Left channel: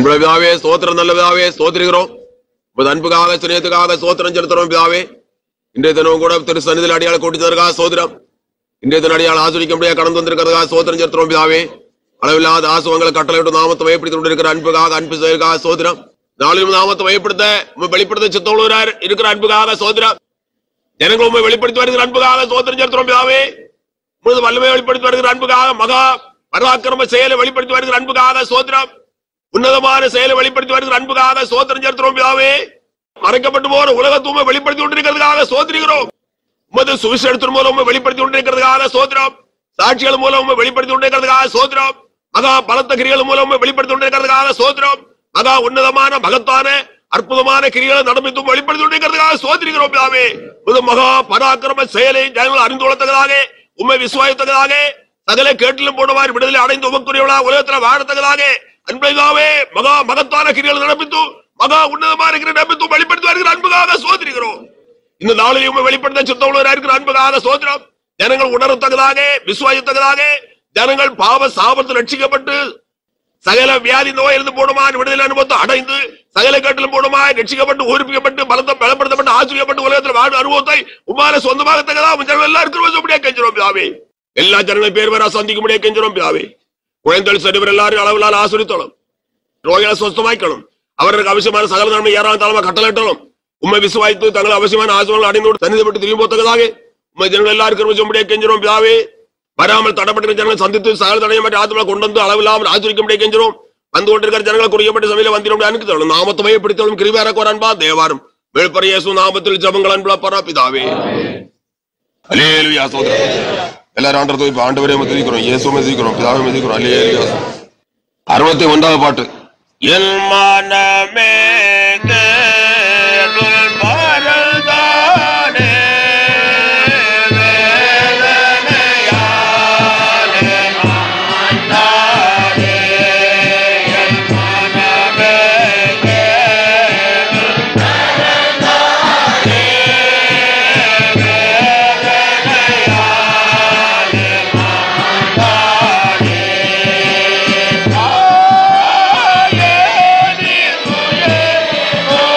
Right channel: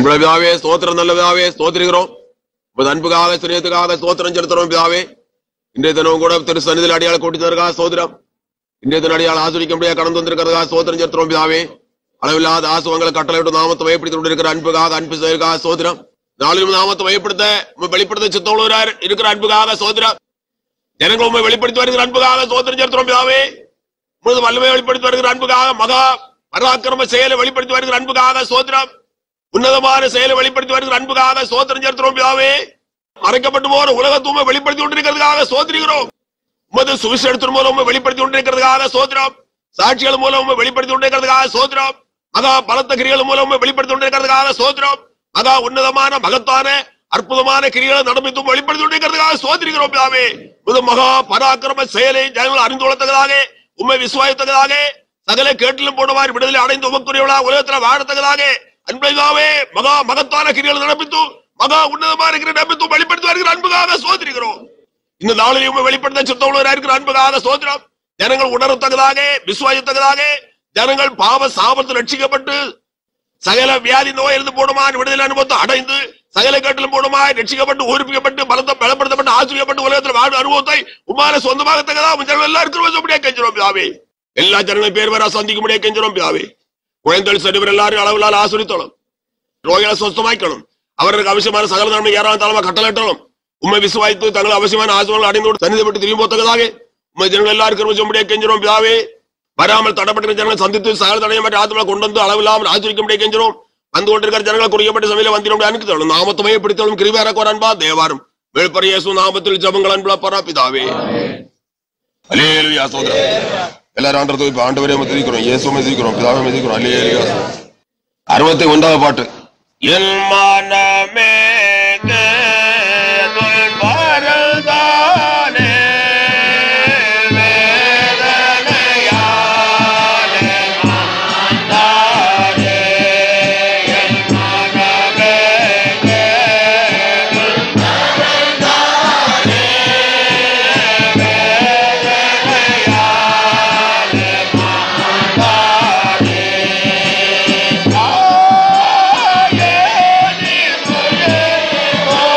அன்புள்ள பிதாவே, ஸ்தோத்திரம். நல்ல பிதாவே, ஸ்தோத்திரிக்கிறோம். உமது அன்புக்காக சுனியத்துக்காக ஸ்தோத்திரம் செலுத்துறோம் பிதாவே. இன்றைய தினம் கூட திரு சன்னிதியில் அடியாள கூட்டித்ததற்காக ஸ்தோத்திரம். இன்றைய தினம் அடியால் ஆசிரிக்க முடியாது கடந்து வந்திருக்கிறதுக்காக ஸ்தோத்திரம் செலுத்துறோம் பிதாவே. அளவில்லாத ஆசுவங்களை கட்டளையிட்டு நாமத்தை வயப்படுத்தி கொண்டிருக்கிற அன்புக்காக அன்பு செய்வதற்காக ஸ்தோத்திரம். நாளிலும் நாமத்தை வயப்படுத்த வெளிப்படுத்த சித்தமுள்ளவரார் இருக்கிற அன்புக்காக ஸ்தோத்திரம். ஜனங்கள் உண்மை வெளிப்படுத்தி வருகிற அன்புக்காக ஸ்தோத்திரம் செலுத்துறோம் பிதாவே. உமது வல்லமையை வெளிப்படுத்தி வருகிற அன்புக்காக, மகா பராக்கிரம செயலை வெளிப்படுத்தி வருகிற அன்புக்காக ஸ்தோத்திரம். உன்னதமான செயலை வெளிப்படுத்தி வருகிற அன்புக்காக ஸ்தோத்திரம் செலுத்துறோம் பிதாவே. மறைக்கப்பட்டு போற உலகத்துவமை வெளிப்படுத்தி கொண்டிருக்கிறதுக்காக ஸ்தோத்திரிக்கிறோம். உமது சுவிசேஷத்தின் மூலம் வெளிப்படுத்தி கொண்டிருக்கிறதுக்காக ஸ்தோத்திரம். சாட்சிகள் மூலம் வெளிப்படுத்தி கொண்டிருக்கிறதுக்காக ஸ்தோத்திரம். மகா பலத்த கிரிகள் மூலம் வெளிப்படுத்தி கொண்டிருக்கிறதுக்காக ஸ்தோத்திரம். மகா உன்னதமான மகத்தான அற்புதமான கிரிகளை நடமித்தும் வெளிப்படுத்தி கொண்டிருக்கிறதுக்காக ஸ்தோத்திரிக்கிறோம் பிதாவே. உமது மகா பராக்கிரம செயலை ஜனங்கள் அறிந்து கொள்ளத்தக்கதாக, உண்மை விசுவாசத்தக்கதாக, சகல கேட்டிலும் போனவாறு விடுதலை அடைந்து உமக்குரியவர்களாக உலகத்தில் வாழத்தக்கதாக அன்பாவே மகா மகத்தான கிரிகளை நடப்பித்து மகா உன்னதமான கிரியை நடப்பித்து வெளிப்படுத்தி வருகிற அன்புக்காக ஸ்தோத்திரிக்கிறோம். இந்த நாளில் வெளிப்படுத்த சித்தமுள்ளவராக இருக்கிற அன்புக்காக ஸ்தோத்திரம். ஜனங்கள் உணரத்தக்கதாக, விசுவாசத்தக்கதாக, ஜனங்கள் பாவ சாபத்தில் ரட்சிக்கப்பட்டு சகல வியாதி நோயிலிருந்து போடுமாய் விடுதலை அனுபவத்தை அடைந்து சகல கேட்டிலும் போடுமாய் ரட்சிக்கப்பட்டு ஊரிப்பிக்கப்பட்டு பலத்தம் பலப்படுத்தப்பட்டு ஆசிரியப்பட்டு உலகத்தில் வாழ்வு அனுபவத்தை உமார சொந்தமாகத்தக்கதா எல்லாம் இருக்கிற கெஞ்சிரோம் பிதாவே. எல்லா ஜனங்களும் பேர் வேற சந்திக்க முடியாது கெஞ்சிரோம் பிதாவே. குழந்தைகள் செல்வர் எல்லாரும் அளவிலால் ஆசிரியத்தோம். நோய்களை சொஸ்தமாக்கணும். அவர்களுக்கு அவசியமான சகல நன்மை ஏறாம் தலைமை கட்டளட்டணும். உண்மை விசுவாய்த்து தங்கள் அவசியமான ஆசிரியர்கள் அடைந்து தனிதப்பட்டு திரும்பி போத்தக்கதாக உண்மை ஜனங்கள் எல்லாருக்கும் முடியாது கெஞ்சிரோம் பிதாவே. வராமல் தடப்பட்ட ஜனங்களை சந்தித்து சகல தடையை மாற்றி ஆத்மா கொண்டு வந்து அளவில்லாமல் ஆசிரிக்க முடியாது கெஞ்சிரோம். வந்து கொண்டிருக்கிற ஜனங்களை குறிக்கப்பட்ட சபையில வந்திரோம் அனுப்பித்தோம். நாமத்தமையை பிடித்தோம் கிருபையார கோரன்பா தேவாரம் வேள்பற இயேசு நாமத்தில் ஜெபங்கள் அன்புள்ள பராபிதாவே. அல்லேலூயா. சோதரா எல்லாரும் ஆண்டவரை இப்ப ஆண்டவரே மதிக்கிறோம், இயேசுவை மதிக்கிறோம், பிதாவை மதிக்கிறோம். அல்லேலூயா. 61வது பாட்டு. என் மனமே Oh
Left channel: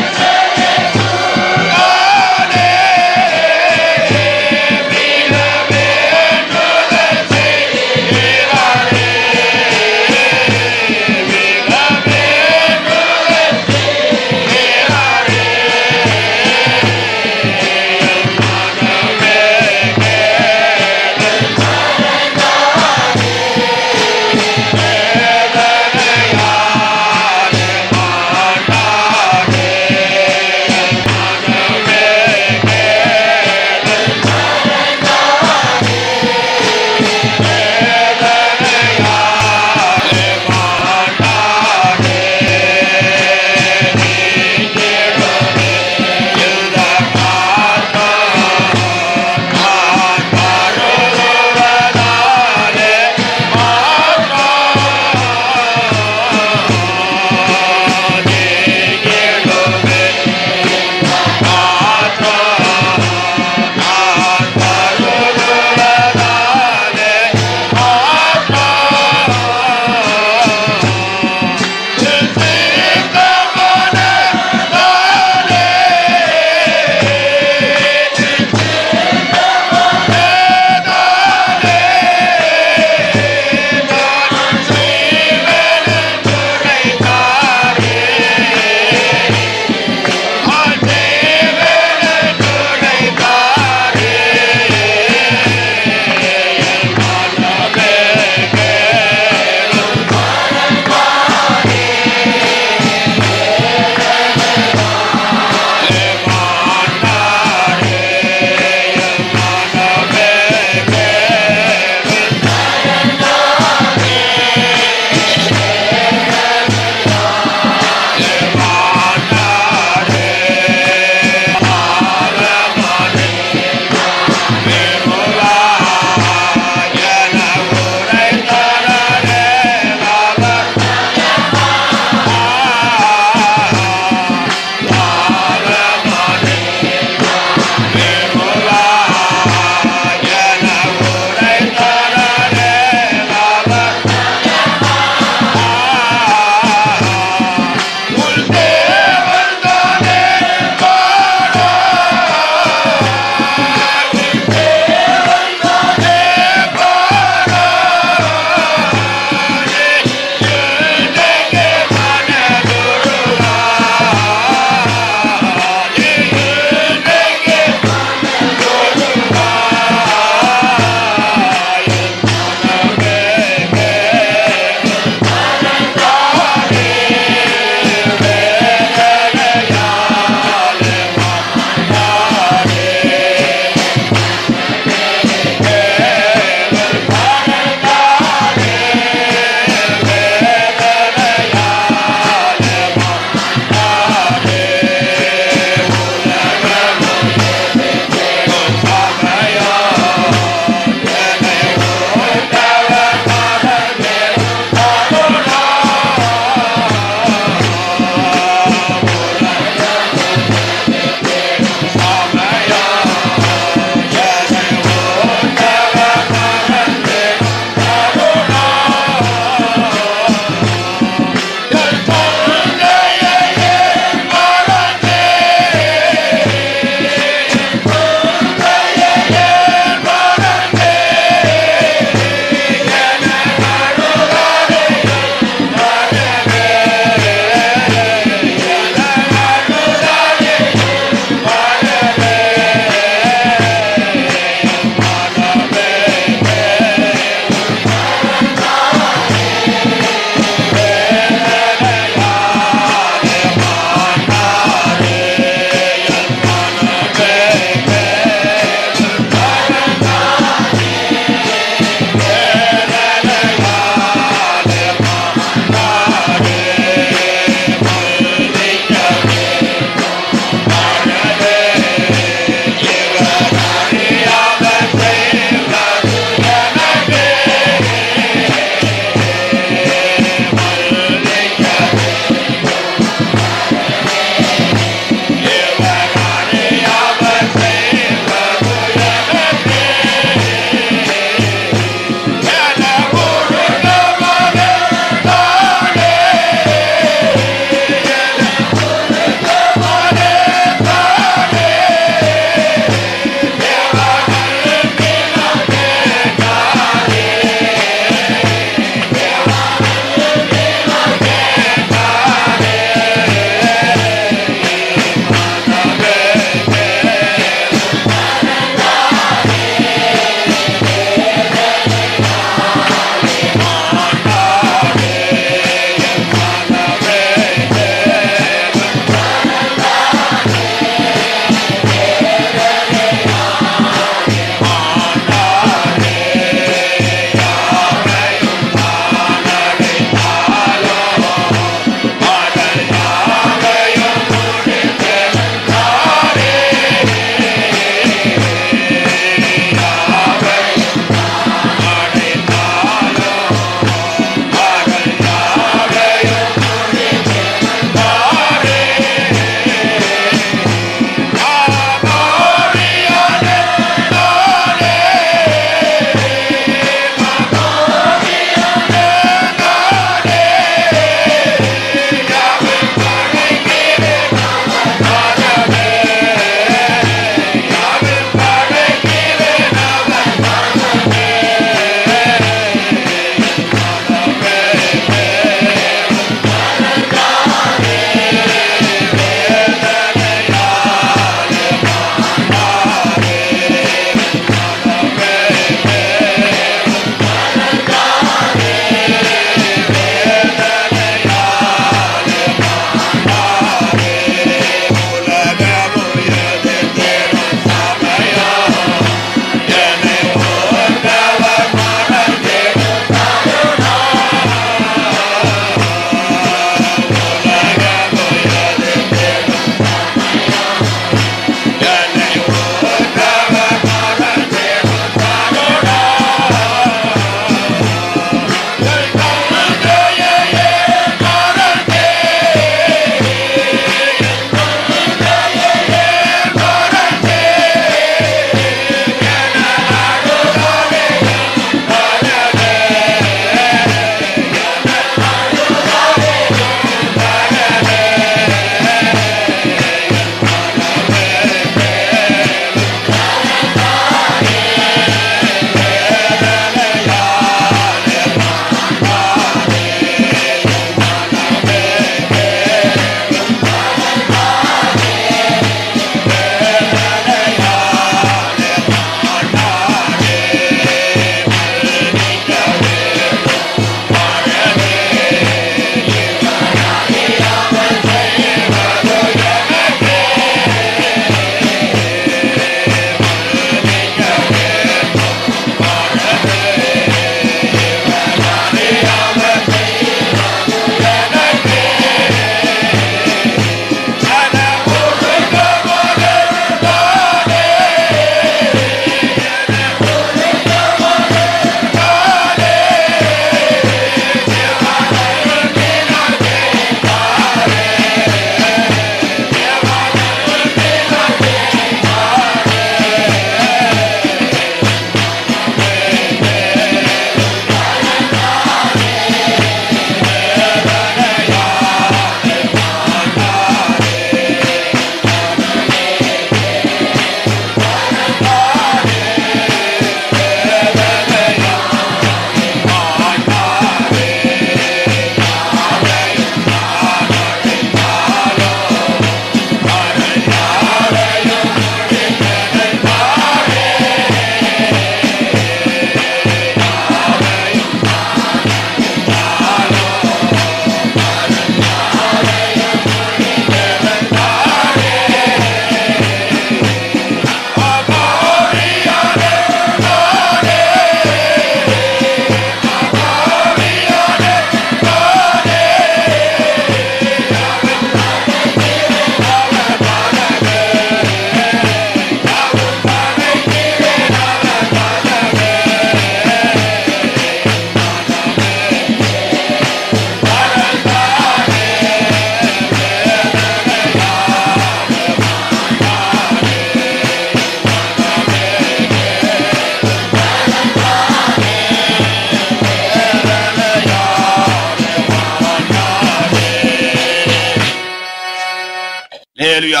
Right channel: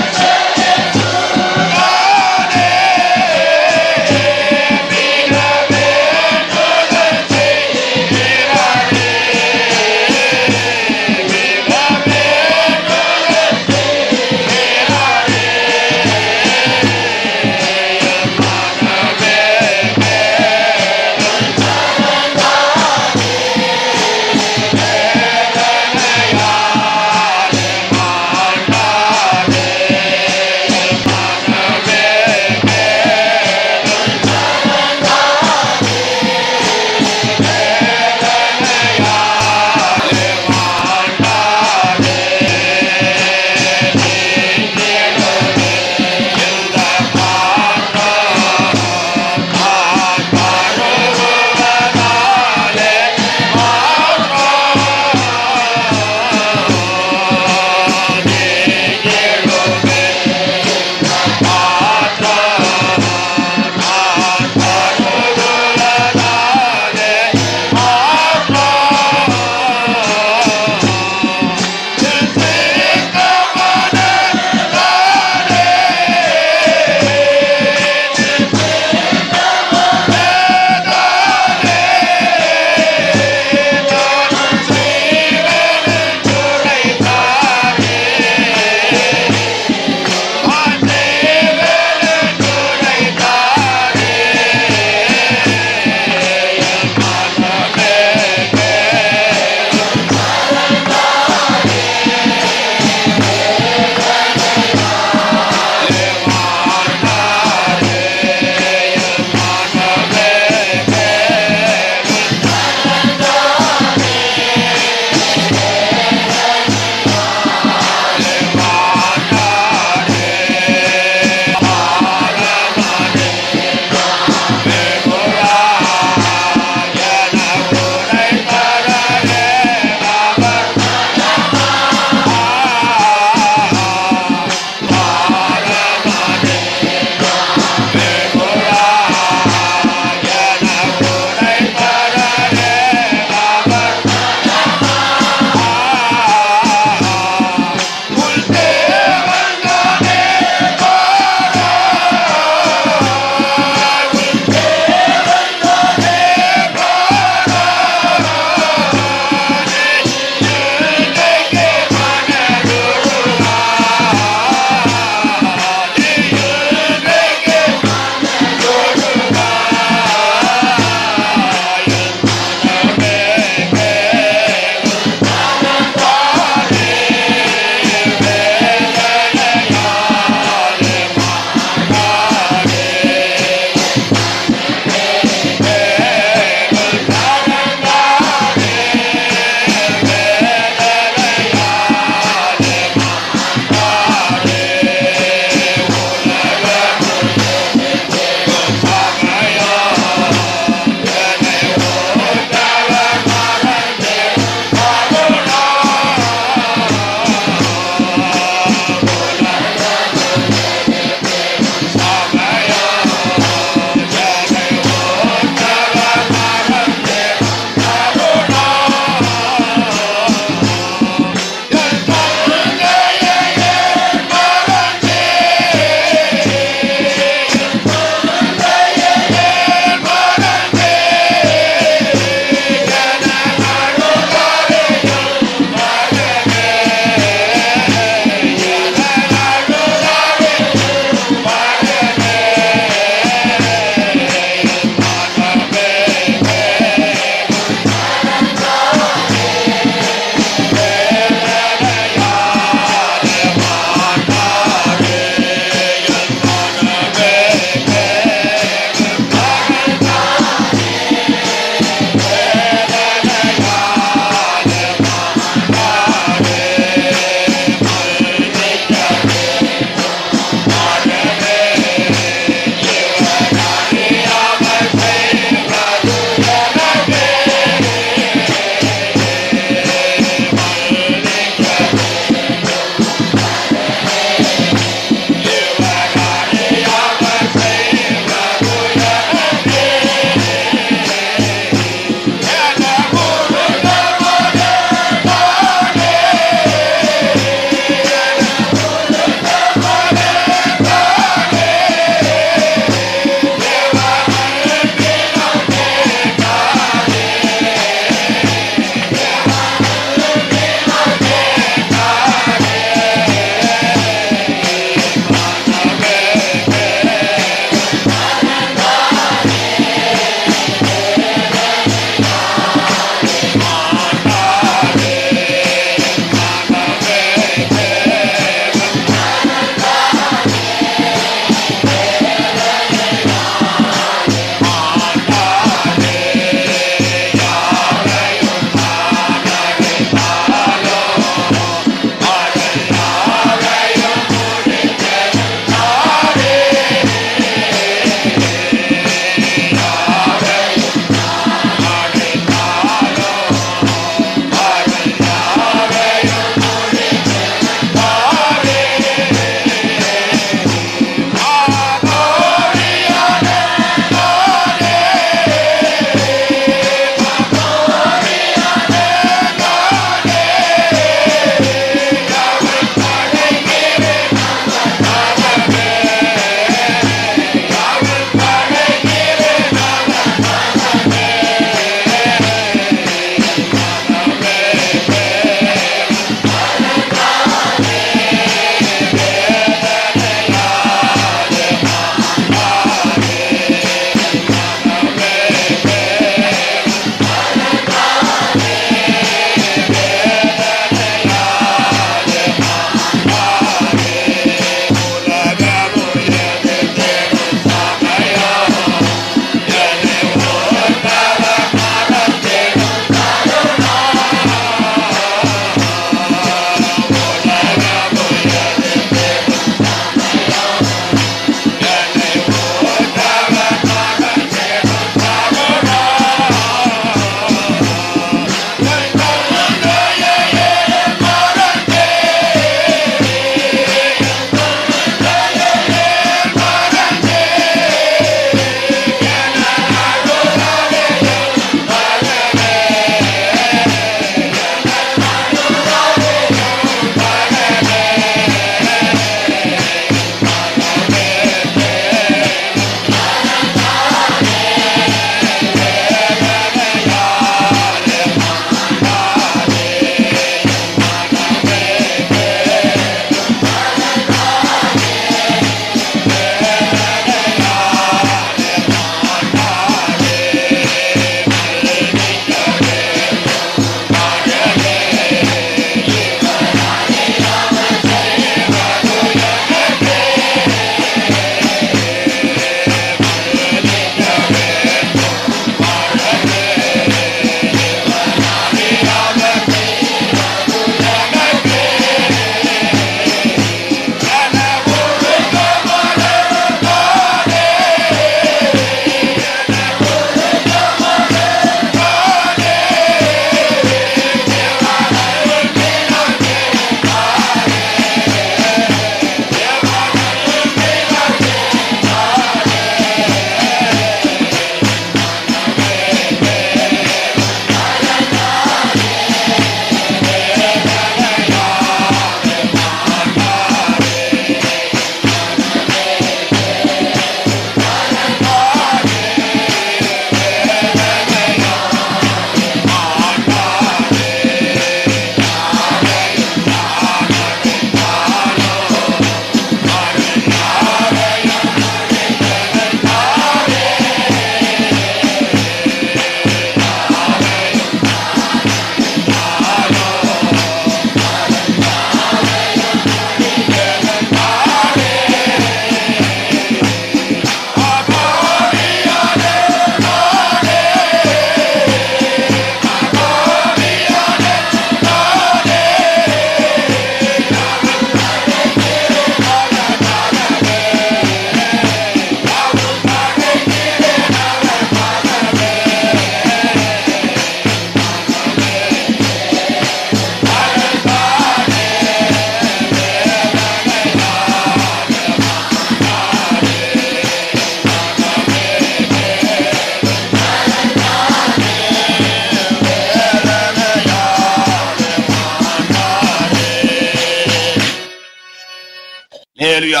அல்லேலூயா.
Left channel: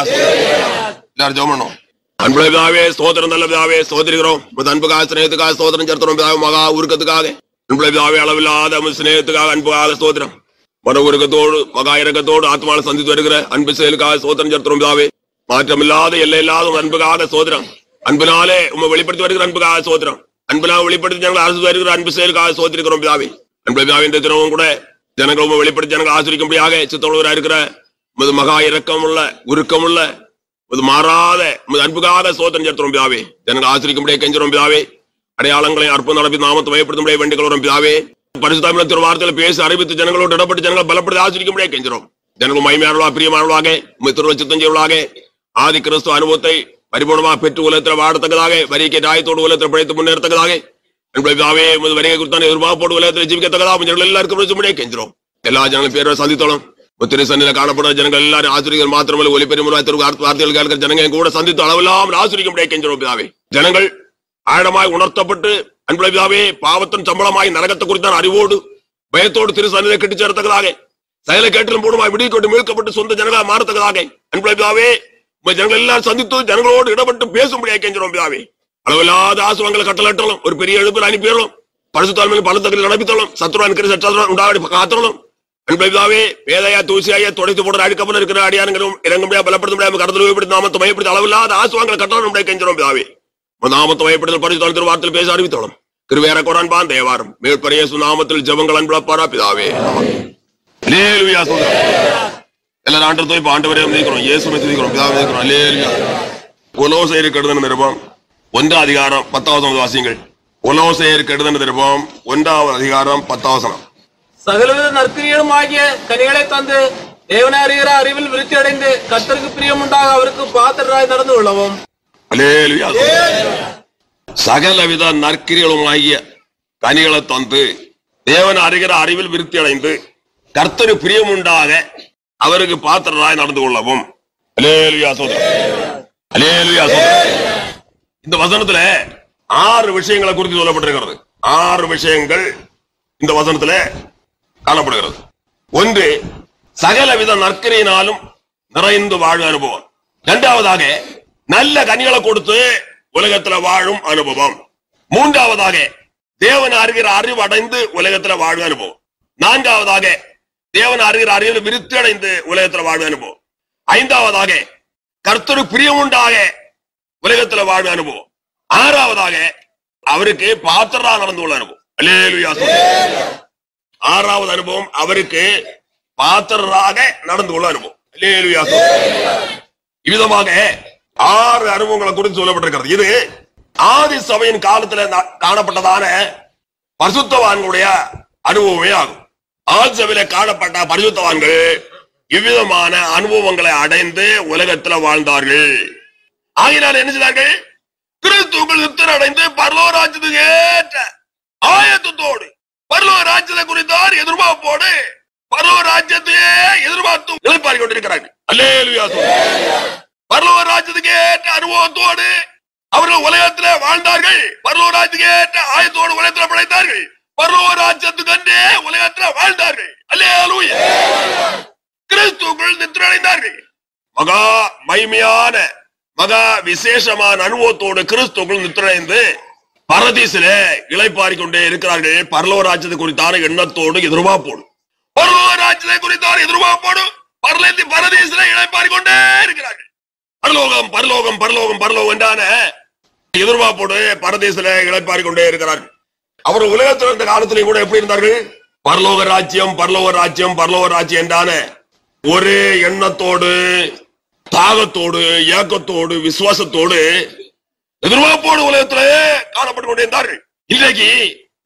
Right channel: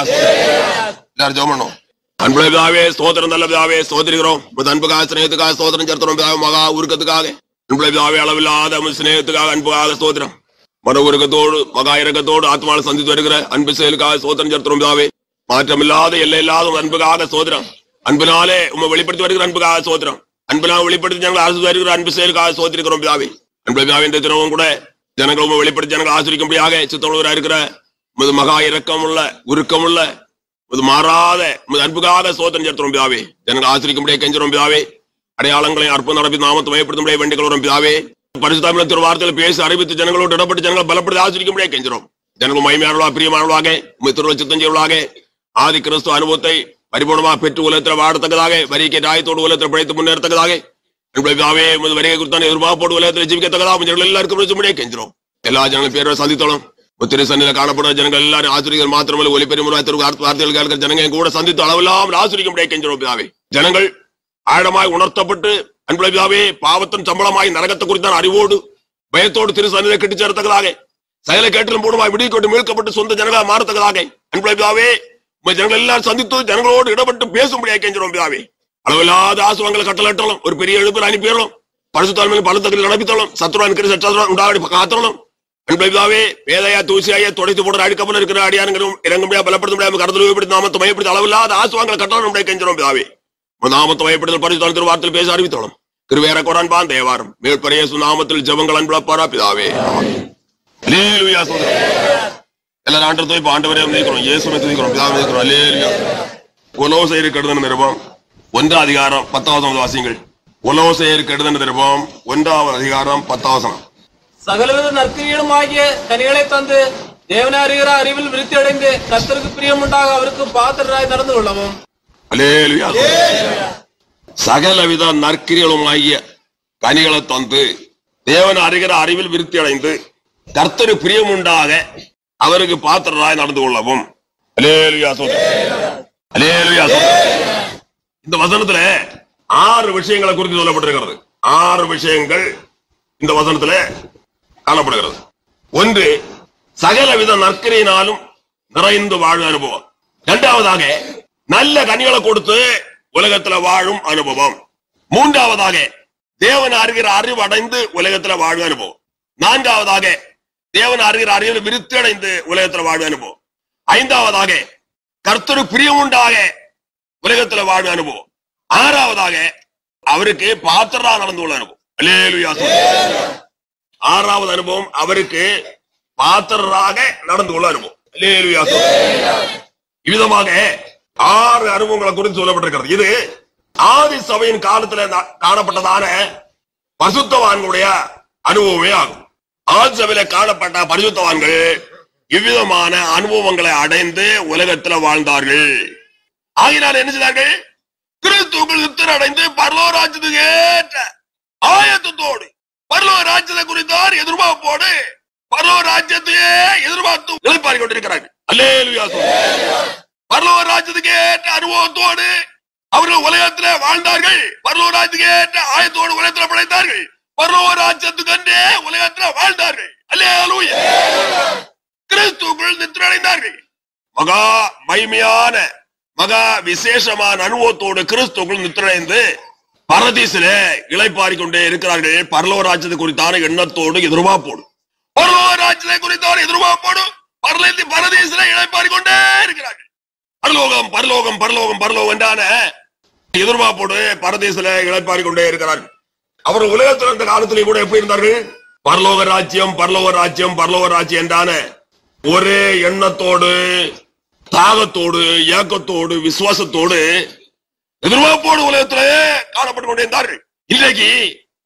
எல்லாரும் ஜெபம் பண்ணுவோம். அன்புள்ள பிதாவே, ஸ்தோத்திரம். நல்ல பிதாவே, ஸ்தோத்திரிக்கிறோம். அன்புக்காக சிநேகத்துக்காக ஸ்தோத்திரம் செலுத்துறோம் பிதாவே. மகா உருக்கத்துக்காக அன்புள்ள பிதாவே, அளவில்லாத சிநேகத்துக்காக அன்புக்காக ஸ்தோத்திரம். மன உருக்கத்தோடு மகா இறக்கத்தோடு ஆத்மாவை சந்தித்து வருகிற அன்பு செயலுக்காக ஸ்தோத்திரம் செலுத்துறோம் பிதாவே. மாற்றமில்லாத எல்லையில்லாத அன்புக்காக ஸ்தோத்திரம். அன்பினாலே உண்மை வெளிப்படுத்தி வருகிற அன்புக்காக ஸ்தோத்திரம். அன்பினால் வெளிப்படுத்தி ஜனங்கள் அரசு வருகிற அன்பு செயலுக்காக ஸ்தோத்திரிக்கிறோம் பிதாவே. அன்புள்ள பிதாவே, இந்த தினமும் கூட ஜனங்கள் உண்மை வெளிப்படுத்தி ஜனங்கள் ஆசிரிக்கும்படியாக சித்தமுள்ளவராக இருக்கிற மகா இரக்கம் உள்ள உருக்கம் உள்ள மாறாத அன்புக்காக ஸ்தோத்திரம் செலுத்துறோம் பிதாவே. ஜனங்கள் ஆசிரிக்கும்படியாக கெஞ்சுறோம் பிதாவே. அடையாளங்களை அற்புதம் நடப்பி நாமத்தை மயப்படுத்தும்படியாக வேண்டிக் கொள்கிறோம் பிதாவே. பரிசுத்தமிழத்தின் வார்த்தையில் பேசி அறிவித்து ஜனங்களோடு இடப்பட்டு ஜனங்கள் பலப்படுத்தி ஆசிரிக்கும்படியாக கெஞ்சுறோம். ஜனங்கள் மகிமையானவர்களாக பிரியமானவர்களாக உம்மை திருவச்சித்தம் செய்வர்களாக ஆதி கிறிஸ்துவ அனுபவத்தை பரிபூர்ணமாக பெற்று உலகத்தில் வாழத்தக்கதாக வரிக்கை ஆயத்தோடு உலகத்தில் பிழைத்து முன்னேறத்தக்கதாக பிதாவே வருகை குறித்தான எதிர்பார்ப்போடு உலகத்தில் ஜீவிக்கத்தக்கதாக ஜனங்கள் எல்லாருக்கும் கெஞ்சுறோம். எல்லா ஜனங்களும் பேரை சந்தித்தோம். ஒத்திரை சன்னில காணப்படுற ஜனங்கள் எல்லாரும் ஆசிரியர்கள் மாத்திரமல்ல ஒலிபெருமுறை வார்த்தைகள் கேட்கிற ஜனங்கள் கூட சந்தித்து அளவில்லாமல் ஆசிரிக்கும்படியாக கெஞ்சுறோம் பிதாவே. ஜனங்கள் ஆழமாய் உணர்த்தப்பட்டு அன்புள்ள பிதாவே, பாவத்தின் சம்பளமாய் நரகத்தை குறித்தான அறிவோடு பயத்தோடு திரு சன்னிலை கட்டி சேரத்தக்கதாக சகல கேட்டிலும் பூர்ணமாய் விடுவிக்கொண்டு மீட்கப்பட்டு சொந்த ஜனங்களாக மாறத்தக்கதாக அன்புள்ள பிதாவே ஜனங்கள் எல்லாரும் சந்தித்து ஜனங்களோடு இடப்பட்டு பேசும்படியாக கெஞ்சுறோம் பிதாவே. அளவில்லாத ஆசுவங்களை கட்டளட்டணும். ஒரு பெரிய எழுப்பில் அனுப்பிடணும். பரிசுத்தால் பலத்தக்கத்தில் நடப்பித்தணும். சத்துருவான் உண்டாடி காத்தணும். அன்புள்ள பிதாவே, வேதையா தூசியாய துடைத்து போடுற அடிக்கப்பல் இருக்கிற அடியானங்களும் இறங்கும்படியா பலப்படுத்த முடியாம கடத்தல் நாமத்தை மயப்படுத்தி அளவில்லாத ஆசுவங்களை கட்டணம் கெஞ்சுறோம் பிதாவே. நாமத்தை மயப்படுத்தல் பரிசுத்தால் வார்த்தையில் பேச அறிவித்தோம். கிருபையர கொடான்பான் தேவாரம் மேற்பரையேசு நாமத்தில் ஜெபங்கள் அன்புள்ளப்பாரா பிதாவே. அல்லேலூயா. எல்லாரும் ஆண்டவரை இப்ப ஆண்டவரே நினைக்கிறோம். இயேசுவை துதிக்கிறோம். பிதாவை நினைக்கிறோம். அல்லேலூயா. கொலோசையருக்கு எழுதின நிருபம் 1 அதிகாரம் 10வது வாசியங்கள். கொலோசையருக்கு எழுதின நிருபம் 1 அதிகாரம் 10 சகலவித நற்கிரியலும் ஆகிய கனிகளை தந்து தேவனை அறிகிற அறிவில் விருத்தி அடைந்து கர்த்தருக்கு பிரியம் உண்டாக அவருக்கு பாத்திரராய் நடந்து கொள்ளவும். அல்லேலூயா. சகலவித நற்கிரியலும் ஆகிய கனிகளை தந்து தேவனை அறிகிற அறிவில் விருத்தி அடைந்து கர்த்தருக்கு பிரியம் உண்டாக அவருக்கு பாத்திரராய் நடந்து கொள்ளவும். அல்லேலூயா. அல்லேலூயா. இந்த வசனத்துல 6 விஷயங்களை குறித்து சொல்லப்பட்டிருக்கிறது. 6 விஷயங்கள் இந்த வசனத்துல காணப்படுகிறது. 1, சகலவித நற்கிரியினாலும் நிறைந்து வாழும் அனுபவம். 2வதாக நல்ல கனிகளை கொடுத்து உலகத்துல வாழும் அனுபவம். 3வதாக தேவன் அறிகிற அறிவு அடைந்து உலகத்துல வாழும் அனுபவம். 4வதாக தேவன் அறிகிற அறிவில் விருத்தி அடைந்து உலகத்துல வாழும் அனுபவம். 5வதாக கர்த்தரு பிரியம் உண்டாக உலகத்துல வாழும் அனுபவம். 6வதாக அவருக்கு பாத்திரரா நடந்து கொள்ள அனுபவம். அல்லேலூயா. 6வது அனுபவம் அவருக்கு பாத்திரராக நடந்து கொள்ள அனுபவம். அல்லேலூயா. இவ்விதமாக 6 அனுபவங்களை குறித்து சொல்லப்பட்டிருக்கிறது. இது ஆதி சபையின் காலத்துல காணப்பட்டதான பரிசுத்தவான்களுடைய அனுபவமே ஆகும். ஆதி சபையில காணப்பட்ட பரிசுத்தவான்கள் இவ்விதமான அனுபவங்களை அடைந்து உலகத்துல வாழ்ந்தார்கள். ஆகினால் என்ன செய்தார்கள்? கிறிஸ்துவுக்குள் நித்திரை அடைந்து பரலோக ராஜ்யத்துக்கு ஏற்ற ஆயத்தத்தோடு பரலோக ராஜ்யத்தை குறித்தார் எதிர்பார்ப்போடு பரலோக ராஜ்யத்தையே எதிர்பார்த்து எதிர்பார்த்து கொண்டிருக்கிறார்கள். அல்லேலூயா. பரலோக ராஜ்யத்துக்கு ஏற்ற அனுபவத்தோடு அவர்கள் உலகத்துல வாழ்ந்தார்கள். பரலோக ராஜ்யத்துக்கு ஏற்ற ஆயத்தோடு உலகத்துல படைத்தார்கள். பரலோக ராஜ்யத்துக்கு அன்றே உலகத்துல வாழ்ந்தார்கள். அல்லேலூயா. கிறிஸ்துவுக்குள் நித்திரை அடைந்தார்கள். மகா மகிமையான மகா விசேஷமான அனுபவத்தோடு கிறிஸ்துவுக்குள் நித்திரை அடைந்து பரதீசிலே இளைப்பாறிக் கொண்டே இருக்கிறார்கள். பரலோக ராஜ்யத்தை குறித்தான எண்ணத்தோடு எதிர்பார்ப்போடு பரலோக ராஜ்யத்தை குறித்தான எதிர்பார்ப்போடு பரதீசிலே இளைப்பாறிக் கொண்டே இருக்கிறார்கள். பரலோகம் பரலோகம் பரலோகம் பரலோகம் என்றான எதிர்பார்ப்போடு பரதீசிலே இளைப்பாறிக் கொண்டே இருக்கிறார்கள். அவர் உலகத்தில் இருந்த காலத்திலே கூட எப்படி இருந்தார்கள்? பரலோக ராஜ்யம் பரலோக ராஜ்யம் பரலோக ராஜ்யம் என்றான ஒரே எண்ணத்தோடு தாகத்தோடு ஏக்கத்தோடு விசுவாசத்தோடு எதிர்பார்ப்போடு உலகத்திலே காணப்பட்டுக் கொண்டே இருந்தார்கள். இன்றைக்கு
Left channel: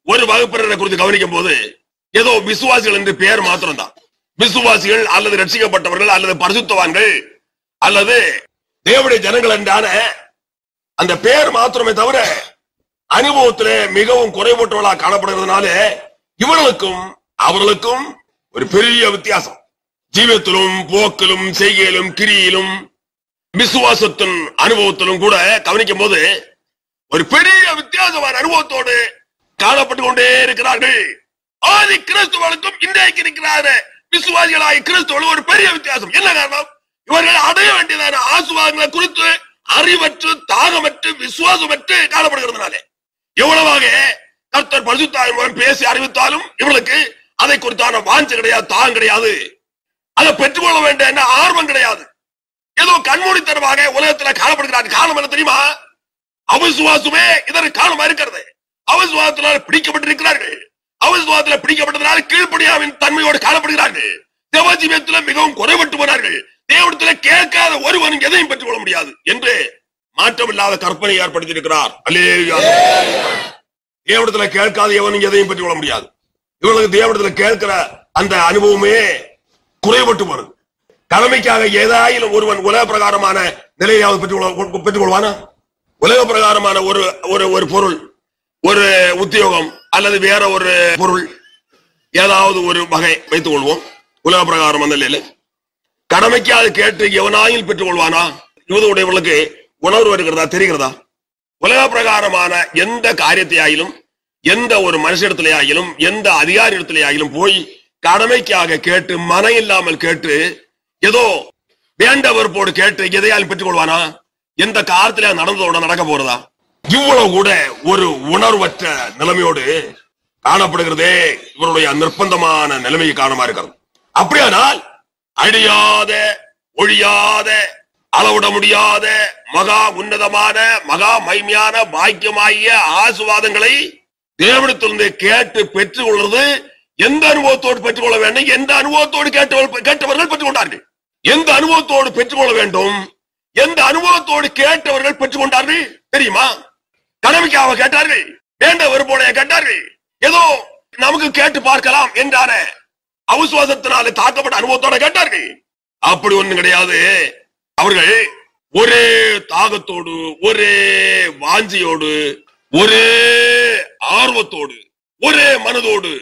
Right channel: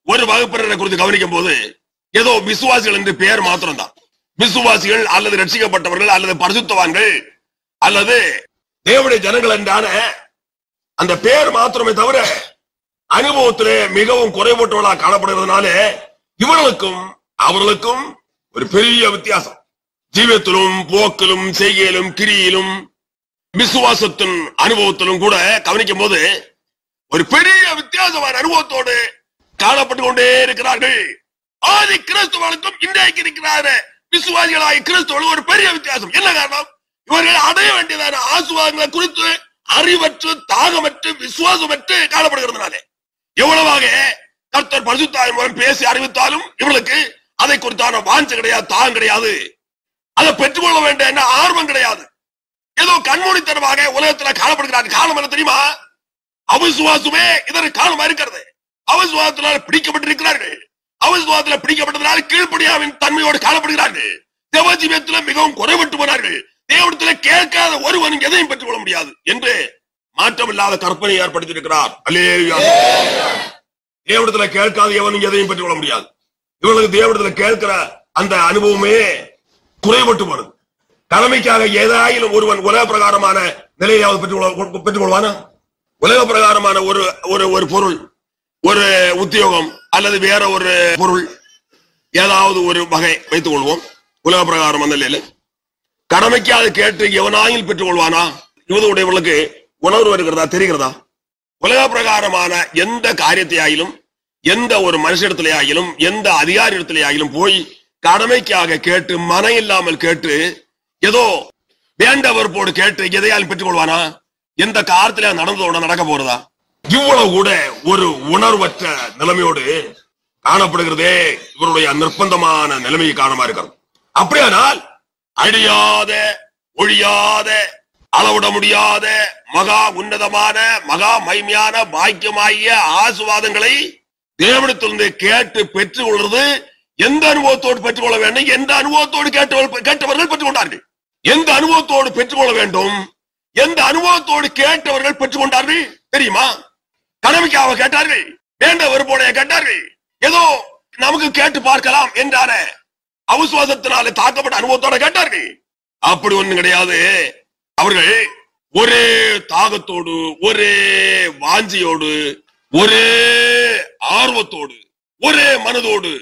ஒரு வகுப்பினரை குறித்து கவனிக்கும் போது ஏதோ விசுவாசிகள் என்று பெயர் மாத்திரம்தான். விசுவாசிகள் அல்லது ரட்சிக்கப்பட்டவர்கள் அல்லது பரிசுத்தவான்கள் அல்லது தேவனுடைய ஜனங்கள் என்றான அந்த பெயர் மாத்திரமே தவிர அனுபவத்திலே மிகவும் குறைபட்டவர்களாக காணப்படுகிறதுனால இவர்களுக்கும் அவர்களுக்கும் ஒரு பெரிய வித்தியாசம். ஜீவத்திலும் போக்கிலும் செய்கையிலும் கிரியிலும் விசுவாசத்தின் அனுபவத்திலும் கூட கவனிக்கும் போது ஒரு பெரிய வித்தியாசமான அனுபவத்தோடு காணப்பட்டுக் கொண்டே இருக்கிறார்கள். ஆதி கிறிஸ்துவர்களுக்கும் இன்றைக்கு இருக்கிறார விசுவாசிகளாய் கிறிஸ்துவர்கள் ஒரு பெரிய வித்தியாசம். என்ன காரணம்? இவர்கள் அடைய வேண்டியதான ஆசீர்வாதங்களை குறித்து அறிவற்று தாகமற்று விசுவாசமற்று காணப்படுகிறதுனாலே எவ்வளவாக கர்த்தர் பரிசுத்த ஆவியின் மூலம் பேசி அறிவித்தாலும் இவர்களுக்கு அதை குறித்தான வாஞ்சை கிடையாது, தாகம் கிடையாது, அதை பெற்றுக்கொள்ள வேண்டிய என்ன ஆர்வம் கிடையாது. ஏதோ கண்மூடித்தனமாக உலகத்தில் காணப்படுகிறார்கள். காரணம் என்ன தெரியுமா? அவிசுவாசமே இதற்கு காரணமா இருக்கிறது. அவிசுவாசத்தினால் பிடிக்கப்பட்டிருக்கிறார்கள். அவிசுவாசத்தில் பிடிக்கப்பட்டதனால் கீழ்ப்படியாவின் தன்மையோடு காணப்படுகிறார்கள். தேவஜீவியத்தில் மிகவும் குறைபட்டு போனார்கள். தேவனிடத்தில் கேட்காத ஒருவன் எதையும் பெற்றுக் கொள்ள முடியாது என்று மாற்றமில்லாத கற்பனை ஏற்படுத்தியிருக்கிறார். அல்லேலூயா. தேவனிடத்தில் கேட்காத எவனும் எதையும் பெற்றுக் கொள்ள முடியாது. இவர்களுக்கு தேவனிடத்தில் கேட்கிற அந்த அனுபவமே குறைபட்டு போனது. கடமைக்காக ஏதாயிலும் ஒருவன் உலக பிரகாரமான நிலையாவது பெற்றுக் கொள்வானா? உலக பிரகாரமான ஒரு பொருள், ஒரு உத்தியோகம் அல்லது வேற ஒரு பொருள், ஏதாவது ஒரு வகை வைத்துக் கொள்வோம். உலக பிரகாரம் நிலையில கடமைக்காக கேட்டு எவனாயில் பெற்றுக் கொள்வானா? யூதருடையவர்களுக்கு உணர்வு இருக்கிறதா, தெரிகிறதா? உலக பிரகாரமான எந்த காரியத்தையாயிலும், எந்த ஒரு மனுஷிடத்திலேயாயிலும், எந்த அதிகாரி இடத்திலேயாயிலும் போய் கடமைக்காக கேட்டு மன இல்லாமல் கேட்டு ஏதோ வேண்டவர்போடு கேட்டு எதையாலும் பெற்றுக் கொள்வானா? எந்த காலத்தில நடந்ததோட நடக்க போறதா? இவ்வளவு கூட ஒரு உணர்வற்ற நிலைமையோடு காணப்படுகிறதே இவருடைய நிர்பந்தமான நிலைமையை காரணமா இருக்கிறது. அப்படியானால் அழியாத ஒழியாத அளவிட முடியாத மகா உன்னதமான மகா மகிமையான பாக்கியமாகிய ஆசீர்வாதங்களை தேவனிடத்திலிருந்து கேட்டு பெற்றுக் கொள்வது எந்த அனுபவத்தோடு பெற்றுக் கொள்ள வேண்டும்? எந்த அனுபவத்தோடு கேட்டவர்கள் பெற்றுக் கொண்டார்கள்? எந்த அனுபவத்தோடு பெற்றுக்கொள்ள வேண்டும்? எந்த அனுபவத்தோடு கேட்டவர்கள் பெற்றுக் கொண்டார்கள் தெரியுமா? கடமைக்காக கேட்டார்கள், வேண்ட வெறுப்போடைய கேட்டார்கள், ஏதோ நமக்கு கேட்டு பார்க்கலாம் என்றான அவிசுவாசத்தினாலே தாக்கப்பட்ட அனுபவத்தோட கேட்டார்கள். அப்படி ஒண்ணு கிடையாது. அவர்கள் ஒரே தாகத்தோடு, ஒரே வாஞ்சியோடு, ஒரே ஆர்வத்தோடு, ஒரே மனதோடு,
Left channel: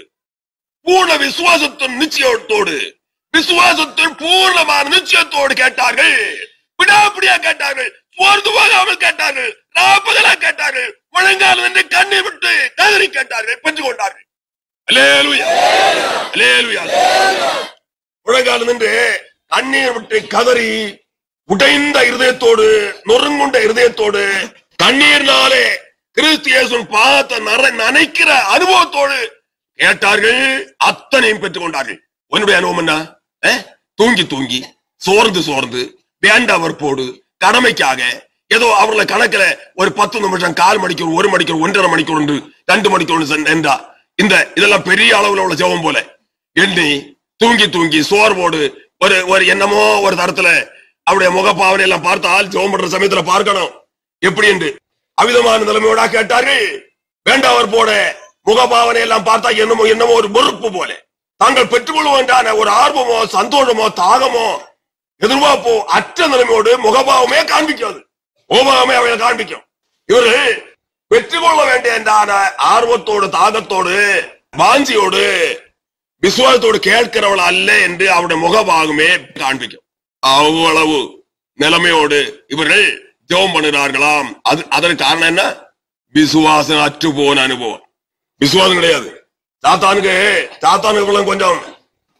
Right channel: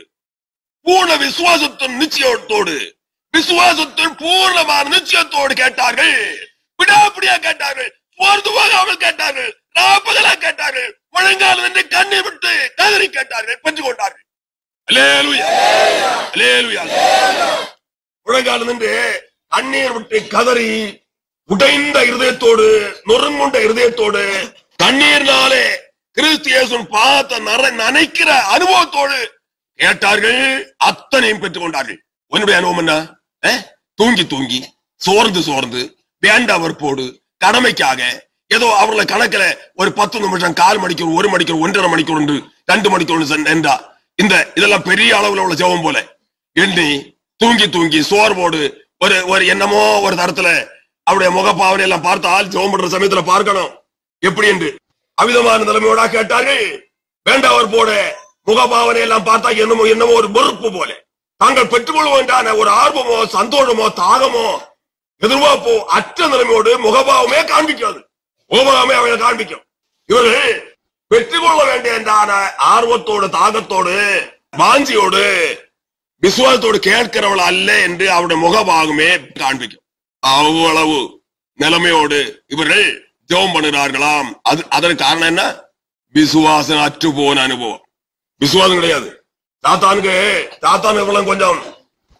பூர்ண விசுவாசத்தின் நிச்சயத்தோடு, விசுவாசத்தின் பூர்ணமான நிச்சயத்தோடு கேட்டார்கள். விடாப்பிடியா கேட்டார்கள், சோர்ந்து போகாமல் கேட்டார்கள், ராப்பகலா கேட்டார்கள், முழங்கால் என்று கண்ணீர் விட்டு கதறி கேட்டார்கள், பெற்றுக் கொண்டார்கள். அல்லேலூயா, அல்லேலூயா. முழங்கால் என்று கண்ணீர் விட்டு கதறி உடைந்த இருதயத்தோடு, நொறுங்குண்ட இருதயத்தோடு, கண்ணீர்னாலே கிறிஸ்து இயேசுவின் பாதத்தை நனைக்கிற அனுபவத்தோடு கேட்டார்கள். அத்தனையும் பெற்றுக் கொண்டார்கள். உன்னுடைய அனுபவம் என்ன? தூங்கி தூங்கி, சோர்ந்து சோர்ந்து, வேண்டவர்போடு, கடமைக்காக ஏதோ அவர்களை கணக்கில் ஒரு 10 நிமிஷம், 1/4 மணிக்கூர், 1 மணிக்கூர், 1.5 மணிக்கூர், 2 மணிக்கூர் என்றா இதெல்லாம் பெரிய அளவுல உள்ள ஜெபம் போல எண்ணி தூங்கி தூங்கி சோர்வோடு ஒரு என்னமோ ஒரு தரத்துல அவருடைய முகப்பாவனை எல்லாம் பார்த்தால் ஜெபம் பண்ற சமயத்துல பார்க்கணும் எப்படி என்று அவிதமான நிலைமையோட கேட்டார்கள். வேண்டவர் போட முகபாவனை எல்லாம் பார்த்தா என்னமோ ஒரு வெறுப்பு போல தாங்கள் பெற்றுக்கொள்வோன்றான ஒரு ஆர்வமோ சந்தோஷமோ தாகமோ எதிர்பார்ப்போ அற்ற நிலைமையோடு முகபாவமே காண்பிக்காது, முகபாவமே அவளை காண்பிக்கும். இவர்கள் பெற்றுக்கொள்ள வேண்டிய ஆர்வத்தோடு தாகத்தோடு வாஞ்சியோடு விசுவாசத்தோடு கேட்கிறவள் அல்ல என்று அவருடைய முகபாகமே காண்பிக்கும். அவ்வளவு நிலைமையோடு இவர்கள் ஜெபம் பண்ணுகிறார்களாம். அதற்கு காரணம் என்ன? விசுவாசம் அற்று போன அனுபவம். விசுவாசம் கிடையாது. சாத்தானுக்கு கொஞ்சம்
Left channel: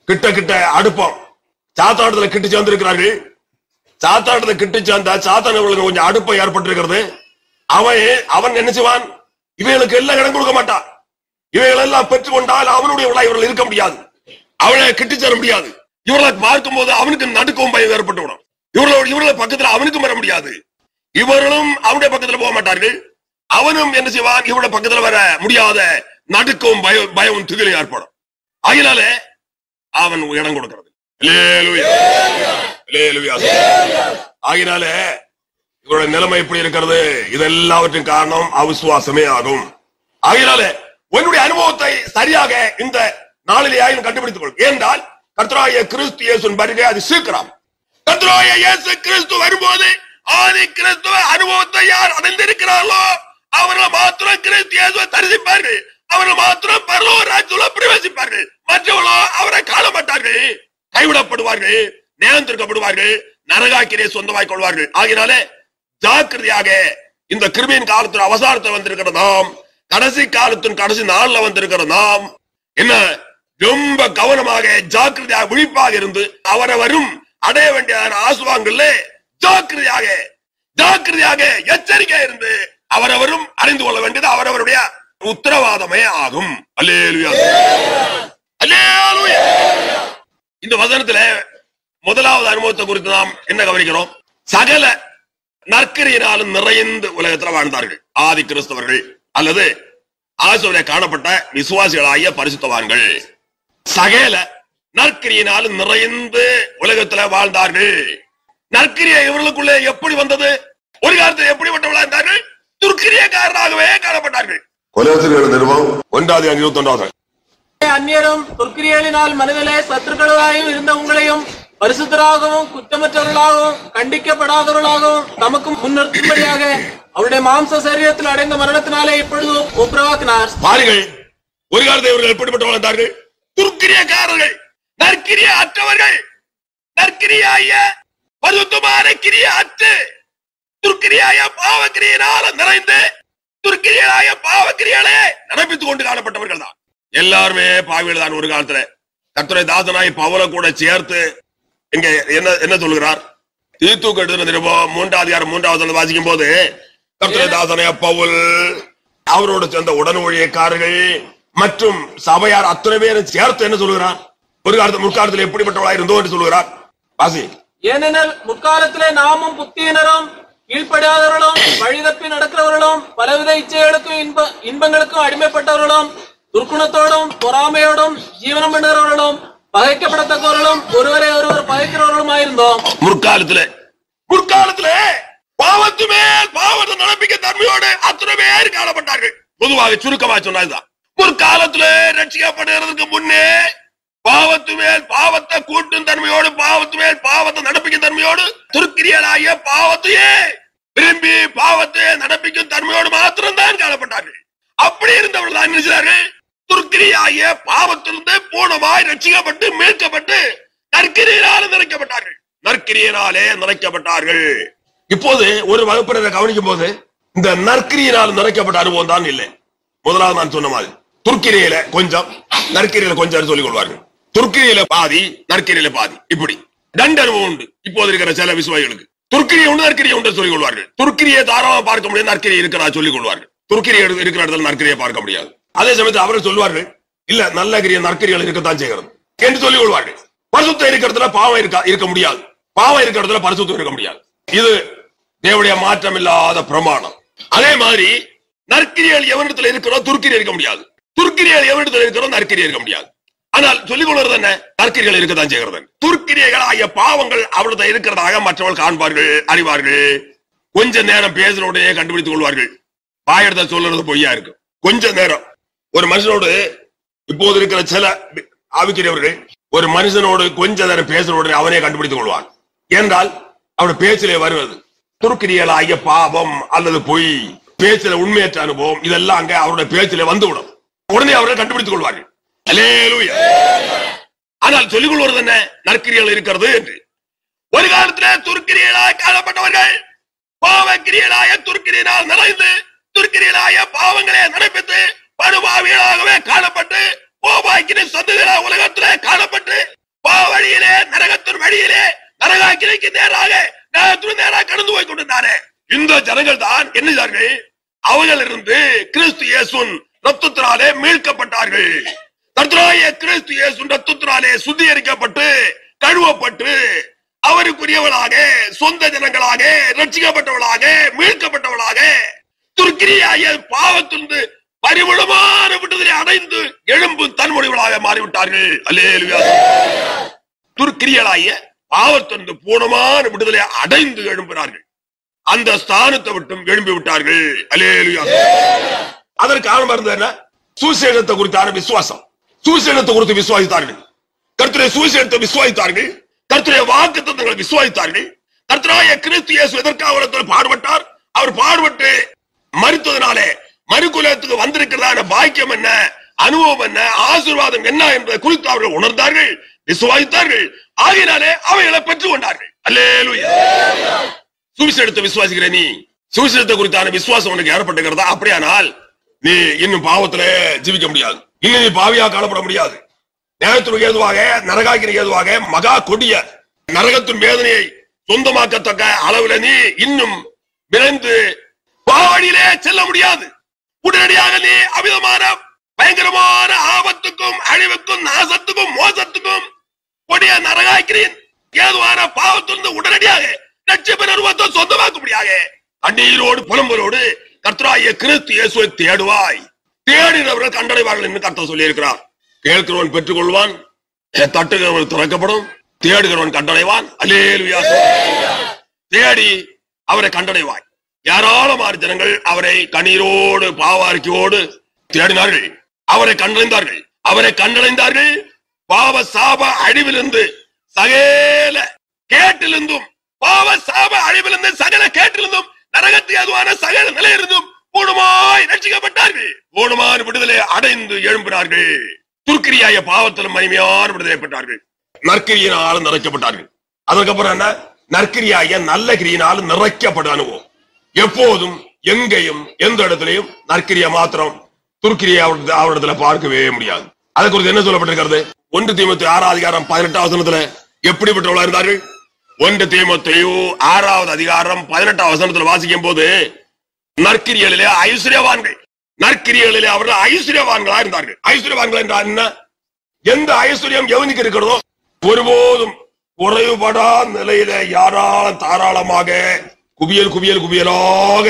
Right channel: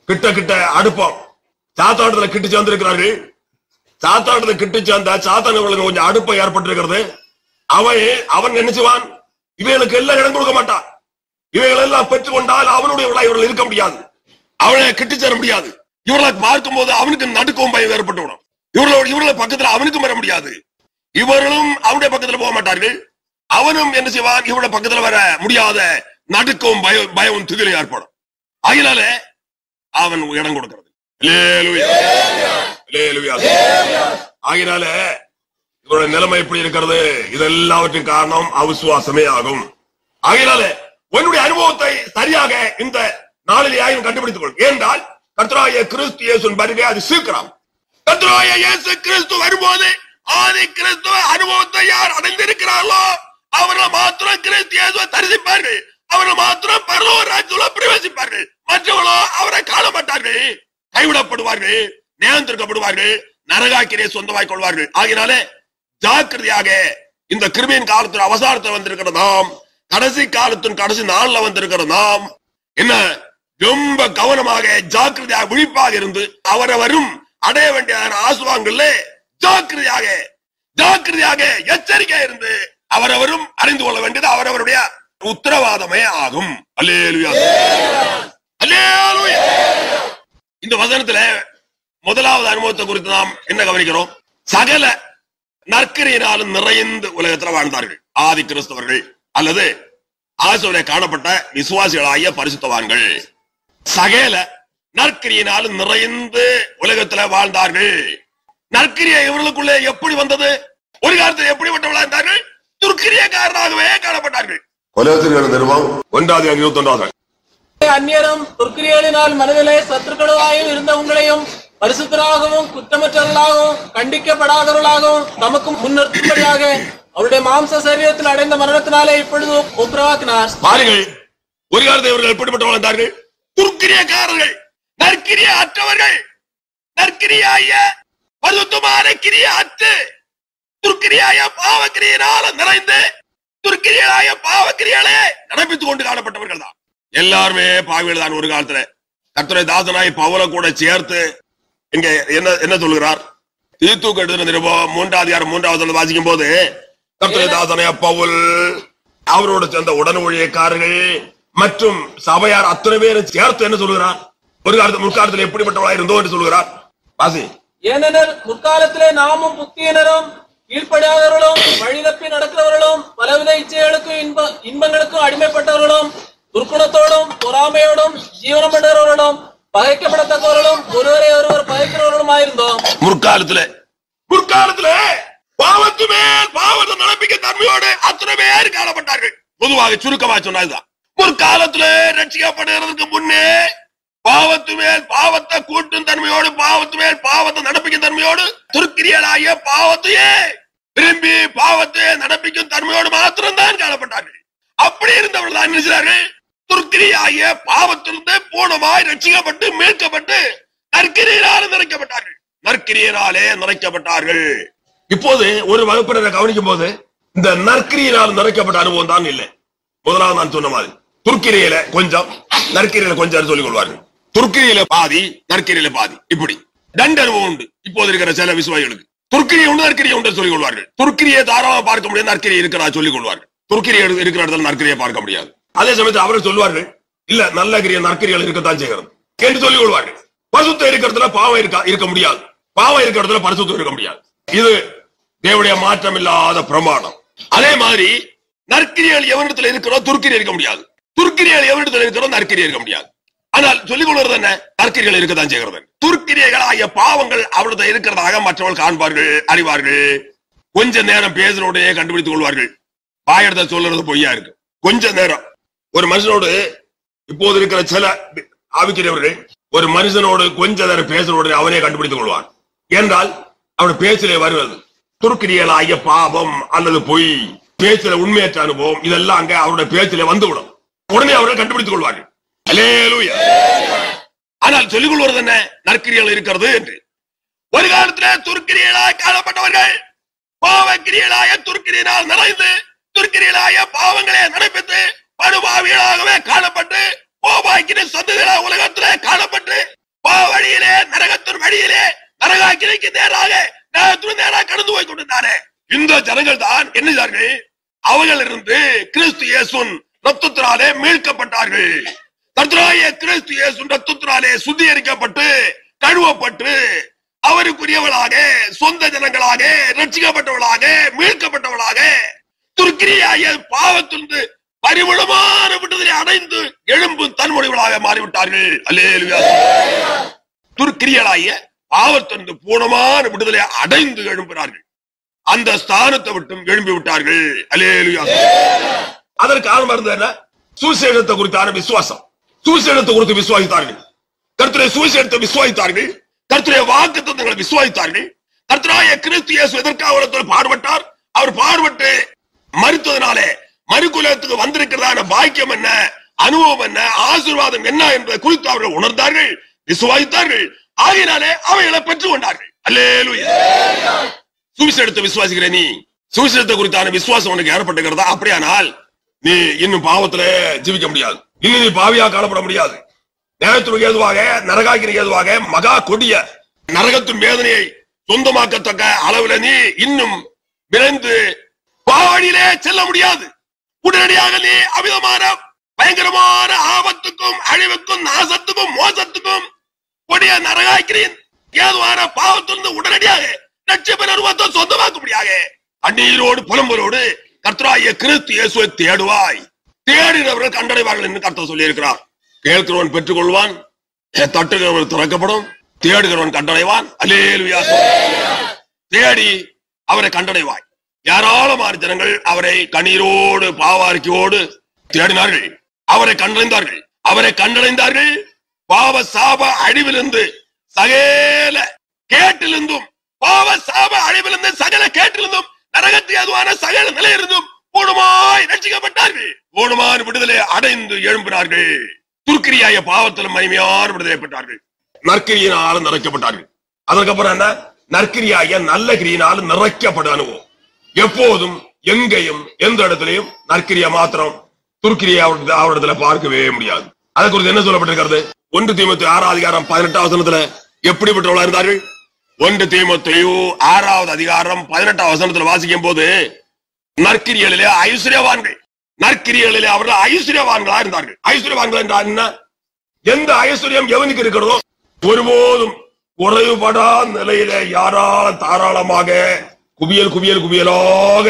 கிட்ட அடுப்பம். சாத்தானத்துல கிட்டு சேர்ந்திருக்கிறார்கள். சாத்தானத்துல கிட்டு சேர்ந்த சாத்தானுக்கு கொஞ்சம் அடுப்பம் ஏற்பட்டிருக்கிறது. அவன் என்ன செய்வான்? இவைகளுக்கு எல்லாம் இடம் கொடுக்க மாட்டான். இவைகள் எல்லாம் பெற்றுக்கொண்டால் அவனுடைய இவர்கள் இருக்க முடியாது, அவனை கிட்டு சேர முடியாது. இவர்களை பார்க்கும் போது அவனுக்கு நடுக்கவும் பயம் ஏற்பட்டு விடும். இவர்களை பக்கத்துல அவனுக்கும் வர முடியாது. இவர்களும் அவனுடைய பக்கத்துல போக மாட்டார்கள். அவனும் என்ன செய்வான்? இவருடைய பக்கத்துல வர முடியாத நடுக்கவும் பயமும் திகிலும் ஏற்படும். அதனால அவன் இடம் கொடுக்கிறது. ஆகினால இவருடைய நிலைமை எப்படி இருக்கிறது? இதெல்லாவற்றின் காரணம் அவிசுவாசமே ஆகும். ஆகினால உன்னுடைய அனுபவத்தை சரியாக இந்த நாளிலேயும் கண்டுபிடித்துக் கொள். ஏனென்றால் கர்த்தராகிய கிறிஸ்து இயேசுவின் வருகை அது சீக்கிரம். கர்த்தராகிய இயேசு கிறிஸ்து வரும்போது ஆதி கிறிஸ்துவ அனுபவத்தை யார் அடைந்திருக்கிறார்களோ அவர்கள் மாத்திரம் கிறிஸ்து இயேசுவை தரிசிப்பார்கள். அவர்கள் மாத்திரம் பரலோக ராஜ்யத்தில் பிரவேசிப்பார்கள். மற்றவர்களோ அவரை காண மாட்டார்கள், கைவிடப்படுவார்கள், நியந்திரிக்கப்படுவார்கள், நரகாக்கினை சொந்தமாய் கொள்வார்கள். ஆகினாலே ஜாக்கிரதையாக இந்த கிருபையின் காலத்தில் அவசாரத்தில் வந்திருக்கிற நாம், கடைசி காலத்தின் கடைசி நாள்ல வந்திருக்கிற நாம் என்ன ரொம்ப கவனமாக ஜாக்கிரதையாக விழிப்பாக இருந்து அவரவரும் அடைய வேண்டிய ஆசுவாங்கல்ல ஜாக்கிரதையாக ஜாக்கிரதையாக எச்சரிக்கையா இருந்து அவரவரும் அறிந்து கொள்ள வேண்டியது அவரவருடைய உத்தரவாதமே ஆகும். அல்லேலூயா அல்லேலூயா. இந்த வசனத்துல முதலாவது அனுபவத்தை குறித்து நாம் என்ன கவனிக்கிறோம்? சகல நற்கிரியினாலும் நிறைந்து உலகத்தில் வாழ்ந்தார்கள் ஆதி கிறிஸ்தவர்கள் அல்லது ஆசோரிலே காணப்பட்ட விசுவாசிகளாகிய பரிசுத்தவான்கள். சகல நற்கிரியினாலும் நிறைந்து உலகத்தில் வாழ்ந்தார்கள். நற்கிரியை இவர்களுக்குள்ளே எப்படி வந்தது? ஒரு காலத்தில் எப்படிப்பட்டவர்களாக இருந்தார்கள்? துர்க்கிரியக்காரராகவே காணப்பட்டார்கள். கொலோசியர் நிருபம் 1:21. அந்நியரும் துர்க்கிரியலினால் மனதிலே சத்துருக்களாயும் இருந்த உங்களையும் பரிசுத்தராகவும் குற்றமற்றவர்களாகவும் கண்டிக்கப்படாதவர்களாகவும் தமக்கு முன்னிறுத்தும்படியாக அவருடைய மாம்ச சரீரத்தில் அடைந்த மரணத்தினாலே இப்பொழுது உருவாக்கினார். பாருங்கள், ஒரு காலத்தில் இவர்கள் எப்படிப்பட்டவர்கள் இருந்தார்கள்? துர்க்கிரியக்காரர்கள், நற்கிரிய அற்றவர்கள், நற்கிரியாய பரிசுத்தமான கிரிய அற்று துர்க்கிரியாய பாவக்கிரியினால நிறைந்து துர்க்கிரியாய பாவக்கிரியாலே நடப்பித்துக் கொண்டு காணப்பட்டவர்கள் தான். எல்லாருமே பாவிகள் தான். ஒரு காலத்துல கர்த்தருடைய தாசனாய் பவுலை கூட சேர்த்து இங்க என்ன சொல்லுகிறார்? தீத்து எழுதின நிருபம் 3:3 வாசிக்கும் போது கர்த்தருடைய தாசனாய் பவுல் அவரோட சேர்ந்த உடனொழியக்காரர்கள் மற்றும் சபையார் அத்தனை பேரும் சேர்த்து என்ன சொல்லுகிறார்? ஒரு காலத்துல முற்காலத்தில் எப்படிப்பட்டவளாய் இருந்தோ என்று சொல்லுகிறார். வாசி. ஏனெனில் முற்காலத்திலே நாமும் புத்தியினரும் கீழ்ப்படியாதவர்களும் வழிதப்பி நடக்கிறவர்களும் பலவித இச்சைகளுக்கும் இன்பங்களுக்கும் அடிமைப்பட்டவர்களும் துர்க்குணத்தோடும் பொறாமையோடும் ஜீவனம் பண்ணுகிறவர்களும் பகைக்கப்படத்தக்கவர்களும் ஒருவரை ஒருவர் பகைக்கிறவர்களும் ஆயிருந்தோம். முற்காலத்துல பாவத்து மேல் பாவத்தை நடப்பிக்க தன்மையோடு அத்தனை பேர் காணப்பட்டார்கள். பொதுவாக சுருக்கமா சொன்னதுதான். முற்காலத்துல ரட்சிக்கப்படுகிறதுக்கு முன்னே பாவத்து மேல் பாவத்தை கூட்டும் தன்மையோடு பாவத்து மேல் பாவத்தை நடப்பிக்கும் தன்மையோடு துர்க்கிரியலாகிய பாவத்தையே விரும்பி பாவத்தை நடப்பிக்கும் தன்மையோடு மாத்திரம்தான் காணப்பட்டார்கள். அப்படி இருந்தவர்கள் தான் நினைச்சார்கள் துர்க்கிரியாகிய பாவத்திலிருந்து பூர்ணமாய் ரட்சிக்கப்பட்டு மீட்கப்பட்டு நற்கிரியினாலே நிறைக்கப்பட்டார்கள். நற்கிரியினாலே நிறைக்கப்பட்டார்கள். இப்போது ஒரு வகுப்பினரை கவனிக்கும் போது இந்த நற்கிரியினால் நிறைக்கப்பட்ட அனுபவம் தான் இல்லை. முதலாவது நான் சொன்ன மாதிரி துர்க்கிரியில கொஞ்சம் நற்கிரியில கொஞ்சம் சொல்லிக் கொள்வார்கள். துர்க்கிரியில பாதி நற்கிரியில பாதி, இப்படி 2 அனுபவம் உண்டு. இப்போது இருக்கிற சில விசுவாசிகளுக்கு துர்க்கிரியை உண்டு நற்கிரியை உண்டு சொல்லிக் கொள்வார்கள். துர்க்கிரியை தாராளமாக பார்க்க முடியாது, நற்கிரியை இருக்கிறதா சொல்லிக் கொள்வார்கள். துர்க்கிரியை இருக்கிற இடத்துல நற்கிரியை பார்க்க முடியாது. அதே சமயத்தில் அவர்கள் சொல்லுவார்கள், இல்ல நல்ல கிரிய நற்கிரிகள் இருக்கத்தான் செய்கிறது என்று சொல்லிக் கொள்வார்கள். பரிசுத்தம் இருக்கிறதுல பாவம் இருக்க முடியாது, பாவம் இருக்கிறதுல பரிசுத்தம் இருக்க முடியாது. இது தேவனுடைய மாற்றம் இல்லாத பிரமாணம். அதே மாதிரி நற்கிரியல் எவனிடத்தில் இருக்கிறோம் துர்க்கிரியை இருக்க முடியாது, துர்க்கிரியல் எவனிடத்தில் இருக்கிறோம் நற்கிரியை இருக்க முடியாது. ஆனால் சொல்லிக் கொள்வது என்ன? நற்கிரிகள் இருக்கத்தான் செய்கிறது. துர்க்கிரியர்கள் ஆகிய பாவங்கள் அவர்கிட்ட இருக்கிறதாக மற்றவர்கள் காண்பார்கள், அறிவார்கள். கொஞ்ச நேரம் பேசுறோடையே கண்டுபிடித்துக் கொள்வார்கள். வாயெடுத்த சொல்றது பொய்யா இருக்கு. கொஞ்ச நேரம் ஒரு மனுஷனோடு இப்போது இருக்கிற சில ஆவிக்கிறவர்கள் ஒரு மனுஷனோடு கொஞ்ச நேரம் பேசுறோட அவனே கண்டுபிடித்துக் கொள்வான். என்றால் அவருடைய பேச்சிலே வருவது துர்க்கிரியல் ஆகிய பாவம் அல்லது பொய், பேச்சில உண்மையற்ற அனுபவம், இதெல்லாம் அங்க அவருடைய பேச்சிலே வந்துவிடும். உடனே அவரை கண்டுபிடித்துக் கொள்வார்கள். அல்லேலூயா. ஆனால் சொல்லிக் கொள்வது என்ன? நற்கிரியல் இருக்கிறது என்று. ஒரு காலத்தில் துர்க்கிரியலாய் காணப்பட்டவர்கள் பாவக்கிரியலாய துர்க்கிரியினால் நிறைந்து துர்க்கிரியலாய பாவங்களே நடப்பித்து படுபாவிகளாகவே காணப்பட்டு பாவாக்கின சொந்தங்கள உலகத்திலே காணப்பட்டு பாவழியிலே நரகத்தின் வழியிலே நரகாக்கினைக்கு நேராக கடந்து போய் கொண்டிருந்தாரே இந்த ஜனங்கள் தான் என்ன? அவர்கள் இருந்து கிறிஸ்து இயேசுவின் ரத்தத்தினாலே மீட்கப்பட்டார்கள். கர்த்தராகிய கிறிஸ்து இயேசுவின் ரத்தத்தினாலே சுத்திகரிக்கப்பட்டு கழுவப்பட்டு அவருக்குரியவளாக சொந்த ஜனங்களாக ரட்சிக்கப்பட்டவளாக மீட்கப்பட்டவளாக துர்க்கிரியாகிய பாவத்திலிருந்து பரிமளமான விடுதலை அடைந்து எழும்பும் தன்முனைகளாக மாறிவிட்டார்கள். அல்லேலூயா. துர்க்கிரியலாகிய பாவத்திலிருந்து பூர்ணமான விடுதலை அடைந்து எழும்பினார்கள். அந்த ஸ்தானத்தை விட்டும் எழும்பி விட்டார்கள். அல்லேலூயா. அதற்கு காரணம் இருந்தது என்ன? சுவிசேஷத்தை குறித்தான விசுவாசம். சுவிசேஷத்தை குறித்து விசுவாசித்தார்கள். கர்த்தருடைய சுவிசேஷத்தை விசுவாசித்தார்கள். கர்த்தருடைய வாக்குத்தத்தங்களை விசுவாசித்தார்கள். கர்த்தராகிய கிறிஸ்து இயேசு எதற்காக பாடுபட்டார்? அவர் பாடுபட்டு மரித்ததினாலே மறுகுலத்துக்கு வந்திருக்கிறதான பாக்கியம் என்ன, அனுபவம் என்ன, ஆசீர்வாதம் என்ன என்பதை குறித்து அவர்கள் உணர்ந்தார்கள், விசுவாசித்தார்கள். ஆகினாலே அவைகளை பெற்றுக் கொண்டார்கள். அல்லேலூயா. சுவிசேஷத்தை விசுவாசிக்கிற நீ, சுவிசேஷத்தை குறித்தான விசுவாசம் உனக்கு ஏற்பட்டுகிறதா? அப்படியானால் நீ இன்னும் பாவத்திலே ஜீவிக்க முடியாது. இன்னும் நீ பாவியா காணப்பட முடியாது. நேரத்திற்கு ஏதுவாக நரகாக்கிற்கு ஏதுவாக மகா கொடிய நரகத்தின் வேதனையை சொந்தமாக்கத்தக்க அளவுல நீ இன்னும் விரைந்து பாவடியிலே செல்ல முடியாது. உடனடியாக நீ அமிதமான பயங்கரமான ஆபத்துக்கும் அழிவுக்கும் நாசத்துக்கும் மோசத்துக்கும் கொடிய நரகாக்கிரின் ஏதுவான பாவத்திலிருந்து உடனடியாக ரட்சிப்பின் அனுபவத்தை சொந்தமாக்கும்படியாக கண்ணீரோடு புலம்பலோடு கர்த்தராகிய கிறிஸ்து இயேசுவை தேடுவாய். தேடினவர்கள் கண்டடைவார்கள் என்று கர்த்தர் சொல்லி இருக்கிறார். கேட்கிறவன் பெற்றுக் கொள்வான், தட்டுகிறவன் திறக்கப்படும், தேடுகிறவன் கண்டடைவான். அல்லேலூயா. தேடி அவரை கண்டடைவாய். ஏராளமான ஜனங்கள் அவரை கண்ணீரோடு பாவாரிக்கையோடு தேடினார்கள், அவரை கண்டடைந்தார்கள். அவரை கண்டடைந்தார்கள். பாவ சாப அழிவிலிருந்து சகல கேட்டிலிருந்தும், பாவ சாப அழிவிலிருந்து சகல கேட்டிலிருந்தும், நரகத்து ஏதுவான சகல நிலையிருந்தும் பூர்ணமாய் ரட்சிக்கப்பட்டார்கள். பூர்ணமான விடுதலை அடைந்து எழும்பினார்கள். துர்க்கிரியாய பாவத்திலும் மகிமையான விடுதலை பெற்றார்கள். நற்கிரியினாலும் நிறைக்கப்பட்டார்கள். அதற்கப்புறம் என்ன? நற்கிரியாய நல்ல கிரியினாலும் நிறைக்கப்பட்ட அனுபவம். எப்போதும் எங்கேயும் எந்த இடத்திலையும் நற்கிரியா மாத்திரம் துர்க்கிரியா அவரிடத்துல பார்க்கவே முடியாது. அதை குறித்து என்ன சொல்லப்பட்டிருக்கிறது? 1 தீமோத்தேயு 6 அதிகாரம் 18 வசனத்துல எப்படிப்பட்டவர்களா இருந்தார்கள்? 1 தீமோத்தேயு 6 அதிகாரம் 18 வசனத்துல வாசிக்கும் போது நற்கிரிகளிலே ஐஸ்வர்யவான்கள், நற்கிரிகளிலே அவர்கள் ஐஸ்வர்யவான்களா இருந்தார்கள். ஐஸ்வர்யவான்கள் என்றால் என்ன? எந்த ஐஸ்வர்யம் எவனுக்கு இருக்கிறதோ ஒருபோதும் குறைவுபடா நிலையில யாராலும் தாராளமாக குவியல் குவியல் குவியலாக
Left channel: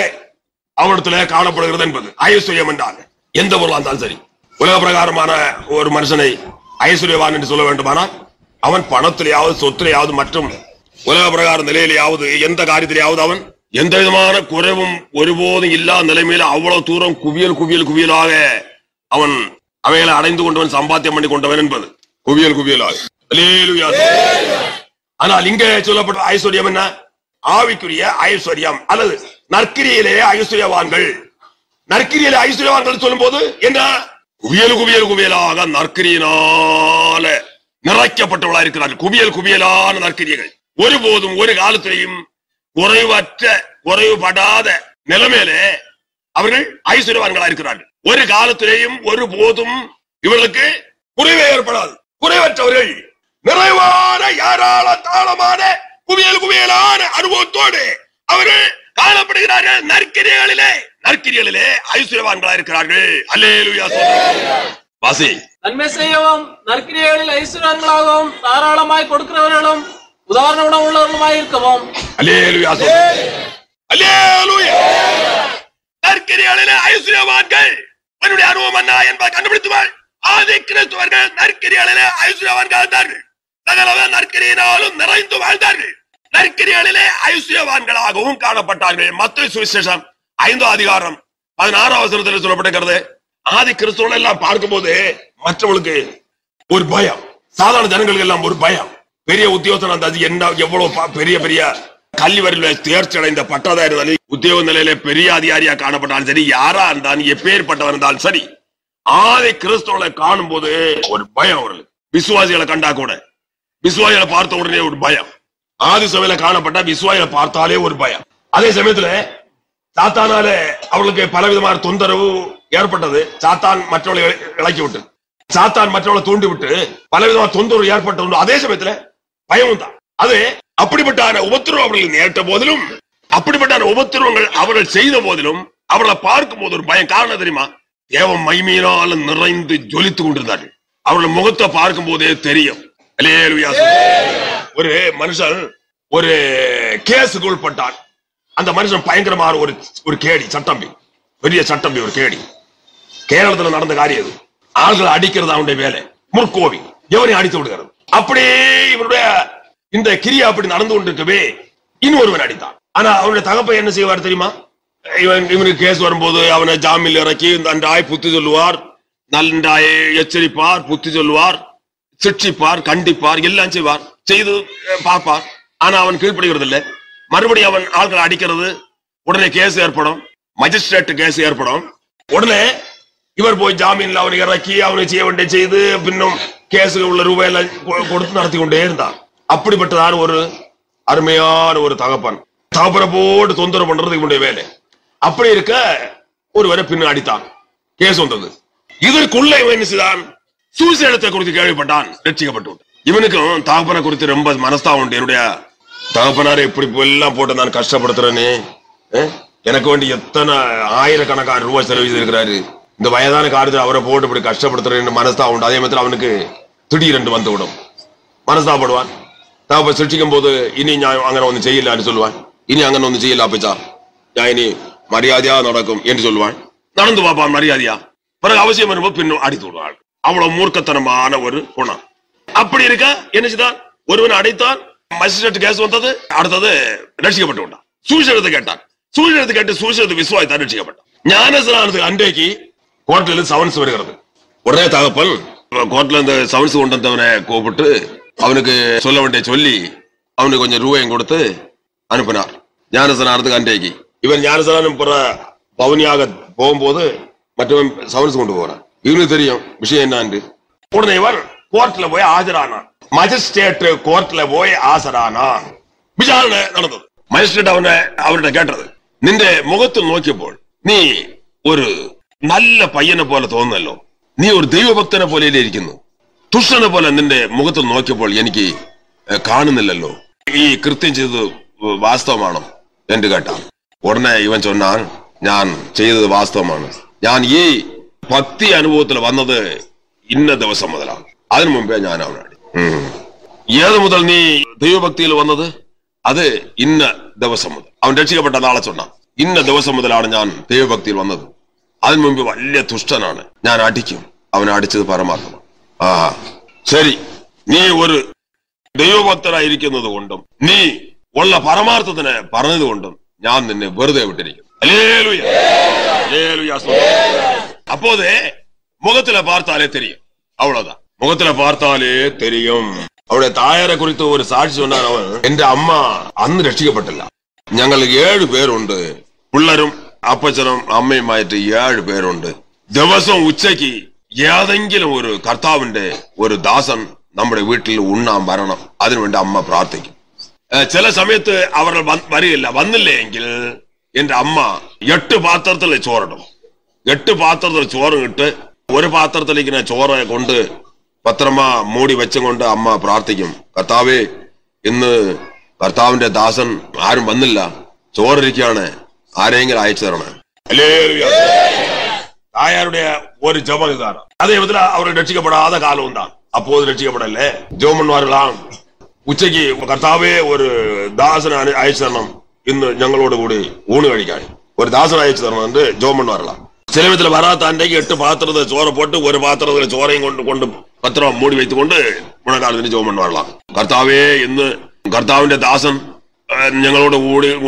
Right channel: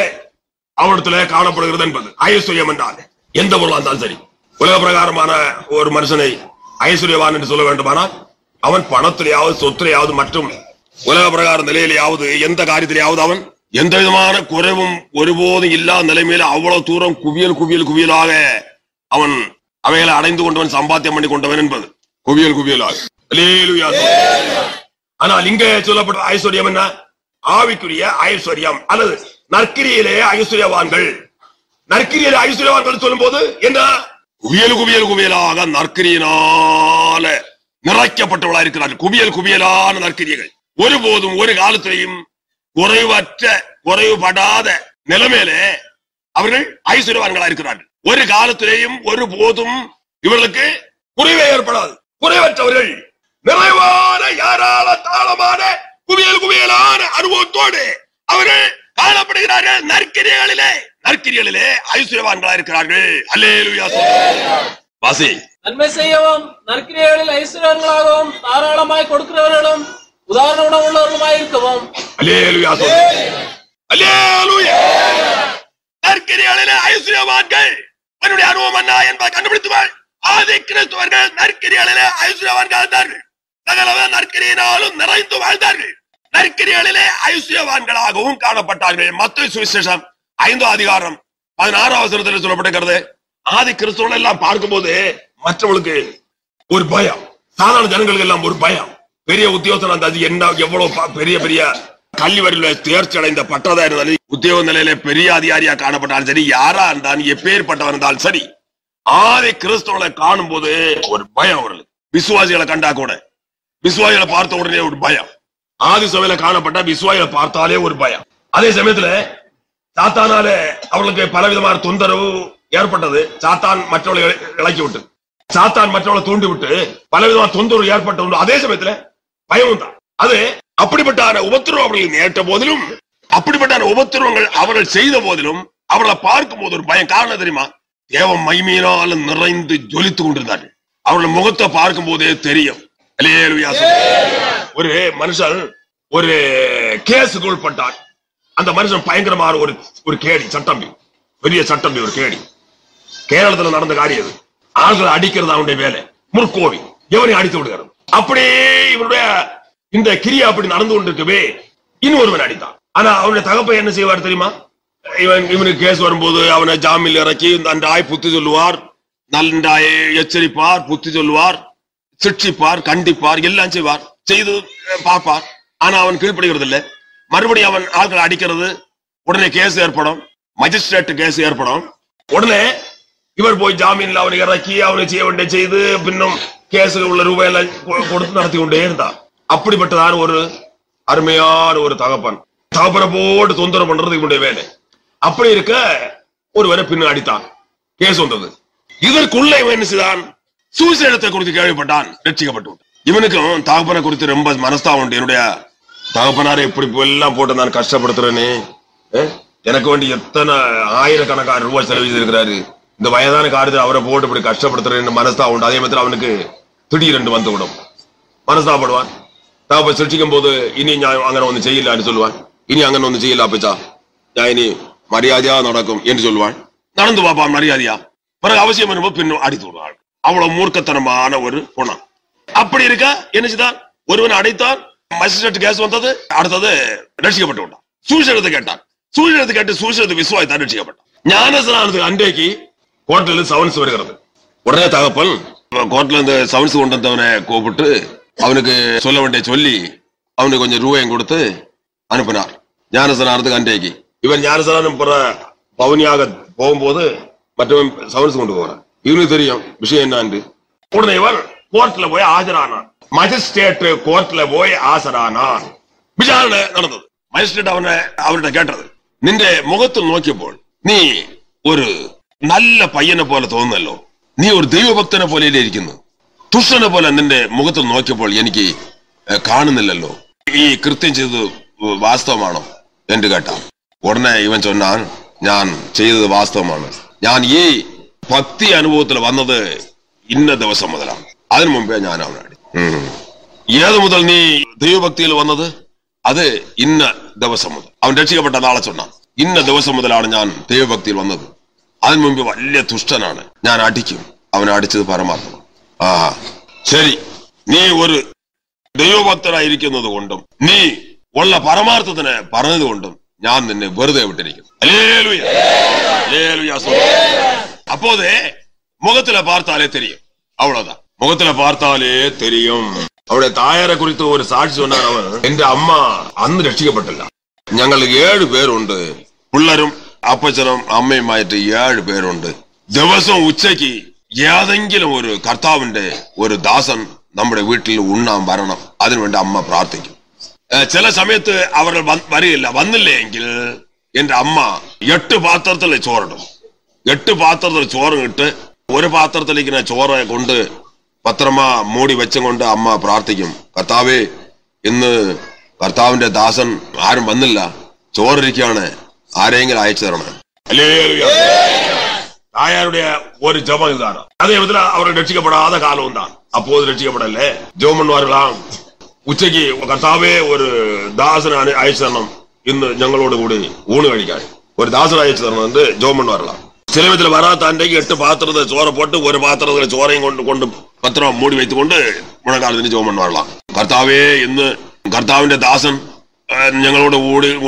அவரிடத்துல காணப்படுகிறது என்பது ஐஸ்வர்யம் என்றால். எந்த பொருளா இருந்தாலும் சரி. உலக பிரகாரமான ஒரு மனுஷனை ஐஸ்வர்யவான் என்று சொல்ல வேண்டுமானால் அவன் பணத்திலேயாவது சொத்திலேயாவது மற்றும் உலக பிரகார நிலையிலேயாவது எந்த காரியத்திலேயாவது அவன் எந்த விதமான குறைவும் ஒருபோதும் இல்லாத நிலைமையில அவ்வளவு தூரம் குவியல் குவியல் குவியலாக அவன் அவைகளை அடைந்து கொண்டவன், சம்பாத்தியம் பண்ணி கொண்டவன் என்பது குவியல் குவியலாக. ஆனால் இங்க சொல்லப்பட்ட ஐஸ்வர்யம் என்ன? ஆவிக்குரிய ஐஸ்வர்யம் அல்லது நற்கிரியிலேயே ஐஸ்வர்யவான்கள். நற்கிரியிலே ஐஸ்வர்யவான்கள் சொல்லும் போது என்ன? குவியல் குவியல் குவியலாக நற்கிரியினால நிறைக்கப்பட்டவர்களாக இருக்கிறார்கள். குவியல் குவியலான நற்கிரியர்கள். ஒருபோதும் ஒரு காலத்திலையும் குறைவற்ற குறைவுபடாத நிலைமையிலே அவர்கள் ஐஸ்வர்யவான்களா இருக்கிறார்கள். ஒரு காலத்திலேயும் ஒருபோதும் இவர்களுக்கு குறைவே ஏற்படாது. குறைவற்றவர்கள் நிறைவான யாரால தாளமான குவியல் குவியலான அனுபவத்தோடு அவர்கள் காணப்படுகிறார்கள். நற்கிரிகளிலே ஐஸ்வர்யவான்களா இருக்கிறார்கள். அல்லேலூயா. வாசி. நன்மை செய்யவும் நற்கிரியைகளில் ஐஸ்வர்யங்களாகவும் தாராளமாய் கொடுக்கிறவர்களும் உதாரண உணவுள்ளவர்களுமாய் இருக்கவும். அல்லேலூயா. அல்லேலூயா. நற்கிரியைகளிலே ஐஸ்வர்யவான்கள் என்னுடைய அனுபவம் என்ன என்பதை கண்டுபிடித்துவார். ஆதி கிறிஸ்தவர்கள் நற்கிரியைகளிலே ஐஸ்வர்யவான்கள் இருந்தார்கள். சகல நற்கிரியினாலும் நிறைந்து வாழ்ந்தார்கள். நற்கிரிகளிலே ஐஸ்வர்யவான்களாகவும் காணப்பட்டார்கள். மத்தேயு சுவிசேஷம் 5 அதிகாரம் 16 வசனத்தில் சொல்லப்பட்டிருக்கிறது. ஆதி கிறிஸ்தவர்கள் எல்லாம் பார்க்கும்போது மற்றவர்களுக்கு ஒரு பயம், சாதாரண ஜனங்களுக்கு எல்லாம் ஒரு பயம். பெரிய உத்தியோகத்தர் அந்த என்ன எவ்வளவு பெரிய பெரிய கல்வி வரையில தேர்ச்சி அடைந்த பட்டதா இருந்தாலும், உத்தியோக நிலையில பெரிய அதிகாரியா காணப்பட்டாலும் சரி, யாரா இருந்தாலும் எப்பேற்பட்டவர் இருந்தாலும் சரி, ஆதி கிறிஸ்தவர்களை காணும் போது ஒரு பயம் அவர்களுக்கு. விசுவாசிகளை கண்டா கூட, விசுவாசிகளை பார்த்த உடனே ஒரு பயம். ஆதி சபையில காணப்பட்ட விசுவாசிகளை பார்த்தாலே ஒரு பயம். அதே சமயத்துல சாத்தானால அவர்களுக்கு பலவிதமான தொந்தரவு ஏற்பட்டது. சாத்தான் மற்றவர்களை இலக்கி விட்டு, சாத்தான் மற்றவர்களை தூண்டி விட்டு பலவிதமான தொந்தரவு ஏற்பட்டது. அதே சமயத்துல பயமும் தான். அது அப்படிப்பட்ட உபத்திரவம் அவர்கள் நேற்ற போதிலும், அப்படிப்பட்ட உபத்திரவங்கள் அவர்கள் செய்த போதிலும் அவர்களை பார்க்கும் போது ஒரு பயம். காரணம் தெரியுமா? தேவ மகிமையினால் நிறைந்து ஜொலித்துக் கொண்டிருந்தார்கள். அவர்கள் முகத்தை பார்க்கும் போதே தெரியும். ஒரு மனுஷன் ஒரு கேஸுக்கு உட்பட்டான். அந்த மனுஷன் பயங்கரமான ஒரு கேடி, சட்டம்பி, பெரிய சட்டம்பி, ஒரு கேடி. கேரளத்தில் நடந்த காரியம் அது. ஆள்களை அடிக்கிறது அவனுடைய வேலை. முற்கோவி எவரையும் அடித்து விடுகிறது. அப்படியே இவருடைய இந்த கிரியா அப்படி நடந்து கொண்டிருக்கவே இன்னொருவன் அடித்தான். ஆனா அவனுடைய தகப்பை என்ன செய்வார் தெரியுமா? இவனுக்கு கேஸ் வரும்போது அவனை ஜாமீன் இறக்கி நன்றாய் புத்தி சொல்லுவார், நன்றாய் எச்சரிப்பார், புத்தி சொல்லுவார், சிக்ஷிப்பார், கண்டிப்பார், எல்லாம் செய்வார், செய்து பார்ப்பார். ஆனா அவன் கீழ்ப்படுகிறது இல்லை. மறுபடியும் அவன் ஆட்களை அடிக்கிறது. உடனே கேஸ் ஏற்படும், மஜிஸ்ட்ரேட் கேஸ் ஏற்படும். உடனே இவர் போய் ஜாமீன்ல அவனை இறக்கி அவனை செய்ய வேண்டிய செய்து பின்னும் கேஸில் உள்ள ரூபாயெல்லாம் கொடுத்து நடத்தி கொண்டே இருந்தான். அப்படிப்பட்டதான ஒரு அருமையான ஒரு தகப்பன். தகப்பனை போட்டு தொந்தரவு பண்றது இவனுடைய வேலை. அப்படி இருக்க ஒருவரை பின்ன அடித்தான். கேஸ் வந்தது. இதற்குள்ள இவன் என்ன செய்தான்? சுவிசேஷத்தை குறித்து கேள்விப்பட்டான், ரட்சிக்கப்பட்டு. இவனுக்கும் தகப்பனை குறித்து ரொம்ப மனஸ்தாபம் உண்டு. என்னுடைய தகப்பனாரை இப்படி எல்லாம் போட்டு நான் கஷ்டப்படுத்துறேன்னு, எனக்கு வேண்டி எத்தனை ஆயிரக்கணக்கான ரூபாய் செலவு செய்திருக்கிறாரு, இந்த வயதான காலத்தில் அவரை போட்டு இப்படி கஷ்டப்படுத்துறேன்னு மனஸ்தாபம் உண்டு. அதே மாதிரி அவனுக்கு திடீரென்று வந்து விடும், மனஸ்தாபப்படுவான். தகப்ப சிருஷ்டிக்கும் போது இனி நான் அங்கே ஒன்று செய்யலான்னு சொல்லுவான். இனி அங்கே ஒன்று செய்யல அப்பச்சா, நான் இனி மரியாதையா நடக்கும் என்று சொல்லுவான். நடந்து பார்ப்பான் மரியாதையா. பிறகு அவசியம் வரும்போது பின்னும் அடித்து விடுவாள். அவ்வளவு மூர்க்கத்தனமான ஒரு குணம். அப்படி இருக்க என்ன செய்தான்? ஒருவன் அடைத்தான், மஜிஸ்ட்ரேட் கேஸ் வந்தது, அடுத்தது ரட்சிக்கப்பட்டு விட்டான். சுவிசேஷத்தை கேட்டான், சுவிசேஷத்தை கேட்டு சுவிசேஷத்தை விசுவாசித்தான், ரட்சிக்கப்பட்டான். ஞானஸ்நானத்துக்கு அன்றைக்கு கோர்ட்ல சவன்ஸ் வருகிறது. உடனே தகப்பன் கோர்ட்ல இருந்து சவன்ஸ் கொண்டு வந்தவனை கூப்பிட்டு அவனுக்கு சொல்ல வேண்டிய சொல்லி அவனுக்கு கொஞ்சம் ரூபாயும் கொடுத்து அனுப்பினார் ஞானஸ்நானத்துக்கு அன்றைக்கு. இவன் ஞானஸ்நானம் பவுனியாக போகும்போது மற்றவன் சவன்ஸ் கொண்டு போறான். இவனுக்கு தெரியும் விஷயம் என்னன்னு. உடனே இவன் கோர்ட்ல போய் ஆஜரானான். மஜிஸ்ட்ரேட் கோர்ட்ல போய் ஆஜரானான். விசாரணை நடந்தது. மஜிஸ்ட்ரேட் அவர்கிட்ட கேட்டது, നിന്റെ മുഖത്ത് നോക്കിയപ്പോൾ നീ ഒരു നല്ല പയ്യനെ പോലെ തോന്നുന്നല്ലോ, നീ ഒരു ദൈവഭക്തനെ പോലെ ഇരിക്കുന്നു, തുഷ്ടനെ പോലെ നിന്റെ മുഖത്ത് നോക്കിയപ്പോൾ എനിക്ക് കാണുന്നില്ലല്ലോ, ഈ കൃത്യം ചെയ്തത് വാസ്തവമാണോ എന്ന് കേട്ടാ. ഉടനെ ഇവൻ ചൊന്നാൻ, ഞാൻ ചെയ്തത് വാസ്തവമാണ്, ഞാൻ ഈ ഭക്തി അനുഭവത്തിൽ വന്നത് ഇന്ന ദിവസം മുതലാണ്, അതിനു മുമ്പേ ഞാൻ അവനാടി. ഏത് മുതൽ നീ ദൈവഭക്തിയിൽ വന്നത്? അത് ഇന്ന ദിവസം മുതൽ. അവൻ രക്ഷിക്കപ്പെട്ട നാളെ ചൊന്നാൻ, ഇന്ന ദിവസം മുതലാണ് ഞാൻ ദൈവഭക്തിയിൽ വന്നത്, അതിനു മുമ്പ് വലിയ തുഷ്ടനാണ്, ഞാൻ അടിക്കും. അവനെ അടിച്ചത് പരമാർത്ഥമാണ്. ആ ശരി, നീ ഒരു ദൈവഭക്തനായിരിക്കുന്നത് കൊണ്ടും നീ ഉള്ള പരമാർത്ഥത്തിന് പറഞ്ഞത് കൊണ്ടും ഞാൻ നിന്നെ വെറുതെ വിട്ടിരിക്കുന്നു. அப்போதே முகத்துல பார்த்தாலே தெரியும். அவ்வளவுதான், முகத்துல பார்த்தாலே தெரியும். அவருடைய தாயாரை குறித்து ஒரு சாட்சி சொன்னார். அவன், എന്റെ അമ്മ അന്ന് രക്ഷിക്കപ്പെട്ടില്ല, ഞങ്ങൾ 7 പേരുണ്ട്, പിള്ളേരും അപ്പച്ചനും അമ്മയുമായിട്ട് 7 പേരുണ്ട്. ദിവസം ഉച്ചയ്ക്ക് ഏതെങ്കിലും ഒരു കർത്താവിന്റെ ഒരു ദാസൻ നമ്മുടെ വീട്ടിൽ ഉണ്ണാൻ വരണം, അതിനുവേണ്ടി അമ്മ പ്രാർത്ഥിക്കും. ചില സമയത്ത് അവർ വരില്ല. വന്നില്ലെങ്കിൽ എന്റെ അമ്മ 8 പാത്രത്തിൽ ചോറിടും. 8 പാത്രത്തിൽ ചോറ് ഇട്ട് ഒരു പാത്രത്തിലേക്ക് ചോറ് കൊണ്ട് പത്രമാ മൂടി വെച്ചും കൊണ്ട് അമ്മ പ്രാർത്ഥിക്കും, കർത്താവേ ഇന്ന് കർത്താവിന്റെ ദാസൻ ആരും വന്നില്ല, ചോറിരിക്കുകയാണ്, ആരെങ്കിലും അയച്ചു തരണം. തായാരുടെ ഒരു ജപം ഇതാണ്. അതേ വിധത്തിൽ അവർ രക്ഷിക്കപ്പെടാതെ കാലവും താൻ. അപ്പോൾ രക്ഷിക്കപ്പെടല്ലേ ജോമന്മാരെല്ലാം ഉച്ചയ്ക്ക് കർത്താവേ ഒരു ദാസനെ അയച്ചു തരണം, ഇന്ന് ഞങ്ങളോട് കൂടി ഊണ് കഴിക്കാൻ ഒരു ദാസനെ അയച്ചു തരണം എന്ന് ജോമന്മാരെല്ലാം. ചില വിധത്തിൽ വരാത്ത അന്റേക്ക് 8 പാത്രത്തിൽ ചോറ് പോട്ട് ഒരു പാത്രത്തിൽ ചോറയും കൊണ്ട് പത്രം മൂടി വെച്ചുകൊണ്ട് മുഴങ്കാലത്തിന് ജോമന്മാരെല്ലാം, കർത്താവേ ഇന്ന് കർത്താവിന്റെ ദാസൻ ഞങ്ങളോട്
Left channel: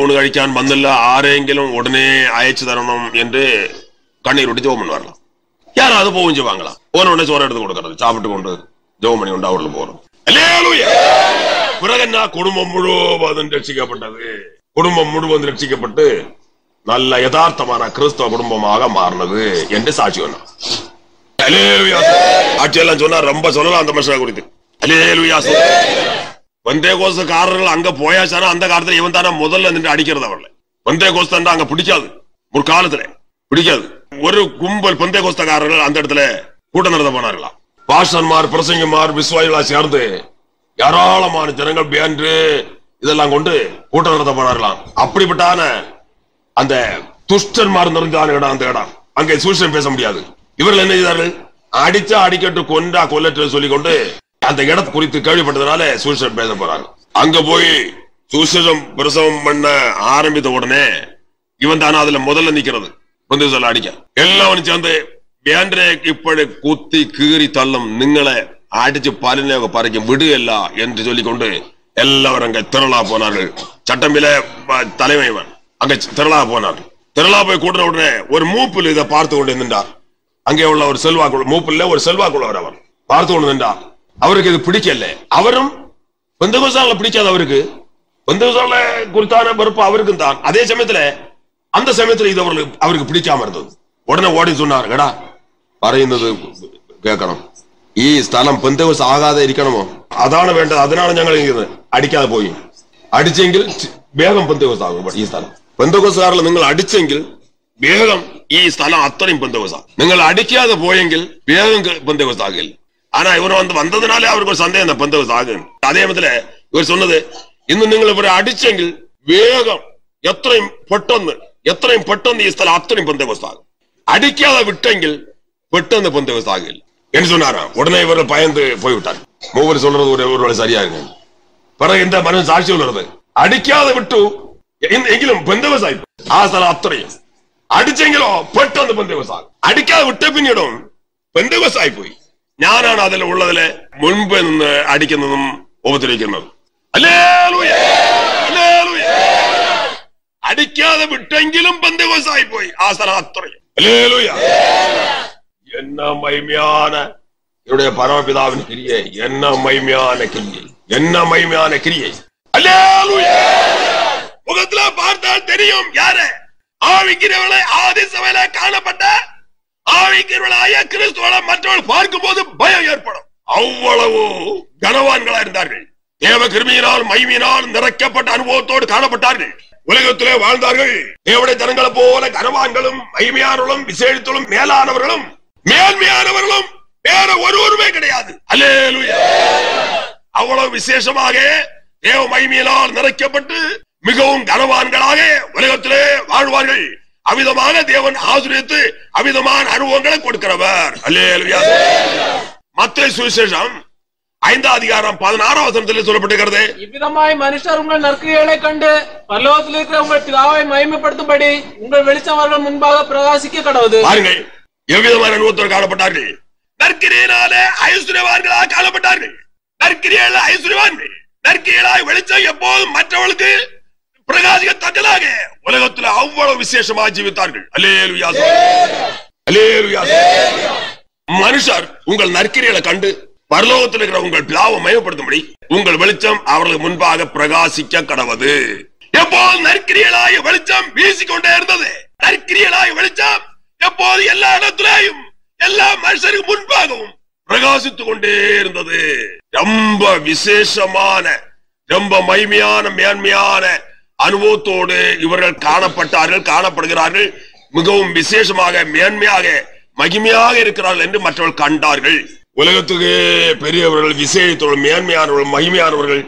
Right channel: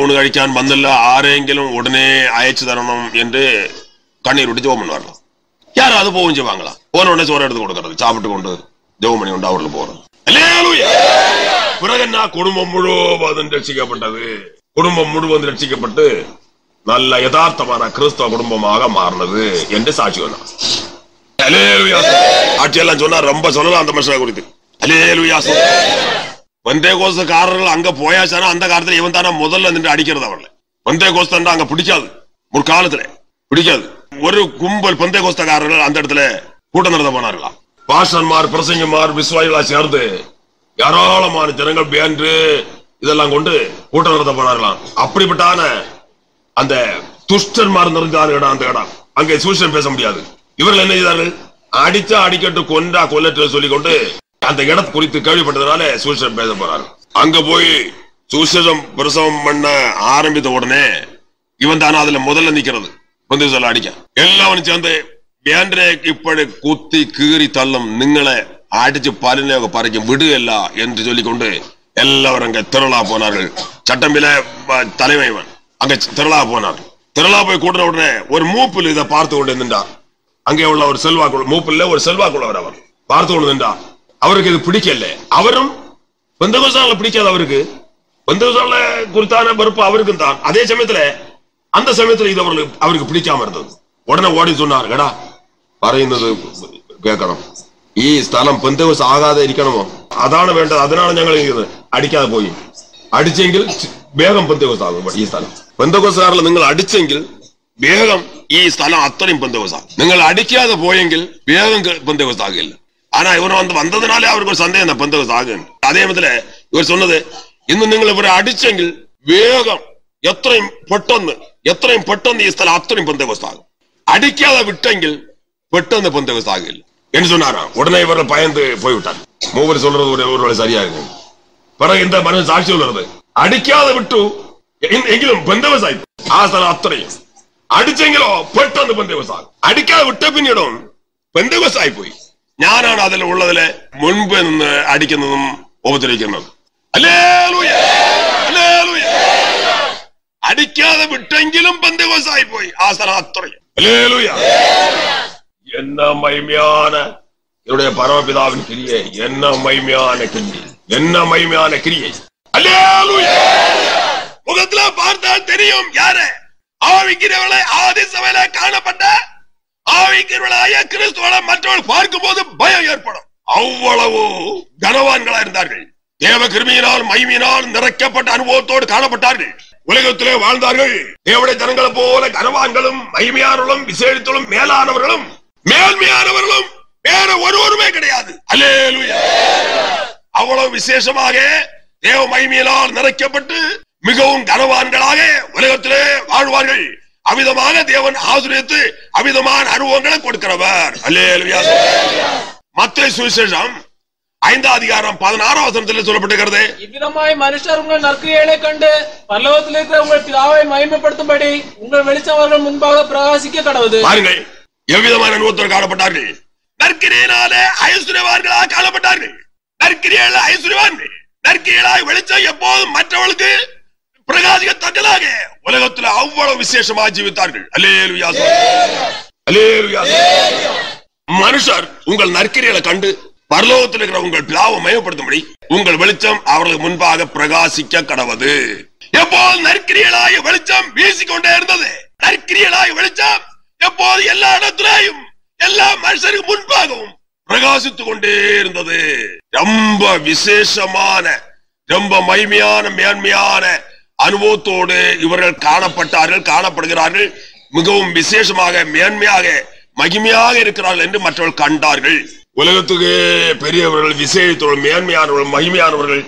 ഊണ് കഴിക്കാൻ വന്നില്ല, ആരെങ്കിലും ഉടനെ അയച്ചു തരണം என்று கண்ணீர் விட்டு ஜோம் பண்ணுவாரலாம். யாரும் அது போகும் செய்வாங்களாம். போன உடனே சோறு எடுத்து கொடுக்கறது, சாப்பிட்டு கொண்டு ஜோம் பண்ணி கொண்டு அவர்கள் போறது. பிறகு என்ன, குடும்பம் முழுவதும் ரட்சிக்கப்பட்டது. குடும்பம் முழுவதும் ரட்சிக்கப்பட்டு நல்ல யதார்த்தமான கிறிஸ்தவ குடும்பமாக மாறினது என்று சாட்சி சொன்னார். சாட்சியெல்லாம் சொன்னா ரொம்ப சொல்லலாம் அந்த மனுஷனை குறித்து. பெந்தேகோஸ்தக்காரர்கள் அங்க போயாச்சானா அந்த காலத்துல இவன் தானே முதல்ல நின்று அடிக்கிறது. அவர்களை பெந்தேகோஸ்தன் அங்க பிடிக்காது, முற்காலத்துல பிடிக்காது. ஒரு கும்பல் பெந்தேகோஸ்தக்காரர்கள் அந்த இடத்துல கூட்டம் நடத்த போனார்களாம். பாஸ்டர்மார், பிரசங்கமார், விசுவாசிகளா சேர்ந்து ஏராளமான ஜனங்கள் பேன்று இதெல்லாம் கொண்டு கூட்டம் நடத்த போனார்களாம். அப்படிப்பட்டான அந்த துஷ்டன்மார் நிறைந்தான இடம் அந்த இடம். அங்கே சுவிசேஷம் பேச முடியாது. இவர்கள் என்ன செய்தார்கள்? அடிச்சா அடிக்கட்டு, கொண்டா கொல்லட்டு சொல்லிக் கொண்டு அந்த இடத்தை குறித்து கேள்விப்பட்டதுனால சுவிசேஷம் பேச போறாரு. அங்க போய் சுவிசேஷம் பிரசவம் பண்ண ஆரம்பித்த உடனே இவன் தானே அதுல முதல்ல நிக்கிறது. சொல்ல அடிக்க எல்லாவனும் சேர்ந்து വേണ്ടനെ ഇപ്പോഴേ കുത്തി കീറി തള്ളും, നിങ്ങളെ അടിച്ച് പലിനെയൊക്കെ പറിക്കും, വിടുകയല്ല എന്ന് ചൊല്ലിക്കൊണ്ട് എല്ലാവരും അങ്ങ് തിരളാ പോനാர்கள். சட்டம்பில தலைமைவன் அங்க திரளா போனார்கள். திரளா போய் கூட்டின உடனே ஒரு மூப்பில் இதை பார்த்து கொண்டு நின்றார். அங்கே உள்ள ஒரு செல்வாக்குள்ள மூப்பில் ஒரு செல்வாக்குள்ளவர் அவர் பார்த்து கொண்டு நின்றார். அவருக்கு இது பிடிக்கல. அவரும் பெந்தகோஸ்தால பிடிக்காது. பெந்தகோஸ்தால குறித்தான வெறுப்பு அவருக்கும் தான். அதே சமயத்துல அந்த சமயத்துல இது அவருக்கு பிடிக்காம இருந்தது. உடனே ஓடி சொன்னார், கேடா പറയുന്നത് കേൾക്കണം, ഈ സ്ഥലം പെന്തകോസ് ആകാതെ ഇരിക്കണമോ? അതാണ് വേണ്ടത്. അതിനാണ് ഞങ്ങൾ അടിക്കാതെ പോയി. അടിച്ചെങ്കിൽ വേഗം പെന്തകോസ് ആകും. ഈ സ്ഥലം പെന്തകോസുകാരിൽ നിങ്ങൾ അടിച്ചെങ്കിൽ വേഗം ഈ സ്ഥലം അത്രയും പെന്തകോസ് ആകും. നിങ്ങൾ അടിക്കാതെ പോയെങ്കിൽ വേഗം പെന്തകോസ് ആകില്ല. ஆனா இவர் வந்ததுனாலே அவருக்கு ஒரு சந்தேகம் இந்த பெந்தகோஸ்து ஆகும். அதே மாதிரி இவர் சொன்னது, ഇന്ന് നിങ്ങൾ ഇവരെ അടിച്ചെങ്കിൽ വേഗം എത്രയും പെട്ടെന്ന് ഈ സ്ഥലം അത്രയും പെന്തകോസ്ത് ആകും. അടിക്കാതെ വിട്ടെങ്കിൽ പെട്ടെന്ന് പെന്തകോസ്ത് ആകില്ല എന്ന് சொன்னாராம். உடனே இவர்கள் பயந்து போய்விட்டார். மூவர் சொல்றது ஒரு சரியா இருக்கு. பிறகு இந்த மனு சாட்சி சொல்றது, அடிக்காத விட்டு എങ്കിലും പെന്തകോസ്ത് ആയി ആ സ്ഥലം അത്രയും അടിച്ചെങ്കിലോ പെട്ടെന്ന് പെന്തകോസ്ത് ആകും. അടിക്കാതെ വിട്ട പിന്നീടും പെന്തകോസ്ത് ആയി പോയി. ഞാനാണ് അതിൽ ഉള്ളതിലെ മുൻപ് നിന്ന് അടിക്കുന്നതും ഉപദ്രവിക്കുന്നതും. Hallelujah, hallelujah. അടിക്കാതെ വിട്ടെങ്കിലും പെന്തകോസ്ത് ആയി പോയി ആ സ്ഥലം അത്രയും. ഹല്ലേലൂയ. என்ன மகிமையான என்னுடைய பரமபிதாவின் கிரியை, என்ன மகிமையான கிரியை, என்ன மகிமையான கிரியை. ஹல்லேலூயா. முகத்துல பார்த்தால் தெரியும் யாரு ஆவிக்கிறவளை ஆதி சபையில காணப்பட்ட ஆவிக்கிறவளாய கிறிஸ்துவ மற்றவர்கள் பார்க்கும் போது பயம் ஏற்படும். அவ்வளவு கனவான்களா இருந்தார்கள். தேவ கிருமியினால் மகிமையினால் நிறைக்கப்பட்ட அனுபவத்தோடு காணப்பட்டார்கள். உலகத்திலே வாழ்ந்தார்கள். தேவடைய ஜனங்களை போல கனவான்களும் மகிமையானவர்களும் விசேஷித்தலும் மேலானவர்களும் மேன்மையானவர்களும் வேற ஒருவருமே கிடையாது. அல்லேலூயா. அவ்வளவு விசேஷமாக தேவ மகிமையினால் நிறைக்கப்பட்டு மிகவும் கனவான்களாக உலகத்திலே வாழ்வார்கள். அவிதமாக தேவன் ஆசீர்வதித்து அவிதமான அனுபவங்களை கொடுக்கிறவர். அல்லேலூயா. மத்தேயு சுவிசேஷம் 5ஆம் அதிகாரம் 16ஆம் வசனத்தில் சொல்லப்பட்டிருக்கிறது, இவ்விதமாய் மனுஷர் உங்கள் நற்கிரியைகளை கண்டு பரலோகத்தில் இருக்கிற உங்கள் பிதாவை மகிமைப்படுத்தும்படி உங்கள் வெளிச்சம் அவர்கள் முன்பாக பிரகாசிக்க கடவுது. பாருங்கள், எவ்விதமான அனுபவத்தோடு காணப்பட்டார்கள். நற்கிரியினாலே ஐஸ்வர்யவான்களாக காணப்பட்டார்கள். நற்கிரியால ஐஸ்வர்யவான்கள், நற்கிரியாய் வெளிச்சம் எப்போதும் மற்றவர்களுக்கு பிரகாசிக்கத்தக்கதாக உலகத்தில் அவ்வளவு விசேஷமாக ஜீவித்தார்கள். அல்லேலூயா, அல்லேலூயா. மனுஷர் உங்கள் நற்கிரிகளை கண்டு பரலோகத்தில் இருக்கிற உங்கள் பிதாவை மகிமைப்படுத்தும்படி உங்கள் வெளிச்சம் அவர்களுக்கு முன்பாக பிரகாசிக்க கடவது. எப்போது நற்கிரியலாய வெளிச்சம் வீசிக்கொண்டே இருந்தது. நற்கிரியலாய வெளிச்சம் எப்போது எல்லா இடத்திலேயும் எல்லா மனுஷருக்கு முன்பாகவும் பிரகாசித்துக் கொண்டே இருந்தது. ரொம்ப விசேஷமான, ரொம்ப மகிமையான, மேன்மையான அனுபவத்தோடு இவர்கள் காணப்படுகிறார்கள். மிகவும் விசேஷமாக, மேன்மையாக, மகிமையாக இருக்கிறார்கள் என்று மற்றவர்கள் கண்டார்கள். உலகத்துக்கு பெரியவர்கள், விசேஷத்தோடு மேன்மையானவர்கள், மகிமையானவர்கள்,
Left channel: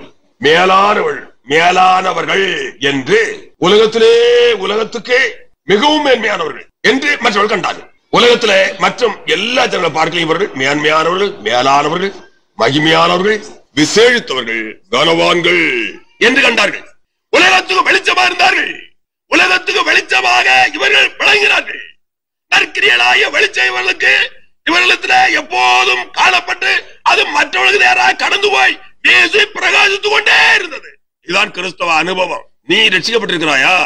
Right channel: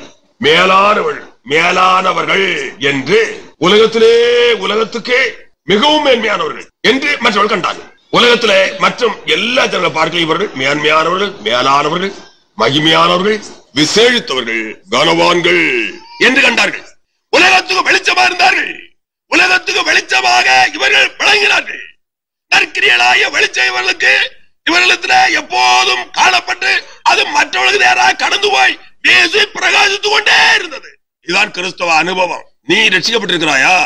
மேலானவர்கள் என்று உலகத்துக்கு மிகவும் மேன்மையானவர்கள் என்று மற்றவர்கள் கண்டார்கள். உலகத்துல மற்றும் எல்லா ஜனங்களை பார்க்க இவர்கள் மேன்மையானவர்கள், மேலானவர்கள், மகிமையானவர்கள், விசேஷித்தவர்கள், கனவான்கள் என்று கண்டார்கள். உலகத்துக்கு வெளிச்சமா இருந்தார்கள். உலகத்துக்கு வெளிச்சமாக இவர்கள் விளங்கினார்கள். நற்கிரியலாய வெளிச்சம் இவர்களுக்கு எப்போதும் காணப்பட்டு அது மற்றவர்களுக்கு நேராக கடந்து போய் வீசி பிரகாசித்துக் கொண்டே இருந்தது. இதுதான் கிறிஸ்தவ அனுபவம். நீ ரட்சிக்கப்பட்டிருக்கிறாயா?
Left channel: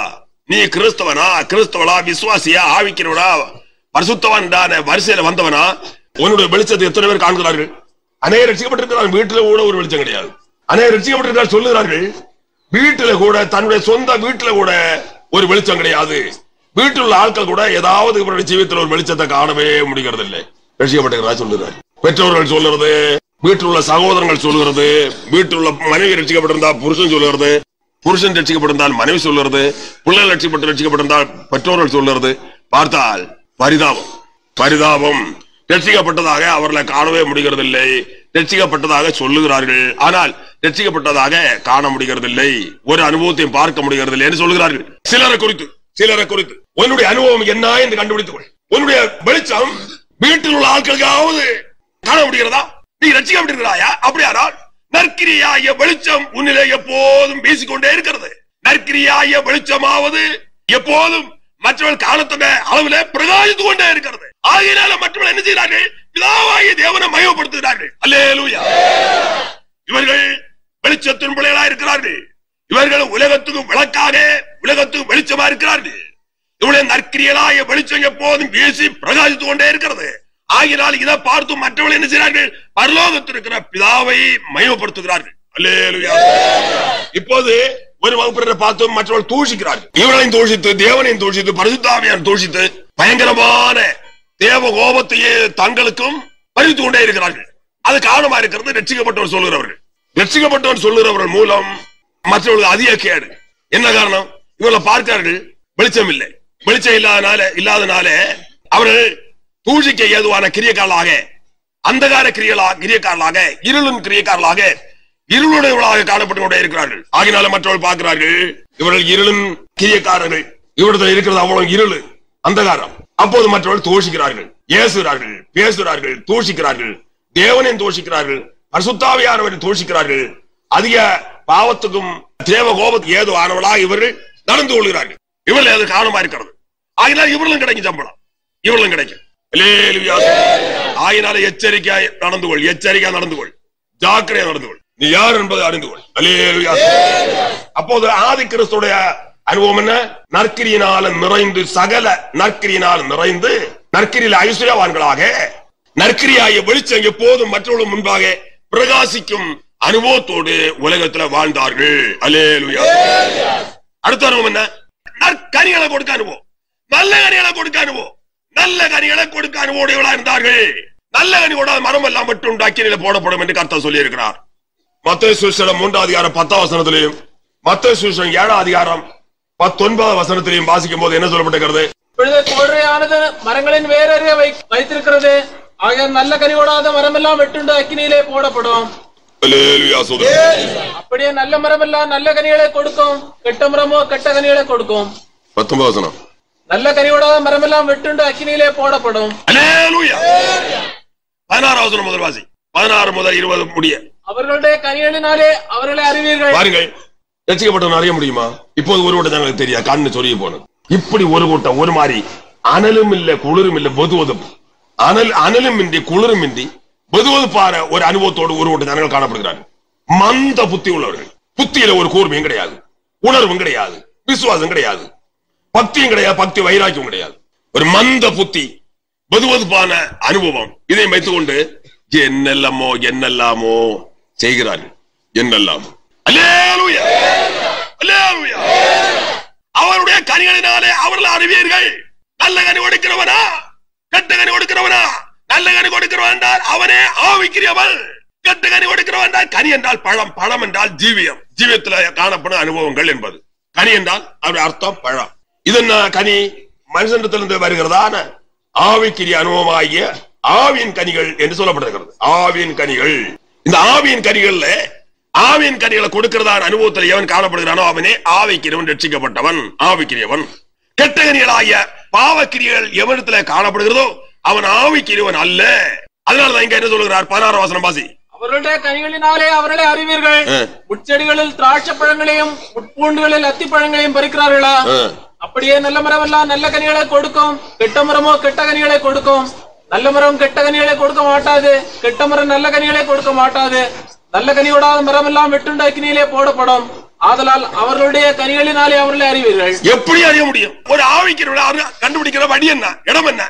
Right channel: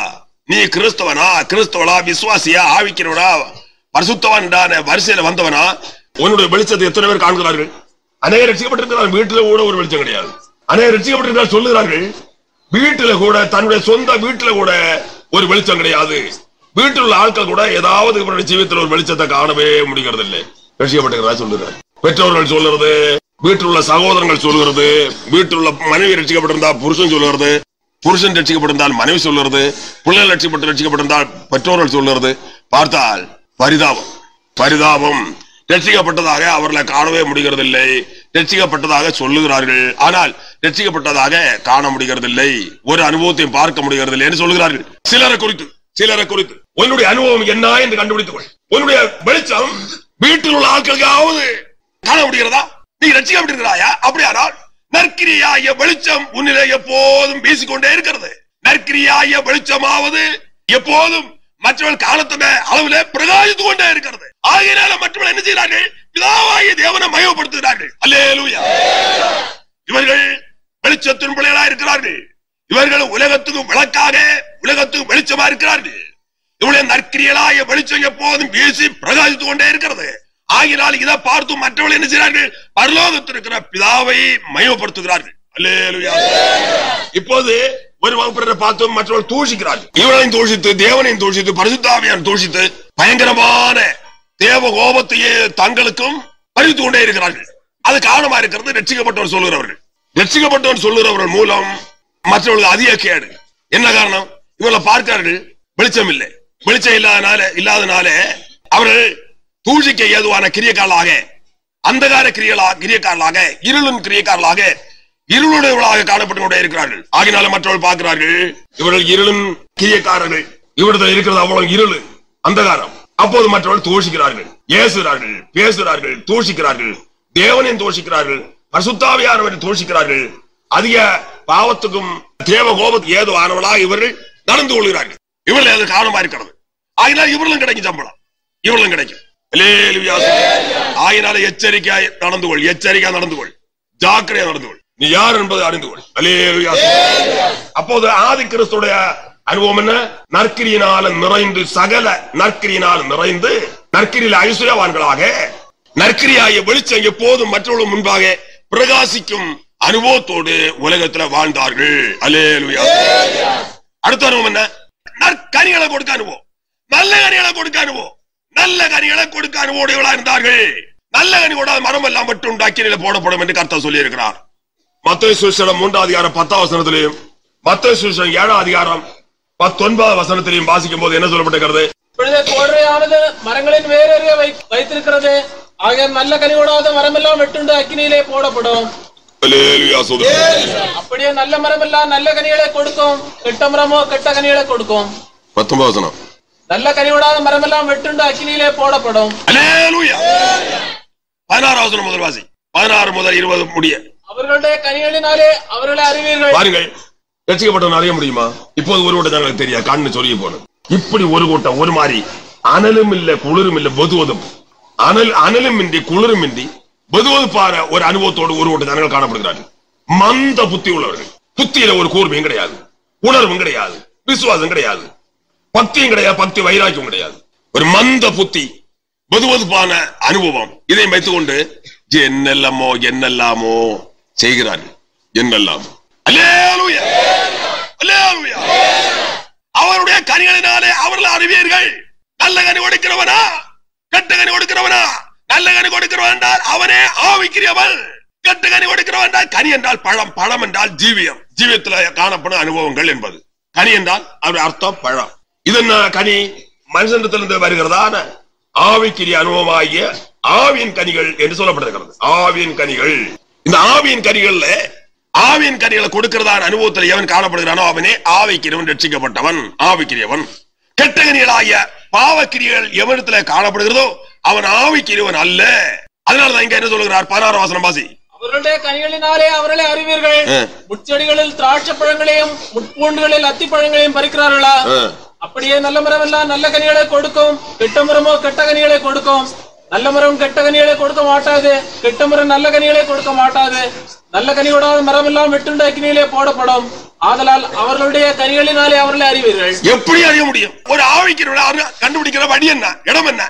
நீ கிறிஸ்தவனா, கிறிஸ்தவனா, விசுவாசியா, ஆவிக்கிறவனா, பரிசுத்தவான் வரிசையில வந்தவனா? உன்னுடைய வெளிச்சத்தை எத்தனை பேர் காண்கிறார்கள்? அநேக ரட்சிக்கப்பட்டிருக்கிறார்கள். வீட்டுல கூட ஒரு வெளிச்சம் கிடையாது. அநேக ரட்சிக்கப்பட்டிருக்கிறார்கள் சொல்லுகிறார்கள். வீட்டுல கூட, தன்னுடைய சொந்த வீட்டுல கூட ஒரு வெளிச்சம் கிடையாது. வீட்டில் உள்ள ஆட்கள் கூட ஏதாவது இவருடைய ஜீவியத்தில் ஒரு வெளிச்சத்தை காணவே முடிகிறது இல்லை. ரட்சிக்கப்பட்டிருக்கிறா சொல்லுறாரு. பெற்றோர்கள் சொல்லுறது, வீட்டில் உள்ள சகோதரங்கள் சொல்லுகிறது, வீட்டில் உள்ள மனைவி ரட்சிக்கப்பட்டிருந்தா புருஷன் சொல்லுறது, புருஷன் ரட்சிக்கப்பட்டிருந்தால் மனைவி சொல்லுறது, பிள்ளைகள் ரட்சிக்கப்பட்டிருந்தால் பெற்றோர்கள் சொல்லுறது. பார்த்தால் பரிதாபம். ரட்சிக்கப்பட்டதாக அவர்களை காணவே முடிகிறது இல்லை. ரட்சிக்கப்பட்டதாக சொல்லுகிறார்கள், ஆனால் ரட்சிக்கப்பட்டதாக காண முடிகிறது இல்லை. ஒரு அனுபவத்தையும் பார்க்க முடிகிறது இல்லை என்று சொல்லுகிறார்கள். சிலரை குறித்து உன்னுடைய அனுபவம் என்ன என்று கண்டுபிடித்துக் கொள். உன்னுடைய வெளிச்சம் வீட்டில் உள்ள ஆட்களுக்காவது காண முடிகிறதா? நீ ரட்சிக்கப்பட்டிருக்கிறாயா? அப்படியானால் நற்கிரியாய வெளிச்சம் உன்னிலே எப்போதும் வீசிக்கொண்டே இருக்கிறது. நற்கிரியாய வெளிச்சமாவது எப்போதும் மற்றவர்கள் காலத்தோட அளவிலே பிரகாசித்துக் கொண்டே இருக்கிறது. ஆகையினால மற்றவர்கள் என்ன செய்கிறார்கள்? பிதாவாகிய தேவனை மகிமைப்படுத்துகிறார்கள். அல்லேலூயா. இவர்கள் வெளிச்சத்தின் பிள்ளைகளா இருக்கிறார்கள். இவர்கள் உலகத்துக்கும் விளக்காக, உலகத்துக்கும் வெளிச்சமா இருக்கிறார்கள். இவருடைய நற்கிரியலாய வெளிச்சம் எப்போதும் வீசி பிரகாசித்துக் கொண்டே இருக்கிறது. ஆகினால் இதை பார்த்து மற்றவர்கள் என்ன செய்கிறார்கள்? பரலோகத்தில் இருக்கிற பிதாவை மகிமைப்படுத்துகிறார்கள். அல்லேலூயா. இப்போது ஒரு வகுப்பினரை பார்த்து மற்றவர்கள் தூஷிக்கிறார்கள். இவர்களையும் தூஷித்து, தேவனையும் தூஷித்து, பரிசுத்த ஆவியானவரை தூஷித்து பயங்கரமான தேவ கோபத்தையே தங்களுக்கும் பறித்துக் கொண்டே இருக்கிறார்கள். அது காரணமா இருக்கிறது ரட்சிக்கப்பட்டவர் சொல்லுகிறவர்கள். ரட்சிக்கப்பட்டவர் சொல்லுகிறவர்கள் மூலம் மற்றவர்கள் அதிக கேடு. என்ன காரணம்? இவர்களை பார்க்கிறார்கள், வெளிச்சம் இல்லை. வெளிச்சம் இல்லாதனால அவர்கள் தூஷிக்க ஏதுவான கிரியைகளாக அந்தகார கிரியக்காரர்களாக, இருளின் கிரியக்காரர்களாக, இருளுடையவர்களாக காணப்பட்டு கொண்டே இருக்கிறார்கள். ஆகினால மற்றவர்கள் பார்க்கிறார்கள், இவர்கள் இருளின் கிரியக்காரர்கள், இவர்கள் இருக்கிறது அவ்வளவு இருள், அந்தகாரம். அப்போது மற்றவர்கள் தோஷிக்கிறார்கள், ஏசுகிறார்கள், பேசுகிறார்கள், தோஷிக்கிறார்கள், தேவனையும் தோஷிக்கிறார்கள், பரிசுத்தாவியானவரை தோஷிக்கிறார்கள். அதிக பாவத்துக்கும் தேவ கோபத்துக்கு ஏதோ ஆனவர்களாக இவர்கள் நடந்து கொள்கிறார்கள். இவர்கள் அது காரணமா இருக்கிறது. ஆகினால் இவர்களும் கிடைக்கும் சம்பளம், இவர்களும் கிடைக்கும். ஆகினால எச்சரிக்கையாய் நடந்து கொள், எச்சரிக்கையா நடந்து கொள், ஜாக்கிரதையா நடந்து கொள், நீ யார் என்பதை அறிந்து கொள். அப்போது ஆதி கிறிஸ்துடைய அனுபவம் என்ன? நற்கிரியினால நிறைந்து, சகல நற்கிரியினால் நிறைந்து, நற்கிரியில் ஐஸ்வர்யவான்களாக, நற்கிரியாய வெளிச்சம் எப்போதும் மற்றவர்கள் முன்பாக பிரகாசிக்கும் அனுபவத்தோடு உலகத்தில் வாழ்ந்தார்கள். அல்லேலூயா. அடுத்த அனுபவம் என்ன? நற்கனிகளை கொடுக்க அனுபவம், நல்ல கனிகளை கொடுக்க அனுபவம், நல்ல கனிகளை கொடுக்க அனுபவம் இருந்தார்கள். நல்ல கனி கொடாத மரம் எல்லாம் மட்டும் அக்கினியில போடப்படும் என்று கர்த்தர் சொல்லி இருக்கிறார். மத்தேயு சுவிசேஷம் 3ஆம் அதிகாரம் 10ஆம் வசனத்திலையும், மத்தேயு சுவிசேஷம் 7ஆம் அதிகாரம் 19ஆம் வசனத்திலையும் வாசிக்கும் போது என்ன சொல்லப்பட்டிருக்கிறது? கோடையானது மரங்களின் வேறறிய வைத்திருக்கிறது, ஆக நல்ல கனி கொடாத மரம் எல்லாம் வெட்டுண்டு அக்கினியிலே போடப்படும். அப்படியே நல்ல மரம் எல்லாம் நல்ல கனிகளை கொடுக்கும், கெட்ட மரமோ கெட்ட கனிகளை கொடுக்கும். 19ஆம் வசனம். நல்ல கனி கொடாத மரம் எல்லாம் வெட்டுண்டு அக்கினியிலே போடப்படும். 16ஆம் வசனம் முதல் வாசி, 16 முதல் 20 முடிய. அவர்களுடைய கனிகளினாலே அவர்களை அறிவீர்கள். பாருங்கள், ரட்சிக்கப்பட்டவன் அறிய முடியுமா? இப்போது ஒரு கூட்டம் ഞങ്ങൾക്ക് தெரியாது, கண்ணு சொருகி போனது. இப்படி ஒரு கூட்டம் ஒரு மாதிரி அனலும் இல்ல குளிரும் இல்ல வெதுவதும், அனலும் இன்றி குளிரும் இன்றி வெதுவதுப்பான ஒரு அனுபவத்தோடு ஒரு கூட்டம் ஜனங்கள் காணப்படுகிறார்கள். மந்த புத்தி உள்ளவர்கள். புத்தியில ஒரு கூர்மையும் கிடையாது, உணர்வும் கிடையாது, விசுவாசம் கிடையாது, பக்தியும் கிடையாது, பக்தி வைராக்கியம் கிடையாது. ஒரு மந்த புத்தி, வெதுவதுப்பான அனுபவம். இதை வைத்துக் கொண்டு என்னெல்லாமோ செய்கிறார்கள். என்னெல்லாமோ. அல்லேலூயா, அல்லேலூயா. அவருடைய கனிகளினாலே அவர்கள் அறிவீர்கள். நல்ல கனி கொடுக்கிறவனா கெட்ட கனி கொடுக்கிறவனா? நல்ல கனி கொடுக்கிறவன் என்றால் அவனே ஆவிக்கிறவன். கெட்ட கனி கொடுக்கிறவன் என்றால், கனி என்றால் பழம், பழம் என்றால் ஜீவியம், ஜீவியத்தில் காணப்படும் அனுபவங்கள் என்பது. கனி என்றால் அவருடைய அர்த்தம் பழம். இது என்ன கனி? மனுஷனிடத்திலிருந்து வருகிறதான ஆவிக்கிரிய அனுபவமாகிய ஆவியின் கனிகள் என்று சொல்லப்படுகிறது. ஆவியின் கனிகள். இந்த ஆவியின் கனிகள்ல ஆவியின் கனிகளை கொடுக்கிறதான அனுபவத்தில் எவன் காணப்படுகிறானோ அவனே ஆவிக்கிரியவன், ரட்சிக்கப்பட்டவன், ஆவிக்கிரியவன். கெட்ட கனிகளாகிய பாவக்கிரியர்கள் எவனிடத்துல காணப்படுகிறதோ அவன் ஆவிக்கிரியவன் அல்ல. அதனாலதான் இங்க என்ன சொல்லுகிறார்? 16ஆம் வசனம் வாசி. அவர்களுடைய கனிகளினாலே அவர்களை அறிவீர்கள். முட்செடிகளில் திராட்சை பழங்களையும் முட்பூண்டுகளில் அத்தி பழங்களையும் பறிக்கிறார்களா? அப்படியே நல்ல மரம் எல்லாம் நல்ல கனிகளை கொடுக்கும், கெட்ட மரமோ கெட்ட கனிகளை கொடுக்கும். நல்ல மரம் கெட்ட கனிகளை கொடுக்க மாட்டாது, கெட்ட மரம் நல்ல கனிகளை கொடுக்க மாட்டாது. நல்ல கனி கொடாத மரம் எல்லாம் வெட்டுண்டு அக்கினியிலே போடப்படும். ஆதலால் அவர்களுடைய கனிகளினாலே அவர்களை அறிவீர்கள். எப்படி அறிய முடியும்? ஒரு ஆவிக்கிறவனை கண்டுபிடிக்கிற வழி என்ன, இடம் என்ன?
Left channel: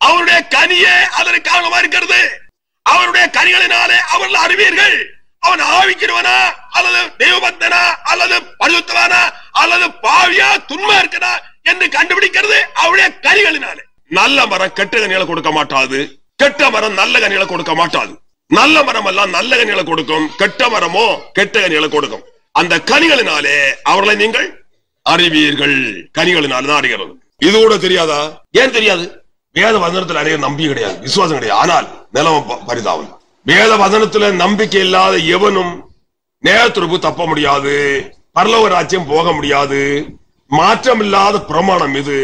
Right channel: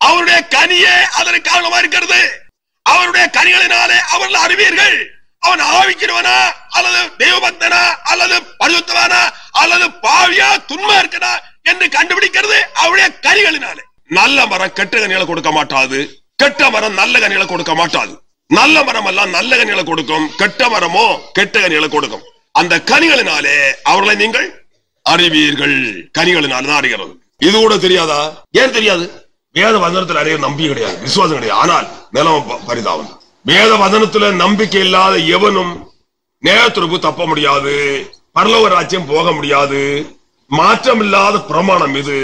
அவருடைய கனியே அதற்கு காரணமா இருக்கிறது. அவருடைய கனிகளினாலே அவர்கள் அறிவீர்கள். அவன் ஆவிக்கிறவனா அல்லது தெய்வபக்தனா அல்லது பரிசுத்தவானா அல்லது பாவியா துன்மா இருக்கனா என்று கண்டுபிடிக்கிறது அவருடைய கனிகளினாலே. நல்ல மரம் கெட்ட கனிகளை கொடுக்க மாட்டாது, கெட்ட மரம் நல்ல கனிகளை கொடுக்க மாட்டாது. நல்ல மரம் எல்லாம் நல்ல கனிகளை கொடுக்கும், கெட்ட மரமோ கெட்ட கனிகளை கொடுக்கும். அந்த கனிகளினாலே அவர்களை நீங்கள் அறிவீர்கள். கனிகளினால தான் அறிகிறது. இது கூட தெரியாதா? ஏன் தெரியாது? வேத வசனத்தில் அறிய நம்பிக்கை கிடையாது, விசுவாசம் கிடையாது. ஆனால் நிலவ பரிதாபம். வேத வசனத்துல நம்பிக்கை இல்லாத எவனும் நேயத்திற்கு தப்ப முடியாது, பரலோக ராஜ்யம் போக முடியாது. மாற்றம் இல்லாத பிரமாணம் இது.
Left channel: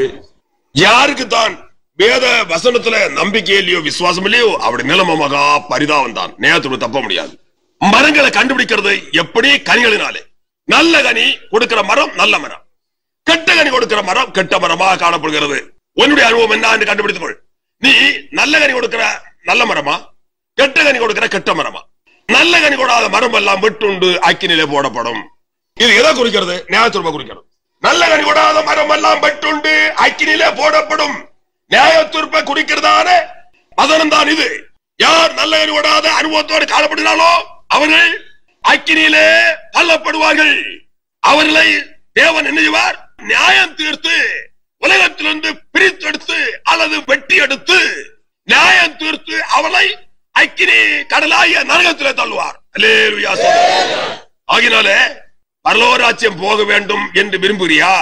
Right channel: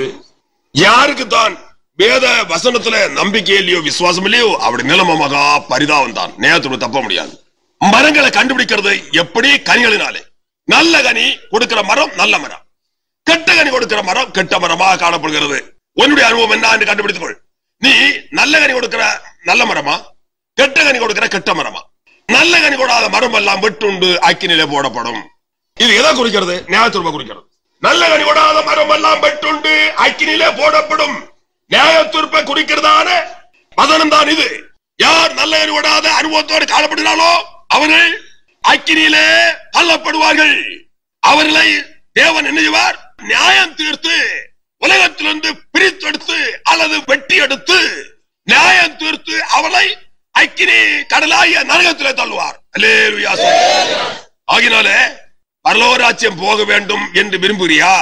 யாருக்கு தான் வேத வசனத்துல நம்பிக்கை இல்லையோ விசுவாசம் இல்லையோ அப்படி நிலைமை மகா பரிதாபம் தான். நேயத்திற்கு தப்ப முடியாது. மரங்களை கண்டுபிடிக்கிறது எப்படி? கனிகளினாலே. நல்ல கனி கொடுக்கிற மரம் நல்ல மரம், கெட்ட கனி கொடுக்கிற மரம் கெட்ட மரமாக காணப்படுகிறது. உன்னுடைய அனுபவம் என்ன என்று கண்டுபிடித்துக்கொள். நீ நல்ல கனி கொடுக்கிற நல்ல மரமா, கெட்ட கனி கொடுக்கிற கெட்ட மரமா? நல்ல கனி கொடாத மரம் எல்லாம் வெட்டுண்டு அக்கினிலே போடப்படும். இது எதை குறிக்கிறது? நியாயத்தீர்ப்பை குறிக்கிறது. நல்ல கனி கொடாத மரம் எல்லாம் வெட்டுண்டு அக்கினிலே போடப்படும். நியாயத்தீர்ப்பை குறிக்கிறதான வசனம் தான் இது. யார் நல்ல கனி கொடாத அனுபவத்தோடு காணப்படுகிறாளோ அவர்கள் அக்கினியிலே தள்ளப்படுவார்கள். அவர்களை தேவன் என்ன செய்வார்? நியாயம் தீர்த்து உலகத்திலிருந்து பிரித்தெடுத்து அல்லது வெட்டி எடுத்து நியாயம் தீர்த்து அவளை அக்கினி கடலாகிய நரகத்திலே தள்ளுவார். அல்லேலூயா. ஆகினாலே பரலோக ராஜ்யம் போக வேண்டும் என்று விரும்புகிறியா?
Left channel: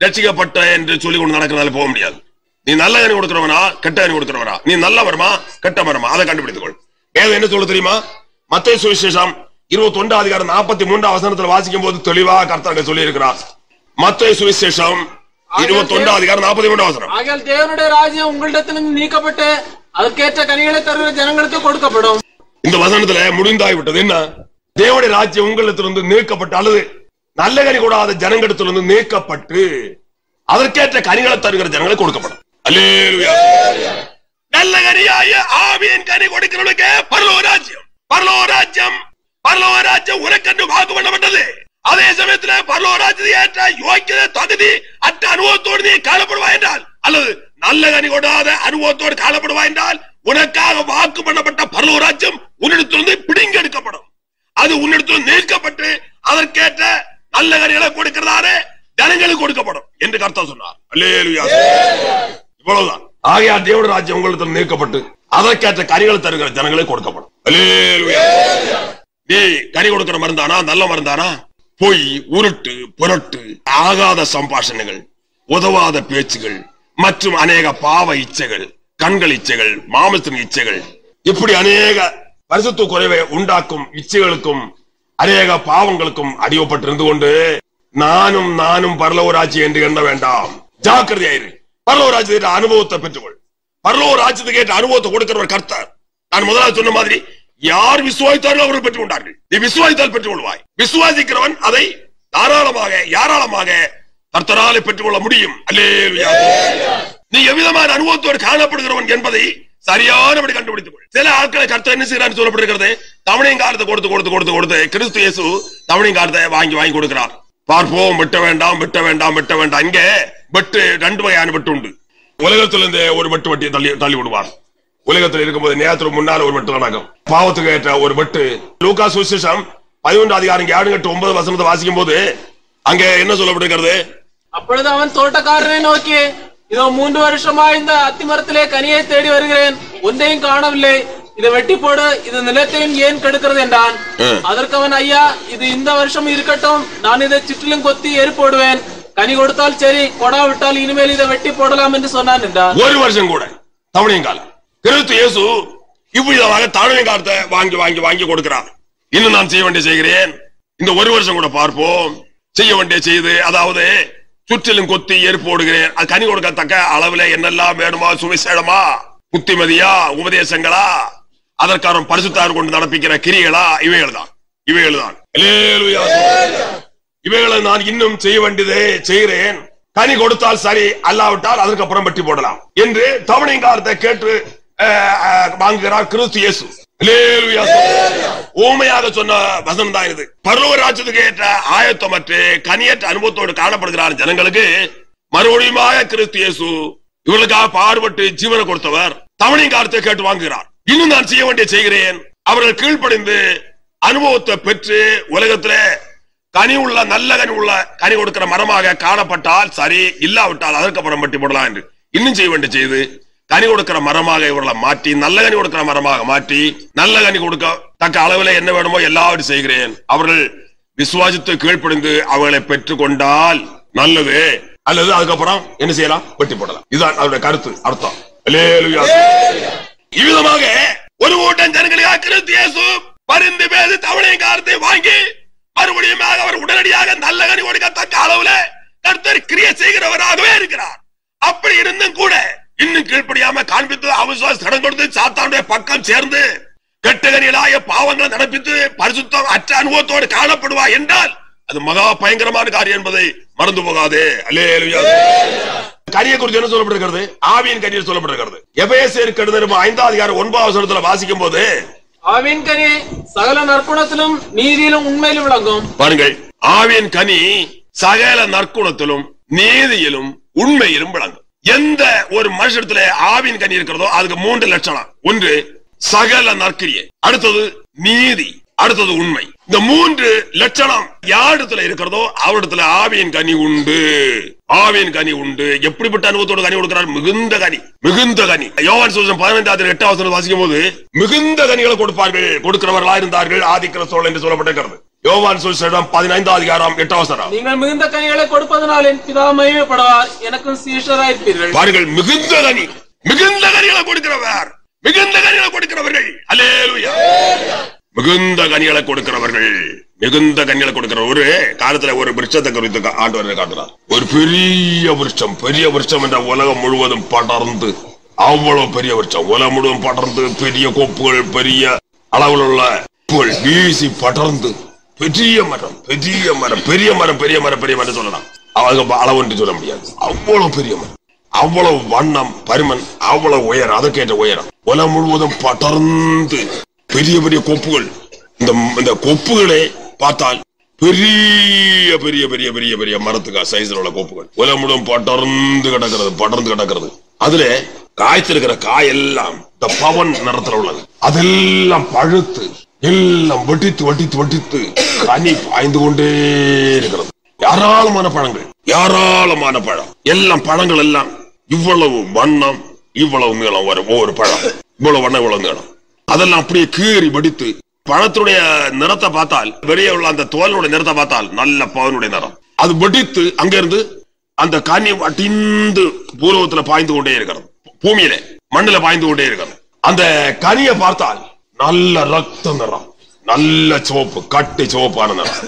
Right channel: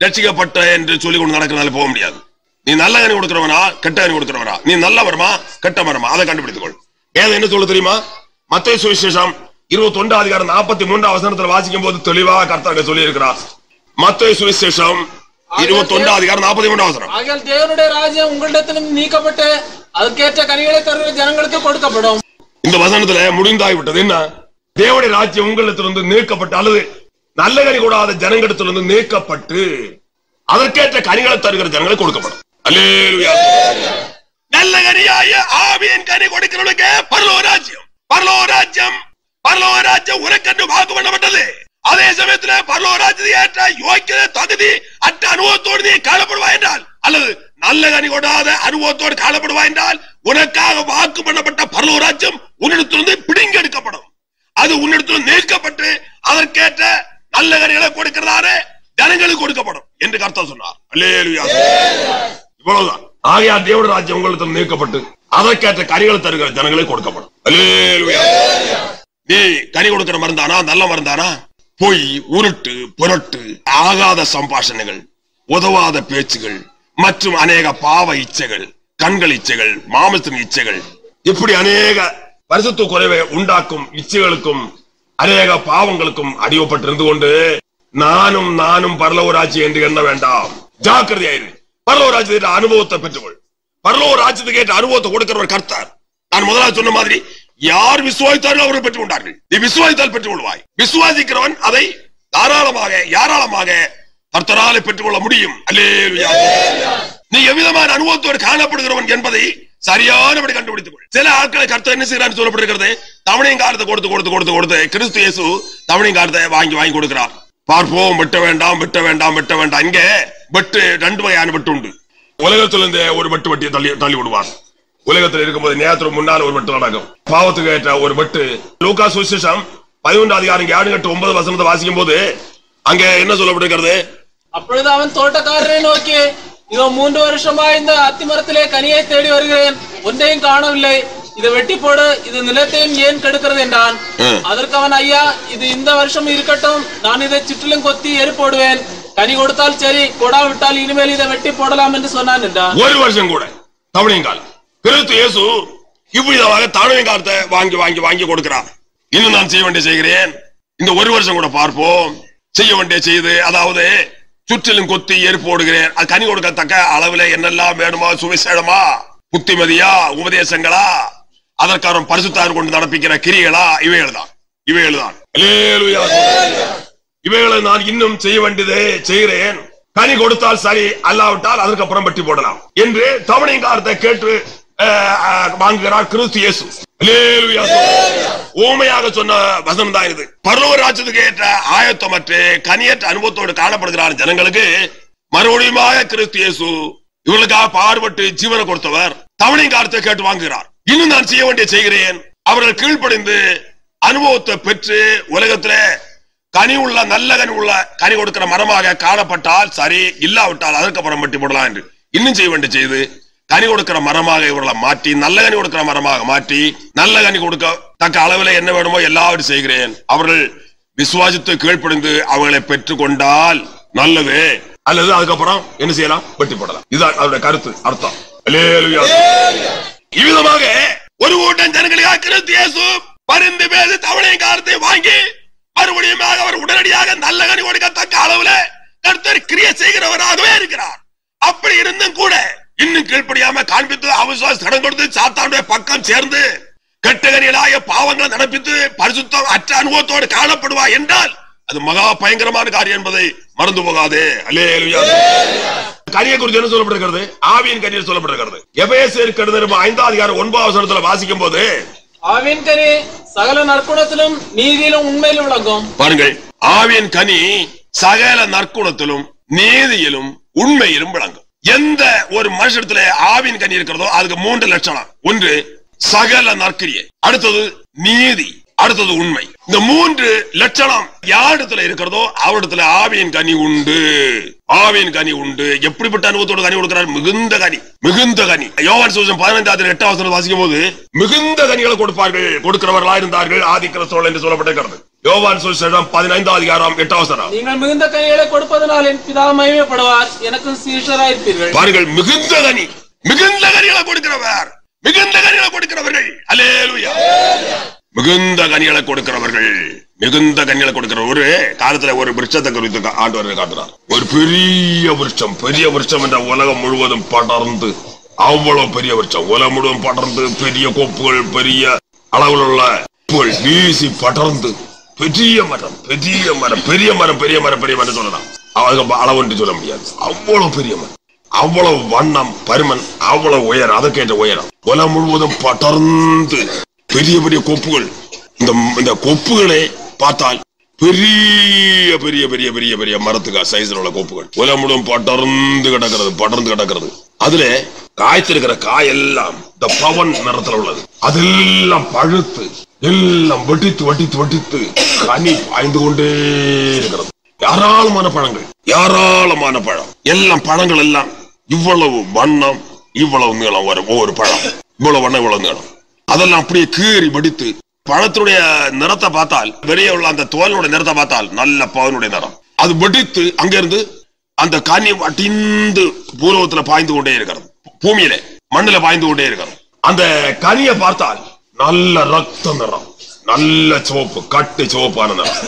ரட்சிக்கப்பட்ட என்று சொல்லிக் கொண்டு நடக்கிறதால போக முடியாது. நீ நல்ல கனி கொடுக்கிறவனா கெட்ட கனி கொடுக்கிறவனா, நீ நல்ல மரமா கெட்ட மரமா, அதை கண்டுபிடித்துக்கொள். வேதம் என்ன சொல்ல தெரியுமா? மத்தேயு சுவிசேஷம் 21:43 வாசிக்கும் போது தெளிவாக கர்த்தர் சொல்லி இருக்கிறார். மத்தேயு சுவிசேஷம் 21:43. ஆகையால் தேவனுடைய ராஜ்யம் உங்களிடத்திலிருந்து நீக்கப்பட்டு அதற்கேற்ற கனிகளை தருகிற ஜனங்களுக்கு கொடுக்கப்படும். இந்த வசனத்துல முடிந்தாய்விட்டது. என்ன? தேவனுடைய ராஜ்யம் உங்களிடத்திலிருந்து நீக்கப்பட்டு அல்லது நல்ல கனி கூடாத ஜனங்களிடத்திலிருந்து நீக்கப்பட்டு அதற்கேற்ற கனிகளை தருகிற ஜனங்களுக்கு கொடுக்கப்படும். அல்லேலூயா. நல்ல கனியாய ஆவியின் கனி கொடுக்கிறவனுக்கு பரலோக ராஜ்யம், பரலோக ராஜ்யம், பரலோக ராஜ்யம் உனக்கென்று வாக்கு பண்ணப்பட்டது. அதே சமயத்தில் பரலோக ராஜ்யத்தை ஏற்ற யோக்கியதை தகுதி அற்ற அனுபவத்தோடு நீ காணப்படுவாய் என்றால் அல்லது நல்ல கனி கொடாத அனுபவத்தோடு காணப்படுவாய் என்றால் உனக்காக வாக்கு பண்ணப்பட்ட பரலோக ராஜ்யம் உன்னிடத்திலிருந்து பிடிங்கி எடுக்கப்படும். அது உன்னிடத்திலிருந்து நீக்கப்பட்டு அதற்கேற்ற நல்ல கனிகளை கொடுக்கிறதானே ஜனங்களுக்கு கொடுக்கப்படும் என்று கர்த்தர் சொன்னார். அல்லேலூயா. இவ்வளவுதான். ஆகையால் தேவனுடைய ராஜ்யம் உங்களிடத்தில் நீக்கப்பட்டு அதற்கேற்ற கனிகளை தருகிற ஜனங்களுக்கு கொடுக்கப்படும். அல்லேலூயா. நீ கனி கொடுக்கிற மருந்தானா நல்ல மருந்தானா? பொய், உருட்டு, புரட்டு, ஆகாத சம்பாஷணைகள், உதவாத பேச்சுகள் மற்றும் அநேக பாவ இச்சைகள், கண்கள் இச்சைகள், மாமசத்தின் இச்சைகள், இப்படி அநேக பரிசுத்த குறைவை உண்டாக்கும் இச்சைகளுக்கும் அநேக பாவங்களுக்கும் அடிவப்பட்டிருந்து கொண்டு நானும் பரலோக ராஜ்யம் என்று எண்ண வேண்டாம். ஜாக்கிரதையாயிரு. பரலோக ராஜ்யத்தின் அனுபவத்தை பெற்றுக்கொள். பரலோக ராஜ்யத்துக்கு ஏற்ற அனுபவத்தை கொடுக்கிறவர் கர்த்தர். நான் முதலாவது சொன்ன மாதிரி யார் விசுவாசித்தார்கள் அவர்கள் பெற்றுக் கொண்டார்கள். நீ விசுவாசித்தால் பெற்றுக் கொள்வாய். விசுவாசிக்கிறவன் அதை தாராளமாக யாராளமாக கர்த்தராலே பெற்றுக் கொள்ள முடியும். அல்லேலூயா. நீ எவ்விதமான அனுபவத்தோடு காணப்படுகிறவன் என்பதை சரியானபடி கண்டுபிடித்துக் கொள். சில ஆட்களை கர்த்தர் என்ன செய்யறான்னு சொல்லப்பட்டிருக்கிறது. தவணையும் காலத்தை கொடுத்து கிறிஸ்து இயேசு தவணையும் காலத்தை வாங்கி கொடுக்கிறார். பார்ப்போம். வெட்ட வேண்டாம். இங்க வெட்டு 2 வகையான வெட்டு உண்டு. உலகத்திலிருந்து ஒரு வெட்டு வட்டியை தள்ளி விடுவார். உலகத்தில் இருக்கும்போது நேரத்துக்கு முன்னால் ஒரு வெட்டு நடக்கும். பாவத்துக்கு ஏற்ற ஒரு வெட்டு. லூக்கா சுவிசேஷம் 11:7-9 வாசிக்கும் போது அங்க என்ன சொல்லப்பட்டிருக்கிறது? அப்பொழுது அவன் தோட்டக்காரரை நோக்கி, இதோ 3 வருஷமா இந்த அத்திமரத்திலே கனியை தேடி வருகிறேன், ஒன்றையும் காணவில்லை. இதை வெட்டி போடு, இது நிலத்தையும் ஏன் கெடுக்கிறது என்றான். அதற்கு அவன், ஐயா, இது இந்த வருஷம் இருக்கட்டும், நான் இதை சுற்றிலும் கொத்தி எரி போடுவேன். கனி கொடுத்தால் சரி, கொடாவிட்டால் இனிமேல் இதை வெட்டி போடலாம் என்று சொன்னான் என்றான். ஒரு வருஷம் கூட தவணையங்கால் கிறிஸ்து இயேசு இவ்விதமாக தவணையங்காலத்தை வாங்கி கொடுக்கிறார். இன்னும் நான் செய்ய வேண்டிய செய்கிறேன். இந்த ஒரு வருஷம் கூட பார்ப்போம். செய்ய வேண்டிய செய்து, அதாவது சுற்றிலும் கொத்தி எரி போடுகிறேன். அது கனி கொடுக்கத்தக்க அளவுல என்னெல்லாம் வேணுமா? சுவிசேஷமா, புத்திமதியா, உபதேசங்களா, அதற்கான பரிசுத்தார் கொண்டு நடப்பிக்கிற கிரிகளா? இவைகள் தான். இவைகளை நான் இன்னும் செய்ய வேண்டியதை செய்கிறேன். கனி கொடுத்தால் சரி, அல்லாவிட்டால் அதற்கப்புறம் வெட்டி போடலாம் என்று தவணையங்காலத்தை கேட்டு வாங்குகிறார் கிறிஸ்து இயேசு. ஊமையாக சொன்ன வசனம் தான் இது. பரலோக ராஜ்யத்துக்கு ஏற்ற ஆயத்தமற்று கனியற்ற அனுபவத்தோடு காணப்படுகிறார் ஜனங்களுக்கு மறுபடியும் கிறிஸ்து இயேசு இவர்களுக்காக பாடுபட்டு ஜீவனை கொடுத்தவர் தவணையங்காலத்தை கேட்டு வாங்குகிறார். இன்னும் நான் செய்ய வேண்டிய செய்கிறேன். அவர்கள் கீழ்ப்படிந்து அனுபவத்தை பெற்று உலகத்துல கனி உள்ள நல்ல கனி கொடுக்கிற மரமாக காணப்பட்டால் சரி, இல்லாவிட்டால் அதற்கப்புறம் வெட்டி போடலாம் என்று இன்னும் செய்ய வேண்டிய செய்து கனி கொடுக்கிற மரமாக இவர்களை மாற்றி நல்ல கனி கொடுக்கிற மரமாக மாற்றி நல்ல கனி கொடுக்க தக்க அளவில் என்ன வேணுமோ எல்லாவற்றையும் செய்கிறேன். அவர்கள் விசுவாசித்து கீழ்ப்படிந்து அவர்களை பெற்றுக் கொண்டால் நல்லது, அல்லது அதுக்கப்புறம் என்ன செய்யலாம்? வெட்டி போடலாம். இதுதான் அவருடைய கருத்து, அர்த்தம். இவ்விதமாக ஒரு கூட்டம் ஜனங்களுக்காக கிறிஸ்து இயேசு பரிந்து பேசி தவணையங்காலத்தை வாங்கி மறுபடியும் அவர் உடனடியாக நல்ல கனி கொடுக்கத்தக்க அளவுல கர்த்தர் கிரியை செய்கிறவராகவே இருக்கிறார். அப்படி இருந்தும் கூட இன்னும் கீழ்ப்படியாம காண்பித்து அவிசுவாச கடன் கொடுத்து சாத்தானுடைய பக்கம் சேர்ந்து கெட்டகனிகளாய பாவங்களை நடப்பித்து பரிசுத்தம் அற்ற அனுபவத்தோடு காணப்படுவா என்றால் அது மகா பயங்கரமான காரியம் என்பதை மறந்து போகாதே. அல்லேலூயா. கனியை குறித்து என்ன சொல்லப்பட்டிருக்கிறது? ஆவியின் கனியில் சொல்லப்பட்டிருக்கிறது. எபேசியர் கடிதம் 5:9 வாசிக்கும் போது ஆவியின் கனி சகல நற்குணத்திலும் நீதியிலும் உண்மையிலும் விளங்கும். பாருங்கள், ஆவியின் கனி சகல நற்குணத்திலும் நீதியிலும் உண்மையிலும் விளங்கும். எந்த ஒரு மனுஷத்துல ஆவியின் கனி இருக்கிறதோ அதுக்கு 3 லட்சணம். ஒன்று சகல நற்கிரியை, அடுத்தது நீதி, அடுத்தது உண்மை. இந்த 3 லட்சணம் யாரிடத்துல இருக்கிறதோ அவரிடத்துல ஆவியின் கனி உண்டு. ஆவியின் கனி உண்டு. எப்படிப்பட்ட அனுபவத்தோடு கனி கொடுக்கிறார்? மிகுந்த கனி. யோவான் சுவிசேஷம் 15:8 வாசிக்கும் போது மிகுந்த கனிகளை கொடுப்பார்கள், கொடுக்கிறவர்களா இருந்தார்கள் ஆதி கிறிஸ்தவர்கள் என்று சொல்லப்பட்டிருக்கிறது. யோவான் சுவிசேஷம் 15 அதிகாரம் 8 வசனம். நீங்கள் மிகுந்த கனிகளை கொடுப்பதனால் என் பிதா மகிமைப்படுவார், எனக்கும் சீஷராயிருப்பீர்கள். பாருங்கள், மிகுந்த கனிகளை கொடுக்கிறவர், மிகுந்த கனிகளை கொடுக்கிறவர்கள். அல்லேலூயா. மிகுந்த கனிகளை கொடுக்கிறவர்கள், மிகுந்த கனிகளை கொடுக்கிற ஒரு காலத்துல ஒரு விருட்சத்தை குறித்து ஆண்டவர் காட்டுறார். ஒரு பெரிய விருட்சம் என்ற உலகம் முழுவதும் படர்ந்து, அவ்வளவு பெரிய விருட்சம் உலகம் முழுவதும் படர்ந்து, பெரிய கொப்புகள், பெரிய அளவில் உள்ள வீசி படர்ந்து, பெரிய மரம் சொல்லலாம். அளவு சொல்ல முடியாது. அவ்வளவு பெரிய மரம், அவ்வளவு வண்ணம், பருமன், அவ்வளவு உயரம், அதற்கேற்ற உயரம், உலகம் முழுவதும் படர்ந்து பெரிய பெரிய கொப்புகள். இந்த கொப்புகளை பார்த்தால் பெரிய பெரிய பெரிய பெரிய பெரிய மரத்துக்கா சைஸ்ல உள்ள கொப்புகள் உலகம் முழுவதும் படர்ந்து கிடக்கிறது. அதுல காய்ச்சிருக்கிற காயெல்லாம் இந்த பவன் நிறத்துல உள்ளது. அதெல்லாம் பழுத்து, எல்லாம் வெட்டித்து கனி பாய்ந்து கொண்டே இருக்கிறது. ஏராளமான பழம், எல்லாம் பழங்கள் எல்லாம் இவ்வளவு வண்ணம், இவ்வளவு நீளம் வரும். ஒவ்வொரு பழம் இவ்வளவு வண்ணம், இவ்வளவு நீளம். அதெல்லாம் அப்படியே கீறி வெடித்து, பழத்துடைய நிறத்தை பார்த்தால், வெளியே உள்ள அந்த தோலுடைய நிறத்தை பார்த்தால் நல்ல பவனுடைய நிறம். அது வெடித்து அங்கிருந்து அந்த கனி வட்டிந்து பூர்வத்துல பாய்ந்து கொண்டே இருக்கிறது. பூமியில மண்ணில பாய்ந்து கொண்டே இருக்கிறது. அந்த கனியை பார்த்தால் நல்ல ரத்த நிறம், நல்ல சிவப்பு, கட்டு சிவப்பான நிறம்.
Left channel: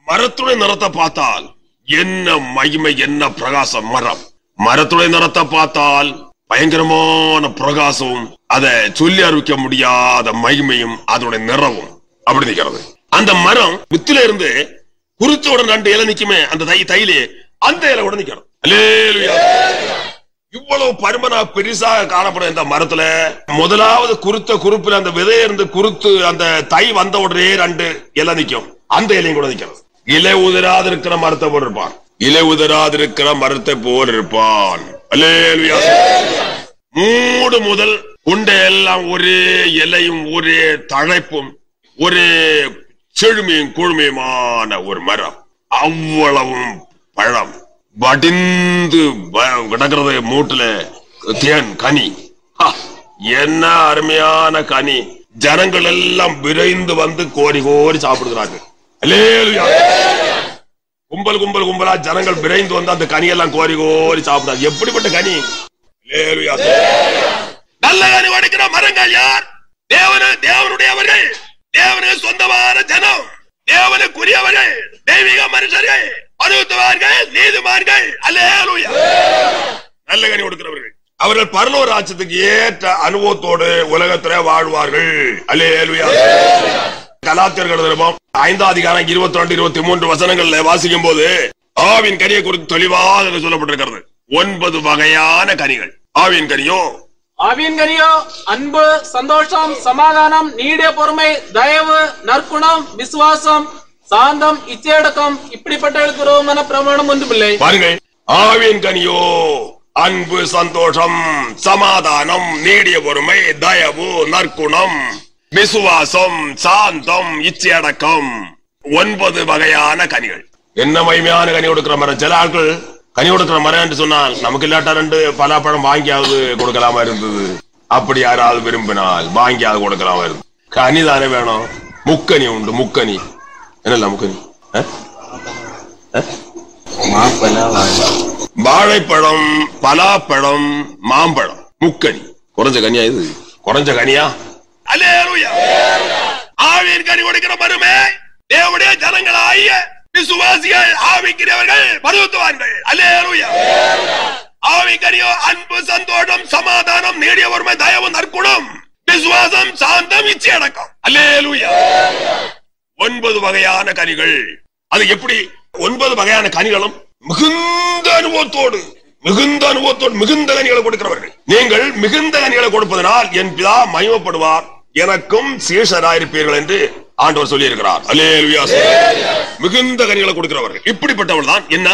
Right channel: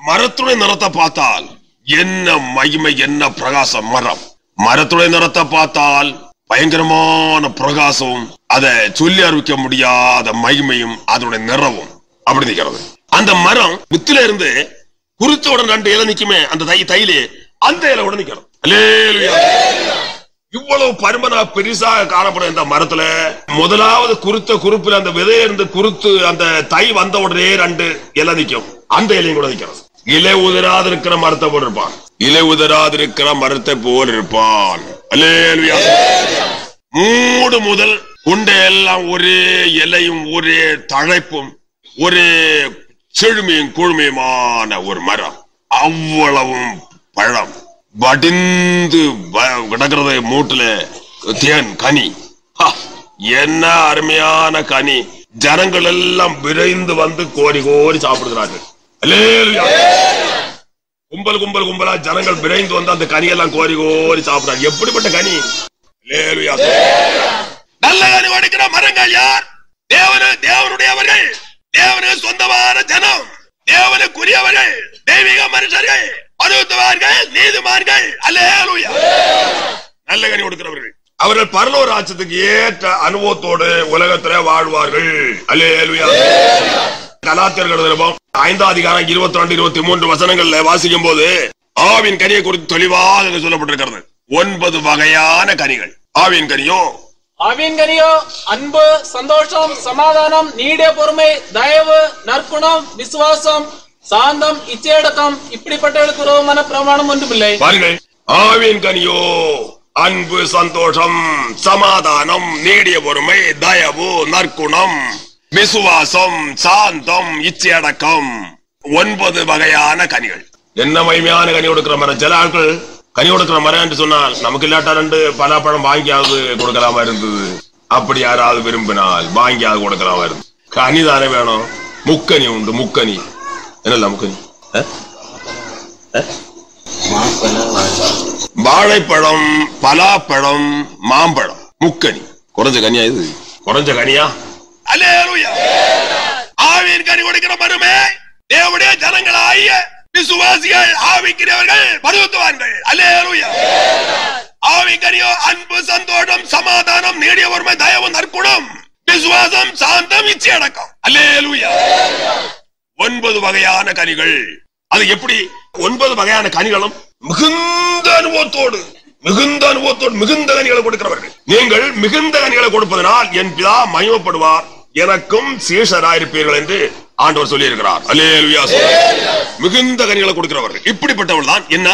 மரத்துடைய நிறத்தை பார்த்தால் என்ன மகிமை, என்ன பிரகாசம். மரத்துடைய நிறத்தை பார்த்தால் பயங்கரமான பிரகாசமும், அதை சொல்லி அறிவிக்க முடியாத மகிமையும், அதோட நிறமும் அப்படி நிற்கிறது. அந்த மரம் வித்துல இருந்து குருத்தோட 2 இலை நிக்குமே, அந்த தையிலே அந்த இலை கூட நிக்கிறது. அல்லேலூயா. இவ்வளவு பருமனா பெருசாக காணப்படும் இந்த மரத்துல முதலாவது குறுப்புல அந்த விதையிருந்து குறுத்து அந்த தை வந்த உடனே 2 இலை நிக்கும். அந்த இலையும் கூட நிக்கிறது. இலை உதிராதிருக்கிற மரத்தை போல் இருப்பான். அல்லேலூயா. மூடு முதல் உண்டை எல்லாம் ஒரே இலையும், ஒரே தழைப்பும், ஒரே செழுமையும் கொழுமையுமான ஒரு மரம். அவ்வளவும் பழம் வடிந்து கிடக்கிறது. மூட்டுல தேன் கனி, என்ன அருமையான கனி. ஜனங்கள் எல்லாம் விரைந்து வந்து கோரி சாப்பிடுகிறார்கள். கும்பலா ஜனங்கள் விரைந்து வந்து அந்த கனியெல்லாம் கோரி சாப்பிடுறாங்க. எப்படிப்பட்ட கனி! நல்ல கனி கொடுக்கிற மரங்கள் யார்? தேவனுடையவர்கள், தேவனுக்கு சொந்தமான ஜனம், தேவனுக்குரியவர்கள், தெய்வீக மனுஷர்கள், பரிசுத்தவான்கள், நீதிமான்கள். அல்லேலூயா. நல்ல கனி கொடுக்கிறவர்கள் அவர்கள் பரலோக ராஜ்யத்துக்கு ஏற்ற அனுபவத்தோடு உலகத்திலே வாழ்வார்கள். அல்லேலூயா. கலாத்தியர்கள் 5 அதிகாரம் 22, 23 வசனங்கள்ல வாசிக்கும் போது ஆவின் கனியை குறித்து தெளிவாக சொல்லப்பட்டிருக்கிறது. 9 வகையான கனிகள். ஆவின் கனியோ அன்பு, சந்தோஷம், சமாதானம், நீடிய பொறுமை, தயவு, நற்குணம், விசுவாசம், சாந்தம், இச்சையடக்கம். இப்படிப்பட்டவர்களுக்கு விரோதமான பிரமாணம் ஒன்றுமில்லை. பாருங்கள், ஆவின் கனியோ அன்பு, சந்தோஷம், சமாதானம், நீடிய பொறுமை, தயவு, நற்குணம், விசுவாசம், சாந்தம், இச்சையடக்கம். 9 வகையான கனிகள். என்ன மகிமையான கனி கொடுக்கிற மரம். சில ஆட்கள் கனி கொடுக்கிற மரம் என்று சொன்னால் நமக்கு இல்லாட்டா 2 பலாப்பழம் வாங்கியாவது கொடுக்கலாமா இருந்தது. அப்படி யாராவது விரும்பினால் வாங்கியாவது கொடுக்கலாமா இருந்தது. கனி தானே வேணும். முக்கனி உண்டு. முக்கனி என்னல்ல முக்கனி? வாழைப்பழம், பலாப்பழம், மாம்பழம், முக்கனி. குறைஞ்ச கனியா இது? குறைஞ்ச கனியா? அல்லேலூயா. ஆவியின் கனி கொடுக்கிற மரமே தேவனுடைய ஜனங்களாகிய விசுவாசிகள், ஆவிக்கிறவர்கள், பரிசுத்தவான்கள். அல்லேலூயா. ஆவியின் கனியோ அன்பு, சந்தோஷம், சமாதானம், நீடிய பொறுமை, தயவு, நற்குணம், விசுவாசம், சாந்தம், இச்சையடக்கம். அல்லேலூயா. 9 வகையான கனிகள். அது எப்படி? 9 வகையான கனிகளும் மிகுந்த அனுபவத்தோடு மிகுந்த கனிகளை கொடுக்கிறவர்கள். நீங்கள் மிகுந்த கனிகளை கொடுப்பதனால் என் பிதா மகிமைப்படுவார், எனக்கும் சீஷராயிருப்பீர்கள் என்று ஆண்டவர் சொல்லி இருக்கிறார். அல்லேலூயா. மிகுந்த கனிகளை கொடுக்கிறவர்கள் இப்படிப்பட்டவர்கள் தான் என்ன?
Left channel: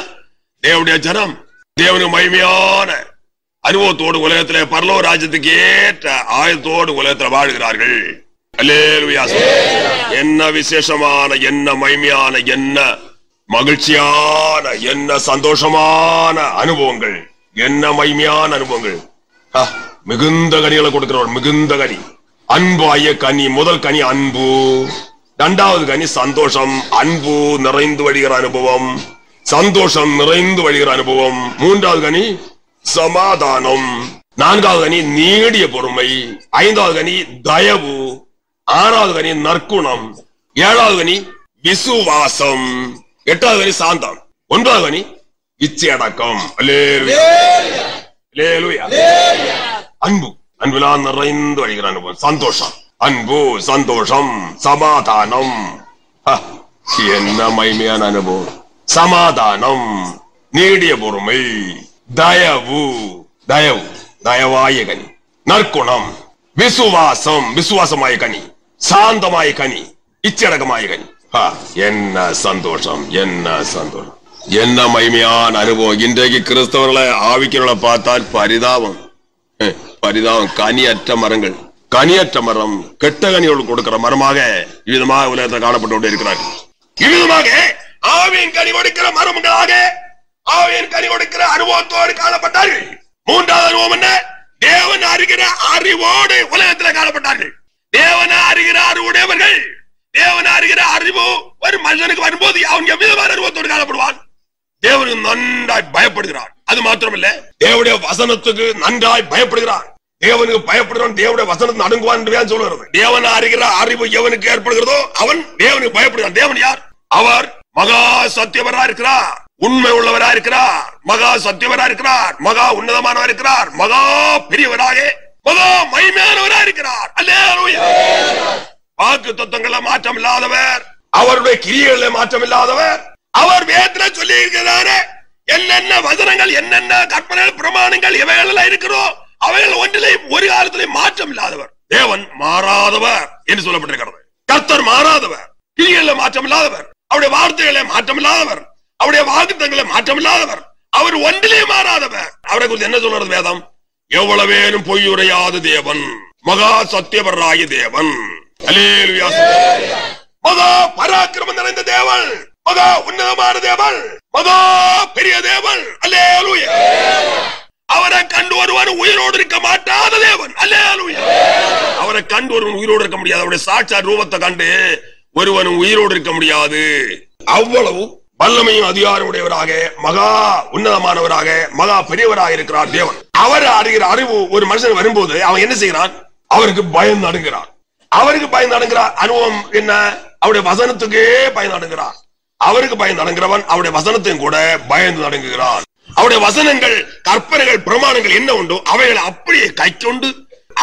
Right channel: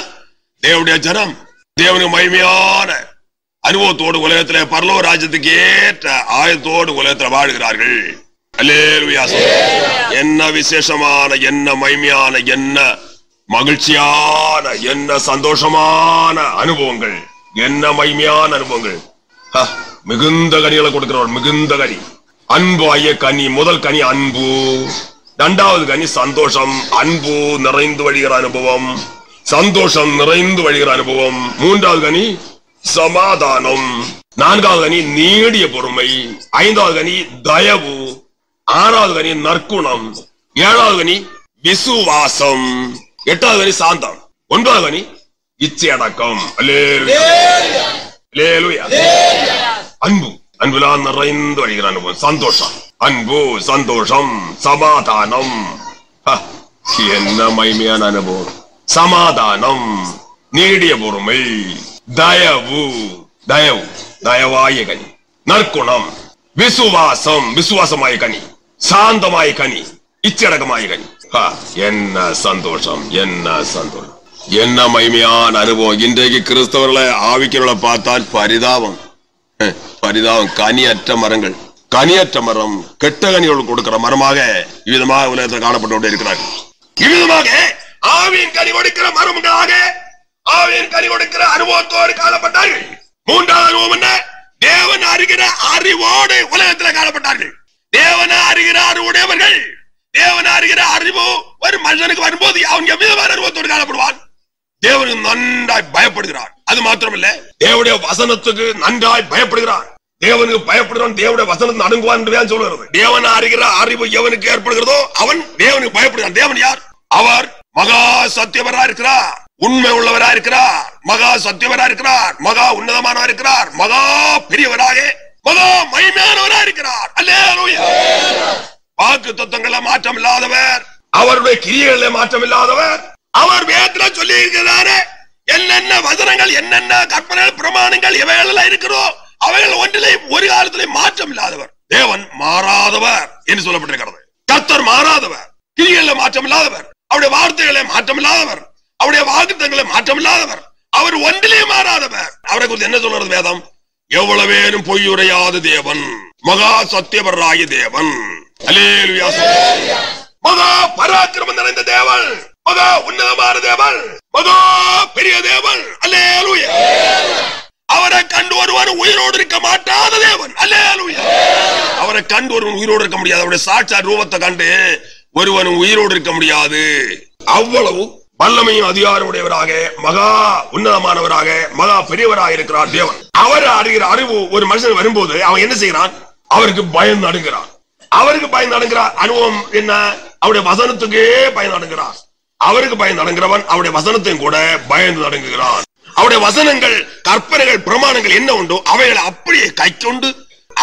தேவனுடைய ஜனம், தேவனுக்கு மகிமையான அனுபவத்தோடு உலகத்திலே பரலோக ராஜ்யத்துக்கு ஏற்ற ஆயத்தோடு உலகத்தில் வாழ்கிறார்கள். அல்லேலூயா. என்ன விசேஷமான, என்ன மகிமையான, என்ன மகிழ்ச்சியான, என்ன சந்தோஷமான அனுபவங்கள், என்ன மகிமையான அனுபவங்கள். மிகுந்த கனிகளை கொடுக்கிறவர். மிகுந்த கனி, அன்பு ஆகிய கனி. முதல் கனி அன்பு. இரண்டாவது கனி சந்தோஷம், அன்பு நிறைந்து வழிகிற அனுபவம், சந்தோஷம் நிறைந்து வழிகிற அனுபவம். மூன்றாவது கனி சமாதானம். நான்காவது கனி நீடிய பொறுமை. ஐந்தாவது கனி தயவு. ஆறாவது கனி நற்குணம். ஏழாவது கனி விசுவாசம். எட்டாவது கனி சாந்தம். ஒன்பதாவது கனி இச்சையடக்கம். அன்பு, அன்புலாம் நிறைந்து வழிகிற அனுபவம், சந்தோஷம், அன்பு, சந்தோஷம், சமாதானம். என்ன மகிமையான அனுபவம்! சமாதானம், நீடிய பொறுமை, தயவு, தயவு, தயவாய கனி, நற்குணம், விசுவாசம், விசுவாசமாய கனி, சாந்தமாய கனி, இச்சடக்கமாய கனி. என்ன சந்தோஷம், என்ன சந்தோஷம், என்ன மகிமையான அனுபவம்! இன்றைக்கு கிறிஸ்தவர்களை ஆவிக்கிறவர்களை பார்த்தால் பரிதாபம், பரிதாபம். கனியற்ற மரங்கள், கனியற்ற மரம், கெட்ட கனிகள் கொடுக்கிற மரமாக இவ்விதமாக உலகத்தில் காணப்பட்டு கொண்டே இருக்கிறார்கள். இவ்விதமாக ஆவியின் கனி கொடுக்கிற மரங்களாக ஆவியின் கனி கொடுக்கிற அனுபவத்தோடு காணப்பட்டார்கள். மூன்றாவது அனுபவம் என்ன? தேவன் அறிகிற அறிவோடு உலகத்தில் காணப்பட்டார்கள். தேவன் அறிகிற அறிவுடையவர்கள். தேவன் அறிகிற அறிவு ஒரு மனிதனுக்கு வரும்போது அவன் எவ்விதமான அனுபவத்தோடு காணப்படுவான்? தேவனுக்கு நன்றாய் பயப்படுகிறான். அது மாத்திரமல்ல, தேவனுடைய வசனத்துக்கு நன்றாய் பயப்படுகிறான். தேவனுக்கு பயப்படுகிறான், தேவனுடைய வசனத்தை அணுகுவான் என்று சொல்லுகிறது. தேவன் அறிகிற அறிவு எவனுக்கு ஏற்படுகிறதோ அவன் தேவனுக்கு பயப்படுகிறான். தேவன் யார்? அவர் மகா சத்தியவரா இருக்கிறார், உண்மை உள்ளவரா இருக்கிறார், மகா சத்தியவரா இருக்கிறார், மகா உன்னதமானவரா இருக்கிறார், மகா பெரியவராக, மகா மகிமையானவரா இருக்கிறார். அல்லேலூயா! வாக்கு தத்துவங்கள மாற்றம் இல்லாதவர், அவருடைய கிரியைகள மாற்றம் இல்லாதவர். அவர் வேதத்துல சொல்லி இருக்கிறாரே, என்னென்ன வசனங்கள், என்னென்ன கற்பனைகள், பிரமாணங்கள் இவைகள் இருக்கிறோ அவைகள் ஒன்றிலே ஒரு காலத்திலே மாற்றம் இல்லாதவர். தேவன் மாறாதவர் என்று சொல்லப்பட்டிருக்கிறது. கர்த்தர் மாறாதவர், கிரியைகள மாற்றம் இல்லாதவர், அவருடைய வார்த்தைகளை மாற்றம் இல்லாதவர், அவருடைய வாக்குத்தங்களை மாற்றம் இல்லாதவர், அவர் ஒன்றிலே மாறாதவர். அவரை குறித்து என்ன சொல்றது வேதம்? எவ்வளவேனும் பொய்யுரையாத தேவன், மகா சத்தியவராகிய தேவன். அல்லேலூயா! மகா பராக்கிரமம் நிறைந்த தேவன், மகா உன்னதமான தேவன், மகா பெரிய தேவன். அல்லேலூயா! அவரை கண்டு ஒருவன் உயிரோடு இருக்க மாட்டாத தேவன். அல்லேலூயா! அவரை கண்டு ஒருவன் உயிரோடு இருக்க முடியாது. அவருடைய சாட்சாத் ரூபத்தை கண்டு ஒருவன் உயிரோடு இருக்க முடியாது. அவ்வளவு வல்லமையும் அதிகாரமுடையவராக, மகா உன்னதமானவராக, மகா பெரியவராக இருக்கிறார் தேவன். அவர் அறிகிற அறிவு ஒரு மனுஷன் வரும்போது அவன் என்ன செய்கிறான்? அவருக்கு பயந்து நடுங்கிறான். அவருக்கு பயந்து நடுங்கிறார். அனுபவம் என்ன? அவருடைய வசனத்துக்கே பயந்து நடுங்கிறார். அவருக்கு பயந்து நடுங்கிறவன் அவருடைய வசனத்தையும் கூட பயந்து நடுங்குகிறான். அவருடைய வசனங்கள், கற்பனைகள், பிரமாணங்கள் என்ன உண்டோ அவைகளை அப்படியே கை கொண்டு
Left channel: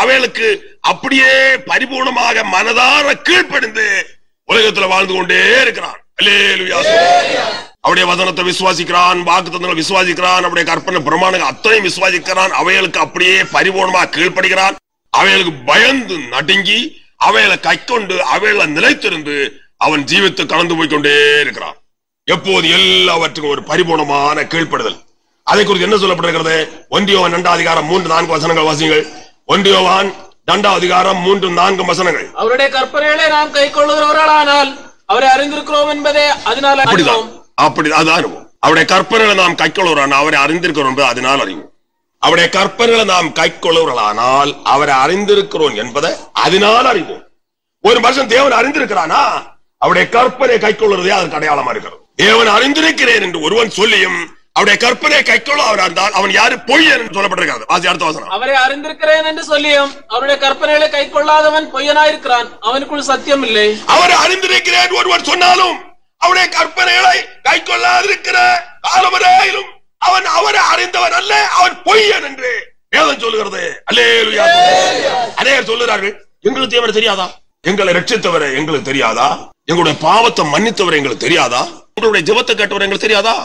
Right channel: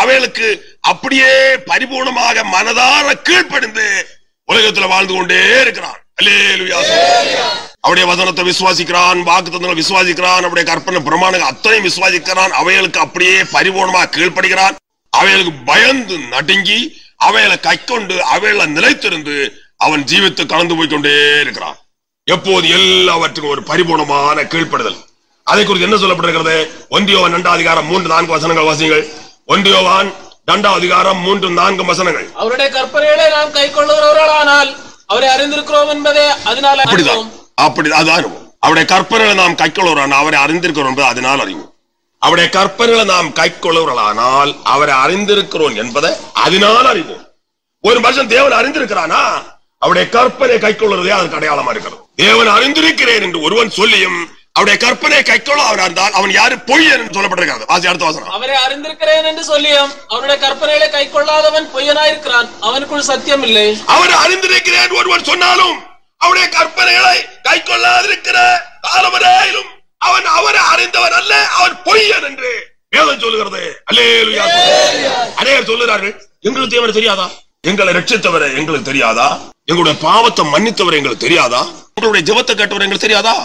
அவைகளுக்கு அப்படியே பரிபூர்ணமாக மனதார கீழ்ப்படிந்து உலகத்தில் வாழ்ந்து கொண்டே இருக்கிறான். அல்லேலூயா! அவருடைய வசனத்தை விசுவாசிக்கிறான், வாக்குத்தத்தங்களை விசுவாசிக்கிறான், அவருடைய கற்பனை பிரமாணங்கள் அத்தனையும் விசுவாசிக்கிறான். அவைகளுக்கு அப்படியே பரிபூர்ணமாக கீழ்ப்படுகிறான். அவைகளுக்கு பயந்து நடுங்கி அவைகளை கை கொண்டு அவைகளை நிலைத்திருந்து அவன் ஜீவித்து கலந்து போய்கொண்டே இருக்கிறான். எப்போது எல்லாவற்றுக்கும் ஒரு பரிபூர்ணமான கீழ்ப்படுதல். அதை குறித்து என்ன சொல்லப்பட்டிருக்கிறது? 1 யோவான் 2 அதிகாரம் 3-4 வசனங்கள் வாசியுங்கள். 1 யோவான் 2 அதிகாரம் 3-4 வசனங்கள். அவருடைய கற்பனைகளை நாம் கைக்கொள்ளுகிறவர்களானால் அவரை அறிந்திருக்கிறோம் என்பதே அதனால அப்படிதான். அது அனுபவம். அவருடைய கற்பனைகளை நாம் கைக்கொள்ளுகிறோம், அவரை அறிந்திருக்கிறோம் என்பது அதனால் அறிவோம். அவருடைய கற்பனைகளை நாம் கைக்கொள்ளுகிறவர்களானால் அவரை அறிந்திருக்கிறோம் என்பதை அதனால் அறிவோம். ஒரு மனுஷன் தேவன் அறிந்திருக்கிறானா அவருடைய கற்பனை கைக்கொள்ளுறதே அதற்கு அடையாளமா இருக்கிறது. தேவன் அறிந்திருக்கிறேன் என்று ஒருவன் சொல்லியும் அவருடைய கற்பனை கைக்கொள்ள அவர் இருந்தால் அவன் யாரு? பொய்யன் என்று சொல்லப்பட்டிருக்கிறது. வாசி அடுத்த வசனம். அவரை அறிந்திருக்கிறேன் என்று சொல்லியும் அவருடைய கற்பனைகளை கைக்கொள்ளாதவன் பொய்யனாயிருக்கிறான், அவனுக்குள் சத்தியம் இல்லை. அவரை அறிந்திருக்கிறேன் ஒருவன் சொன்னாலும் அவருடைய கற்பனைகளை கைக்கொள்ளாதிருக்கிற காலவரையிலும் அவன் அவரை அறிந்தவன் அல்ல, அவன் பொய்யன் என்று வேதம் சொல்லுகிறது. அல்லேலூயா! அநேகர் சொல்லுகிறார்கள், எங்களுக்கு தேவனை தெரியாதா? எங்களை ரட்சித்தவரை எங்களுக்கு தெரியாதா? எங்களுடைய பாவத்தை மன்னித்தவரை எங்களுக்கு தெரியாதா? எங்களுடைய ஜெபத்தை கேட்டவரை எங்களுக்கு தெரியாதா?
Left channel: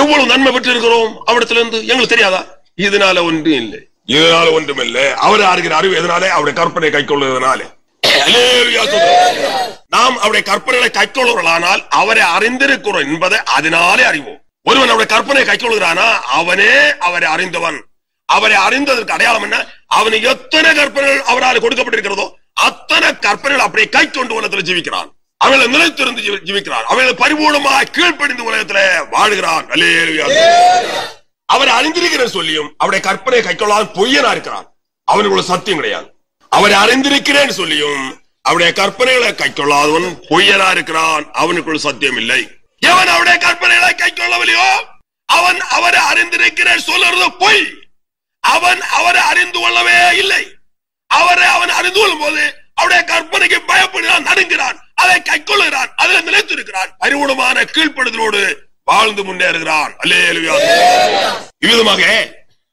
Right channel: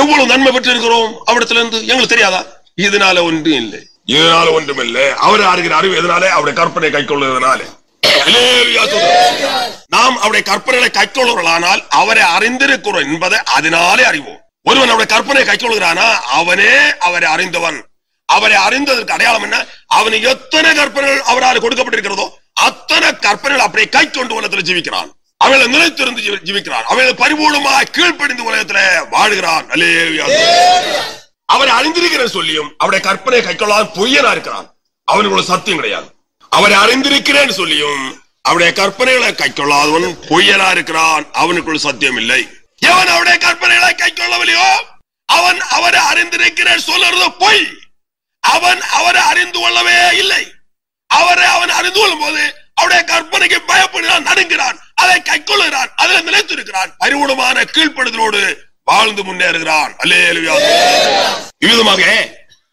எவ்வளவு நன்மை பெற்று இருக்கிறோம் அவரிடத்திலிருந்து எங்களுக்கு தெரியாதா? இதனால ஒன்றும் இல்லை, இதனால ஒன்றும் இல்லை. அவரை அறிகிற அறிவு எதனாலே? அவருடைய கற்பனை கைக்கொள்வதனாலே. நாம் அவருடைய கற்பனைகளை கைக்கொள்ளுவர்களானால் அவரை அறிந்திருக்கிறோம் என்பதை அதனாலே அறிவோம். ஒருவன் அவருடைய கற்பனை கைக்கொள்கிறானா அவனே அவரை அறிந்தவன். அவரை அறிந்ததற்கு அடையாளம் என்ன? அவனுக்கு எத்தனை கற்பனைகள் அவரால் கொடுக்கப்பட்டிருக்கிறதோ அத்தனை கற்பனைகள் அப்படியே கை கொண்டு உலகத்தில் ஜீவிக்கிறான். அவளை நிலைத்திருந்து ஜீவிக்கிறான். அவளை பரிபூர்ணமாக கீழ்ப்படிந்து உலகத்தில் வாழ்கிறான். அல்லேலூயா! அவரை அறிந்திருக்கிறேன் சொல்லியும் அவருடைய கற்பனை கைக்கொள்ளாத பொய்யனா இருக்கிறான். அவனுக்கு சத்தியம் கிடையாது. அவரை அறிந்திருக்கிறேன் சொல்லியும் அவருடைய கற்பனைகளை கைக்கொள்ளாதவன் பொய்யனா இருக்கிறான், அவனுக்குள் சத்தியம் இல்லை. எவன் அவருடைய கற்பனைகளை கைக்கொள்ளவில்லையோ அவன் அவரை அறிந்திருக்கிறேன் சொல்லுறது பொய். அவன் அவரை அறிந்து கொள்ளவே இல்லை. அவரை அவன் அறிந்து கொள்ளும் போது அவருடைய கற்பனைக்கு பயப்படுகிறான், நடுங்கிறான், அதை கைக்கொள்ளுகிறான், அதில் நிலைத்திருக்கிறான், பரிபூர்ணமான கீழ்ப்படுதலோடு வாழ்ந்து முன்னேறுகிறான். அல்லேலூயா. இவ்விதமாக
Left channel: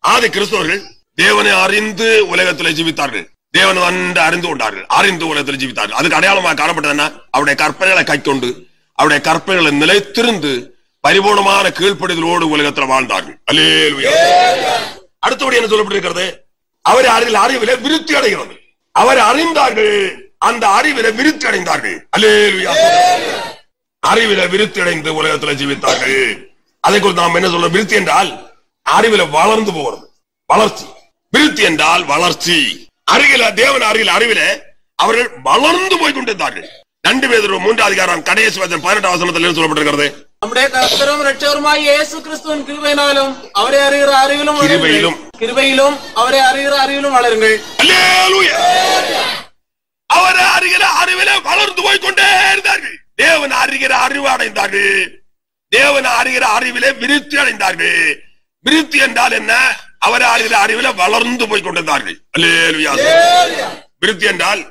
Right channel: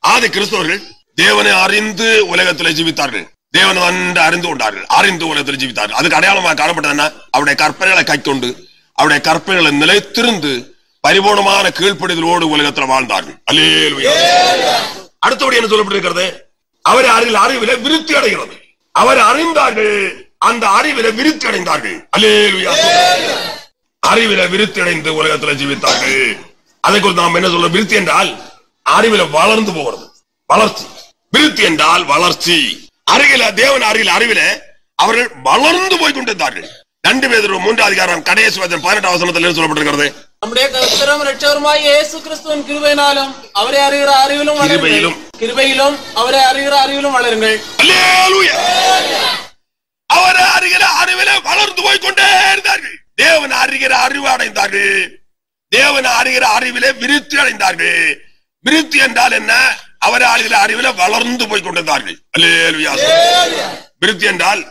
ஆதி கிறிஸ்தவர்கள் தேவனை அறிந்து உலகத்தில் ஜீவித்தார்கள். தேவன் வந்து அறிந்து கொண்டார்கள், அறிந்து உலகத்தில் ஜீவித்தார்கள். அதுக்கு அடையாளமாக காணப்பட்டதுன்னா அவருடைய கற்பனைகளை கைக்கொண்டு அவருடைய கற்பனைகளை நிலைத்திருந்து பரிபூர்ணமான கீழ்ப்படுதலோடு உலகத்தில் வாழ்ந்தார்கள். அல்லேலூயா. அடுத்தபடி என்ன சொல்லப்பட்டிருக்கிறது? அவர் அறிவில விருத்தி அடைகிறது. அவர் அறிந்தார்கள், அந்த அறிவில விருத்தி அடைந்தார்கள். அல்லேலூயா. அறிவில விருத்தி அடைந்து உலகத்தில் ஜீவித்தார்கள். அதை குறித்து நாம் என்ன சொல்ல? விருத்தி என்றால் அறிவில வளர்ந்து போகிறது, வளர்ச்சி. விருத்தி என்றால் வளர்ச்சி. அறிவில தேவன் அறிவில அவர்கள் வளர்ந்து போய் கொண்டிருந்தார்கள். 2 பேதுரு 3 அதிகாரம் கடைசி வசனம் 18 வசனத்தில் சொல்லப்பட்டிருக்கிறது. நம்முடைய கர்த்தரும் இரட்சகருமாகிய இயேசு கிறிஸ்துவின் கிருபையினாலும் அவரை அறிகிற அறிவிலும் கிருபையிலும் அவரை அறிகிற அறிவிலும் வளருங்கள். அல்லேலூயா. அவரை அறிகிற அறிவில வளர்ந்து போய் கொண்டே இருந்தார்கள். தேவன் அறிகிற அறிவு அடைந்தார்கள். தேவன் அறிகிற அறிவிலே விருத்தி அடைந்தார்கள். விருத்தி என்றால் என்ன? அவரை அறிகிற அறிவில வளர்ந்து போய் கொண்டிருந்தார்கள். அல்லேலூயா. விருத்தி என்றால்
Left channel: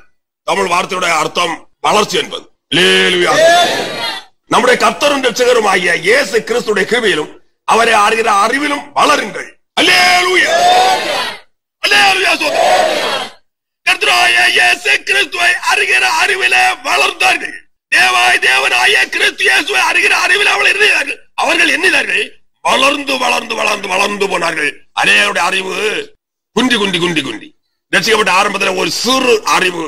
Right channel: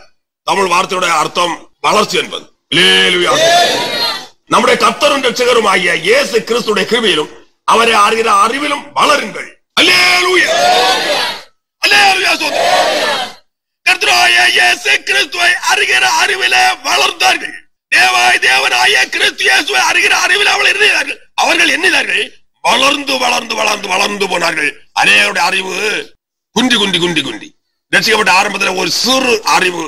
தமிழ் வார்த்தையுடைய அர்த்தம் வளர்ச்சி என்பது. அல்லேலூயா. நம்முடைய கர்த்தரும் இரட்சகரும் ஆகிய இயேசு கிறிஸ்துடைய கிருபையிலும் அவரை அறிகிற அறிவிலும் வளருங்கள். அல்லேலூயா. அல்லேலூயா. கர்த்தராகிய இயேசு கிறிஸ்துவை அறிகிற அறிவிலே வளர்ந்தார்கள். தேவனாகிய கிறிஸ்து இயேசுவை அறிகிற அறிவில் அவர்கள் எண்ணினார்கள். வளர்ந்து வளர்ந்து வளர்ந்து வளர்ந்து போனார்கள். அநேகருடைய அறிவு குண்டி குண்டி குண்டி குண்டி ரட்சிக்கப்பட்ட ஆரம்பத்தில் ஒரு சிறு அறிவு,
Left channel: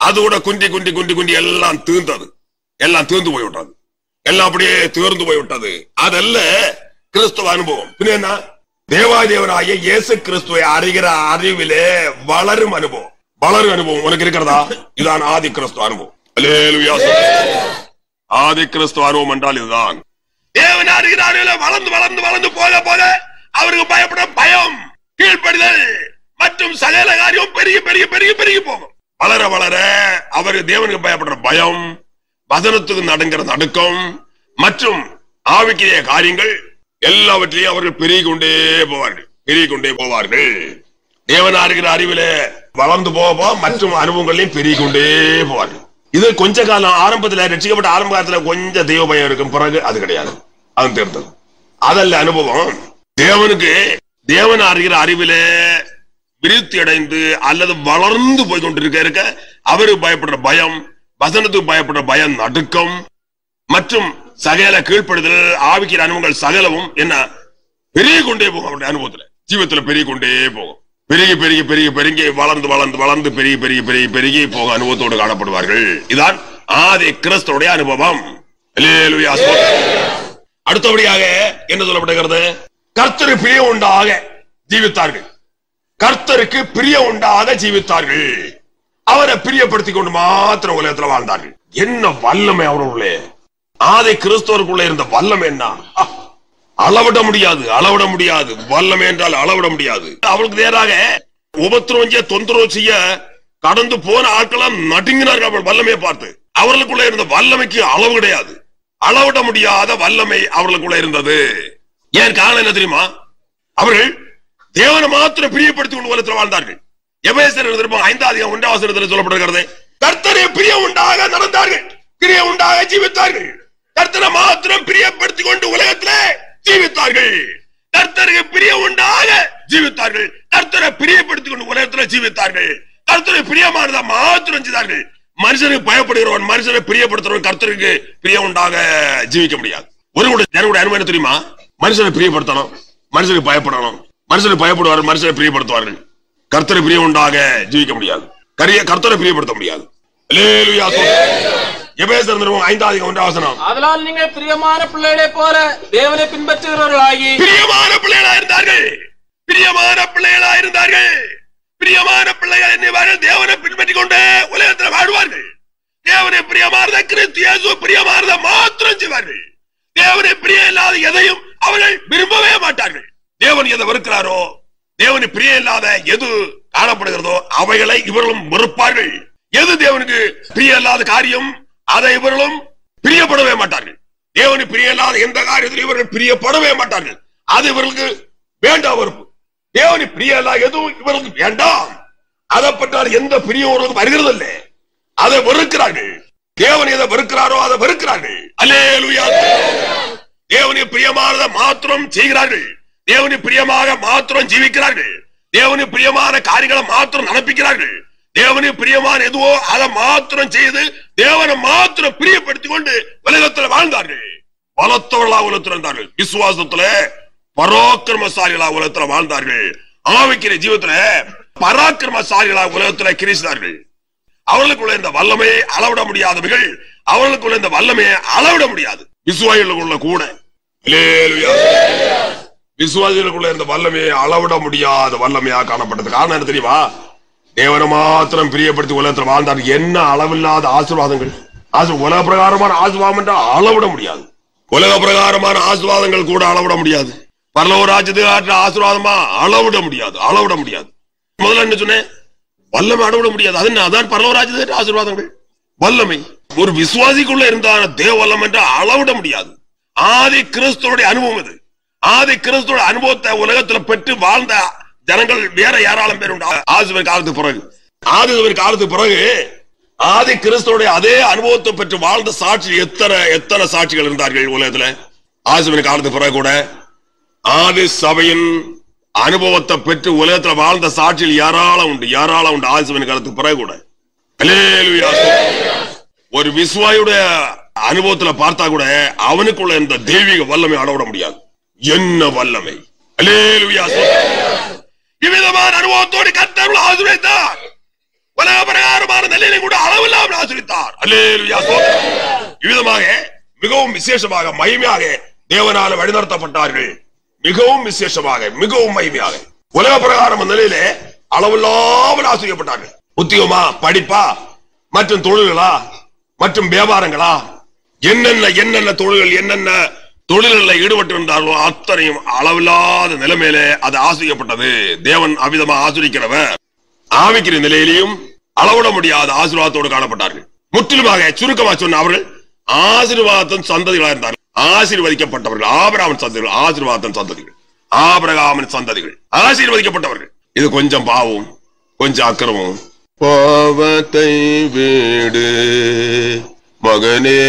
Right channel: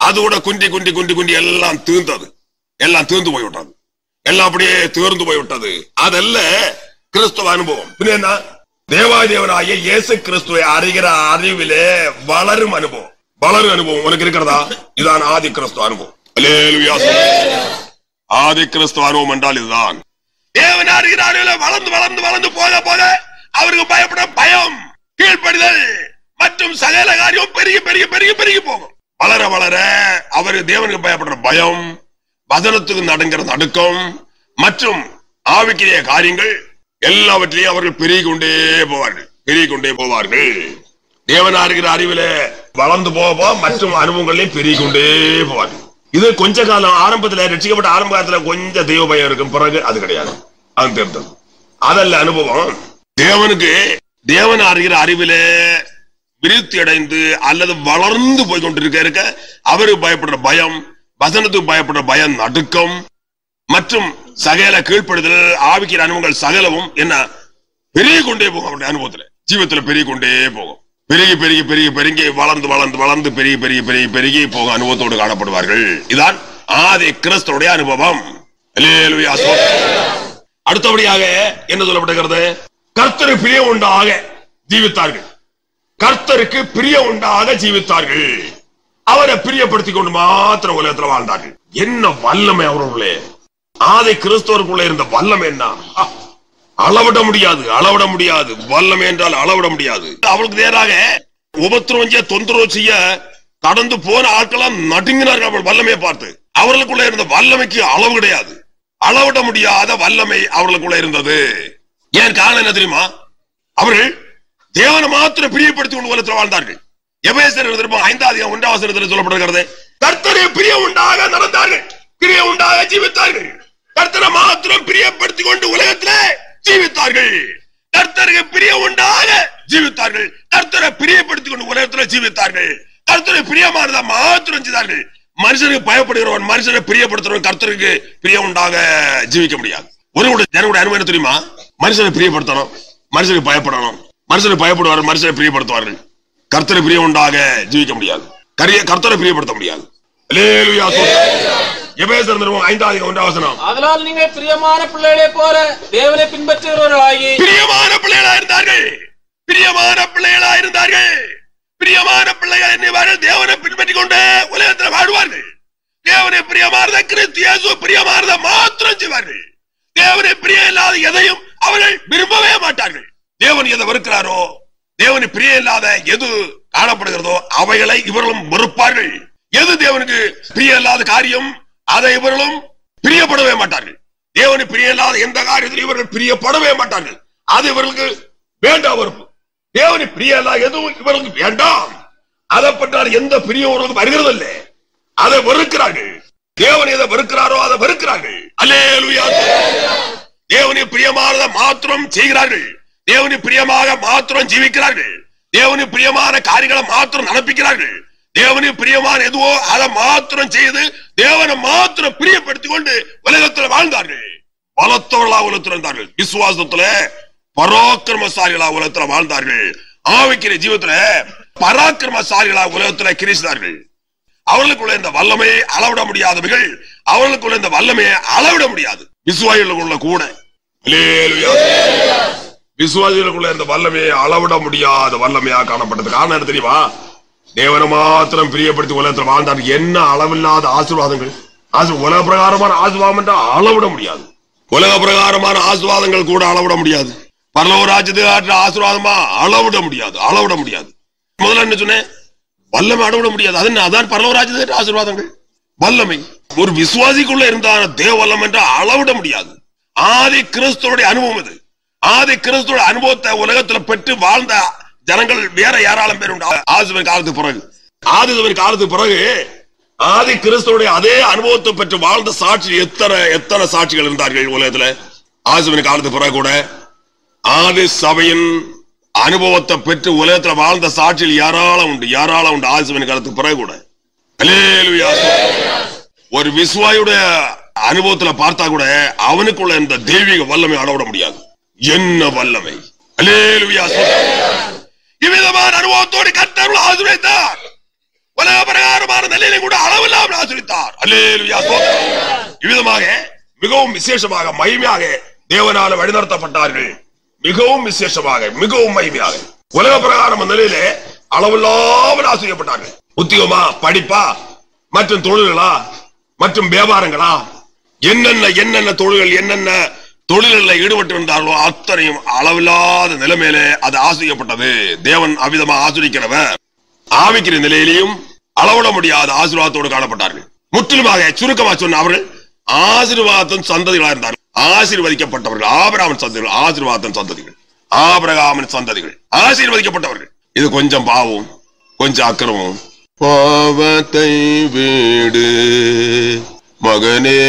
அதோட குண்டி குண்டி குண்டி குண்டி எல்லாம் தீர்ந்தது, எல்லாம் தீர்ந்து போய்விட்டது, எல்லாம் அப்படியே தீர்ந்து போய்விட்டது. அதல்ல கிறிஸ்துவ அனுபவம். என்ன? தேவாதேவனாகிய இயேசு கிறிஸ்துவை அறிகிற அறிவிலே வளரும் அனுபவம். வளரும் அனுபவம் உனக்கு இருக்கிறதா? இதுதான் ஆதி கிறிஸ்துவ அனுபவம். அல்லேலூயா. ஆதி கிறிஸ்துவ அனுபவம் என்றால் இதுதான். தேவன் அறிகிற அறிவில வளர்ந்து வளர்ந்து வளர்ந்து போக போக அவருக்கு பயப்பட பயம், கீழ்ப்படிதல் மற்றும் சகல காரியம் பெருகி பெருகி பெருகி பெருகி போகும். வளர வளர அவருக்கு தேவனுக்கு பயப்படுற பயம், வசனத்துக்கு நடுங்கிற நடுக்கம் மற்றும் ஆவிக்கிய காரியங்கள் எல்லாவற்றையும் அவர்கள் பெருகி கொண்டே போவார்கள், பெருகி கொண்டே போவார்கள். தேவன் அறிகிற அறிவில வளர்ந்து போக மற்றும் அனுபவங்களையும் பெருகி கொண்டே போவார்கள். இது கொஞ்ச காலம் ஆரம்பத்தில் ரட்சிக்கப்பட்ட ஆரம்ப காலத்துல கொஞ்சம் தெய்வ பயம் இருக்கும், பிறகு அது கிடையாது, அது தேர்ந்தது. அதல்ல அனுபவம். தேவனுக்கு தேவன் அறிகிற அறிவில விருத்தி அடைந்து அல்லது வளர்ந்து போய் கொண்டிருக்க அவருக்கு பயப்படுற பயம், வசனத்துக்கு பயப்படுற பயம், நடுக்கம் மற்றும் சகல கீழ்ப்படுதல் ஆவிக்கிற அனுபவங்கள் சகலவும் என்ன பெருகி கொண்டே போகும். அவருடைய அனுபவத்துல ஜீவத்துல பெருகி கொண்டே போகும். பெருகி பெருகி பெருகி பெருகி வளர்ந்து வளர்ந்து வளர்ந்து பெருகி பெருகி பெருகி பெருகி போக அனுபவத்தோடு காணப்படுவார்கள். இதான் ஆதி கிறிஸ்துவுடைய அனுபவம். அல்லேலூயா. அடுத்தபடியாக என்ன சொல்லப்படுகிறது? கர்த்தரு பிரிய உண்டாக ஜீவித்தார்கள். கர்த்தருக்கு பிரிய உண்டாக ஜீவித்தார்கள். அவரை பிரியப்படுத்திக் கொண்டு மாத்திரம் உலகத்தில் வாழ்ந்தார்கள். என்ன வல்லமை அவர்களுள்ளே! ஆதி கிறிஸ்தவருக்குள்ளே இருந்த வல்லமை என்ன! அளவிட முடியாது, அளவிட முடியாது. வல்லமை என்றால் அளவிட முடியாது. அவளுக்கு நேராக உபத்திரவம் செய்ய, தொந்தரவு செய்ய கடந்து போன ஆட்களாம் நடுங்கினார்கள் அவள் வல்லமையை பார்த்து. அவர்களுக்குள்ள இருந்த வல்லமைக்கு அளவு கிடையாது, அளவிட முடியாத வல்லமை அவர்களுக்குள்ள இருந்தது. ஏன் காரணம் என்ன தெரியுமா? அவர்கள் தேவனை மாத்திரம் பிரியப்படுத்திக் கொண்டு உலகத்தில் வாழ்ந்தார்கள். எபேசியர் 5:1 சொல்லப்படுகிறது. கர்த்தரை பிரிய உண்டாக நடந்தார்கள், பிரிய உண்டாக ஜீவித்தார்கள். கர்த்தரை மாத்திரம் பிரியப்படுத்திக் கொண்டு உலகத்திலே ஜீவித்தார்கள். கர்த்தருக்கு பிரிய உண்டாக ஜீவித்தார்கள். கர்த்தரை பிரியப்படுத்திக் கொண்டு உலகத்தில் ஜீவித்தார்கள். கர்த்தரை பிரியமானதா மாத்திரம் செய்தார்கள். மனுஷனுக்கு பயப்படுகிறவன், மனுஷனை பிரியப்படுத்துறவன் கர்த்தருக்கு பிரிய உண்டாக ஜீவிக்க முடியாது. ஒரு ஜனங்களுடைய அனுபவம் தெரியுமா? மனுஷனை பிரியப்படுத்தணும், மனுஷனுக்கு பயப்படணும், மனுஷனை பயப்படுவார்கள், மனுஷனை பிரியப்படுத்துவார்கள். கர்த்தரை பிரிய உண்டாக ஜீவிக்க முடியாது, கர்த்தரை பிரியப்படுத்த முடியாது. அல்லேலூயா. எபேசியர் 5:1 அதனால் நீங்கள் பிரியமான பிள்ளைகளை போல தேவனை பின்பற்றுகிறவர்களாகி பிரியமான பிள்ளைகளா இருந்தார்கள். பிரியமான பிள்ளைகளா இருந்தார்கள். பிரியமான பிள்ளைகள் என்னவார்கள்? தேவனை பின்பற்றிக் கொண்டு உலகத்தில் வாழ்வார்கள். தேவனை பிரியமானத கிறிஸ்து இயேசு பிரியமானத மாத்திரம் செய்வார்கள். தேவனை பிரிய இல்லாத எதையும் அவர்கள் விரும்பவே மாட்டார்கள். தேவன் எதை வெறுக்கிறாரோ, தேவனை பிரிய இல்லாத எது காணப்படுகிறதோ அவைகளை இவர்களும் வெறுப்பார்கள். எது தேவனுக்கு பிரிய இல்லாத காரியம் அதை இவர்களும் பிரியப்படவே மாட்டார்கள். தேவனுக்கு பிரிய இல்லாத எந்த காரியத்திலும் இவர்கள் பிரியப்படவே மாட்டார்கள். அது இவர்களுக்கு வேண்டாம் வெறுப்பு. தேவனுக்கு பிரிய இல்லாத எதுவும் இவர்களுக்கு வேண்டாம். அதை பற்றால் எந்த பிரியம் அவர்களுக்கு வருகிறது இல்லை. அதை வெறுக்கிறார்கள். தேவன் எதை வெறுக்கிறாரோ அதை வெறுக்கிறார்கள். அல்லேலூயா. தேவனுக்கு பிரியமானதை மாத்திரம் செய்கிறார்கள். தேவனுக்கு பிரியமாக மாத்திரம் ஜீவிக்கிறார்கள். தேவனுக்கு பிரியமான காரியங்களை மாத்திரம் நடப்பிக்கிறார்கள். தேவனுக்கு பிரியமான எதுவோ அதை மாத்திரம் செய்து தேவனை மாத்திரம் பிரியப்படுத்திக் கொண்டு உலகத்தில் வாழ்ந்தார்கள். பலத்தவர்களா உலகத்தில் இருந்தார்கள். விசுவாசத்துல பராக்கிரமசாலிகளா உலகத்தில் வாழ்ந்தார்கள். ஆவிக்கிற ஜீவத்துல பராக்கிரமசாலிகளா உலகத்தில் கிரிசித்தார்கள். அவர்களுக்குள்ள இந்த வல்லமையை அளவிட முடியாதவர்கள். அவர்களுக்குள்ள இந்த வல்லமையை அளவிட முடியாது. விசுவாசிகளுக்குள்ள கூட விசுவாசிகளுக்குள்ள இந்த வல்லமையை அளவிட முடியாத வல்லமையா காணப்பட்டது. காரணம் என்ன தெரியுமா? தேவனை மாத்திரம் பிரியப்படுத்தி உலகத்தில் வாழ்ந்தார்கள். என்ன அளவில்லாத ஆசீர்வாதங்கள். உலக பிரகாரமான ஆசீர்வாதம் என்றால் அளவிட முடியாது. உலக பிரகாரமான ஆசீர்வாதங்கள் கூட அளவிட முடியாது. பரலோக ராஜ்யத்துக்கு ஆசீர்வாதமா அளவிட முடியாது. அளவிட முடியாது. முதல்ல என்ன சொன்னேன்? வல்லமை அளவிட முடியாது. அதான் பரலோக ராஜ்யத்துக்கு ஆசீர்வாதங்கள். வல்லமை ஒரு விசுவாசிக்குள்ள இருந்தான தேவ வல்லம் என்றால் அளவிட முடியாது. ஆதி கிறிஸ்துவோட அனுபவம் இது. ஆதி கிறிஸ்துவோட அனுபவத்தை உலகத்துல பெற்று வாழ்ந்த ஜனங்கள் வேற யாராலும் பேர் உண்டு. ஆதிவன் காலத்துக்கு பிறகு காலத்துக்கு பிறகு ஆதி கிறிஸ்துவோட அதே அனுபவத்தை பெற்று வாழ்ந்த சாட்சி எத்தனை சாட்சிகள் இருந்தார்கள் உலகத்துல. ஆதிவன் காலத்துக்கு பிறகு கூட ஆதி சபையின் அனுபவத்தை பெற்று உலகத்துல வாழ்ந்த சாட்சியில் யாராலும் உண்டு. ஆதிவன் காலத்துக்கு பிறகு கூட அல்லேலூயா. ஒரு விசுவாயுடைய அனுபவத்துல பார்த்தா கூட அவனுக்குள்ள இந்த தெய்வீக வல்லமை அளவிட முடியாது. என்ன வல்லமை! அல்லேலூயா. இவ்விதமான அனுபவத்தோடு கர்த்தர் ஆசீர்வதித்தார். உலக பிரகாரமான நிலையிலும் கூட அளவில்லாமல் ஆசீர்வதித்தார். அல்லேலூயா. இவ்விதமாக மிகவும் விசேஷமாக மகிமையாக தேவனால வழிநடத்தப்பட்டார்கள். மிகவும் விசேஷமாக மிகவும் மகிமையாக உலக பிரகாரம் நிலையிலே அளவில்லாமல் ஆசீர்வதிக்கப்பட்டார்கள். உத்தியோகமா, படிப்பா, மற்றும் தொழில்களா, மற்றும் வியாபாரங்களா, என்னென்ன தொழில்கள் என்னென்ன தொழில்களில் ஈடுபட்டு இருந்தார்களோ அத்தனையும் அளவில்லாத நிலைமையிலே அது ஆசிரியப்பட்டது. தேவன் அவ்விதமா ஆசிரிக்கிறவர். ஆவிக்கிற நிலையிலையும் அளவிட முடியாத ஆசீர்வாதத்தோடு காணப்பட்டார்கள். முற்றிலுமாக சுருக்கமாக சொன்ன அவர்கள் ஆசீர்வாதத்தின் சந்ததிகளாக இருந்தார்கள். ஆசீர்வதிக்கப்பட்டவர்கள் ஆபிரகாமின் சந்ததிகள். ஆசீர்வாதத்தின் சந்ததிகள் ஆபிரகாமின் சந்ததிகள் ஆசீர்வதிக்கப்பட்டவர்கள். இது கொஞ்சம் பாவம், கொஞ்சம் அக்கிரமம். பாவத்தை வீடு மகனே,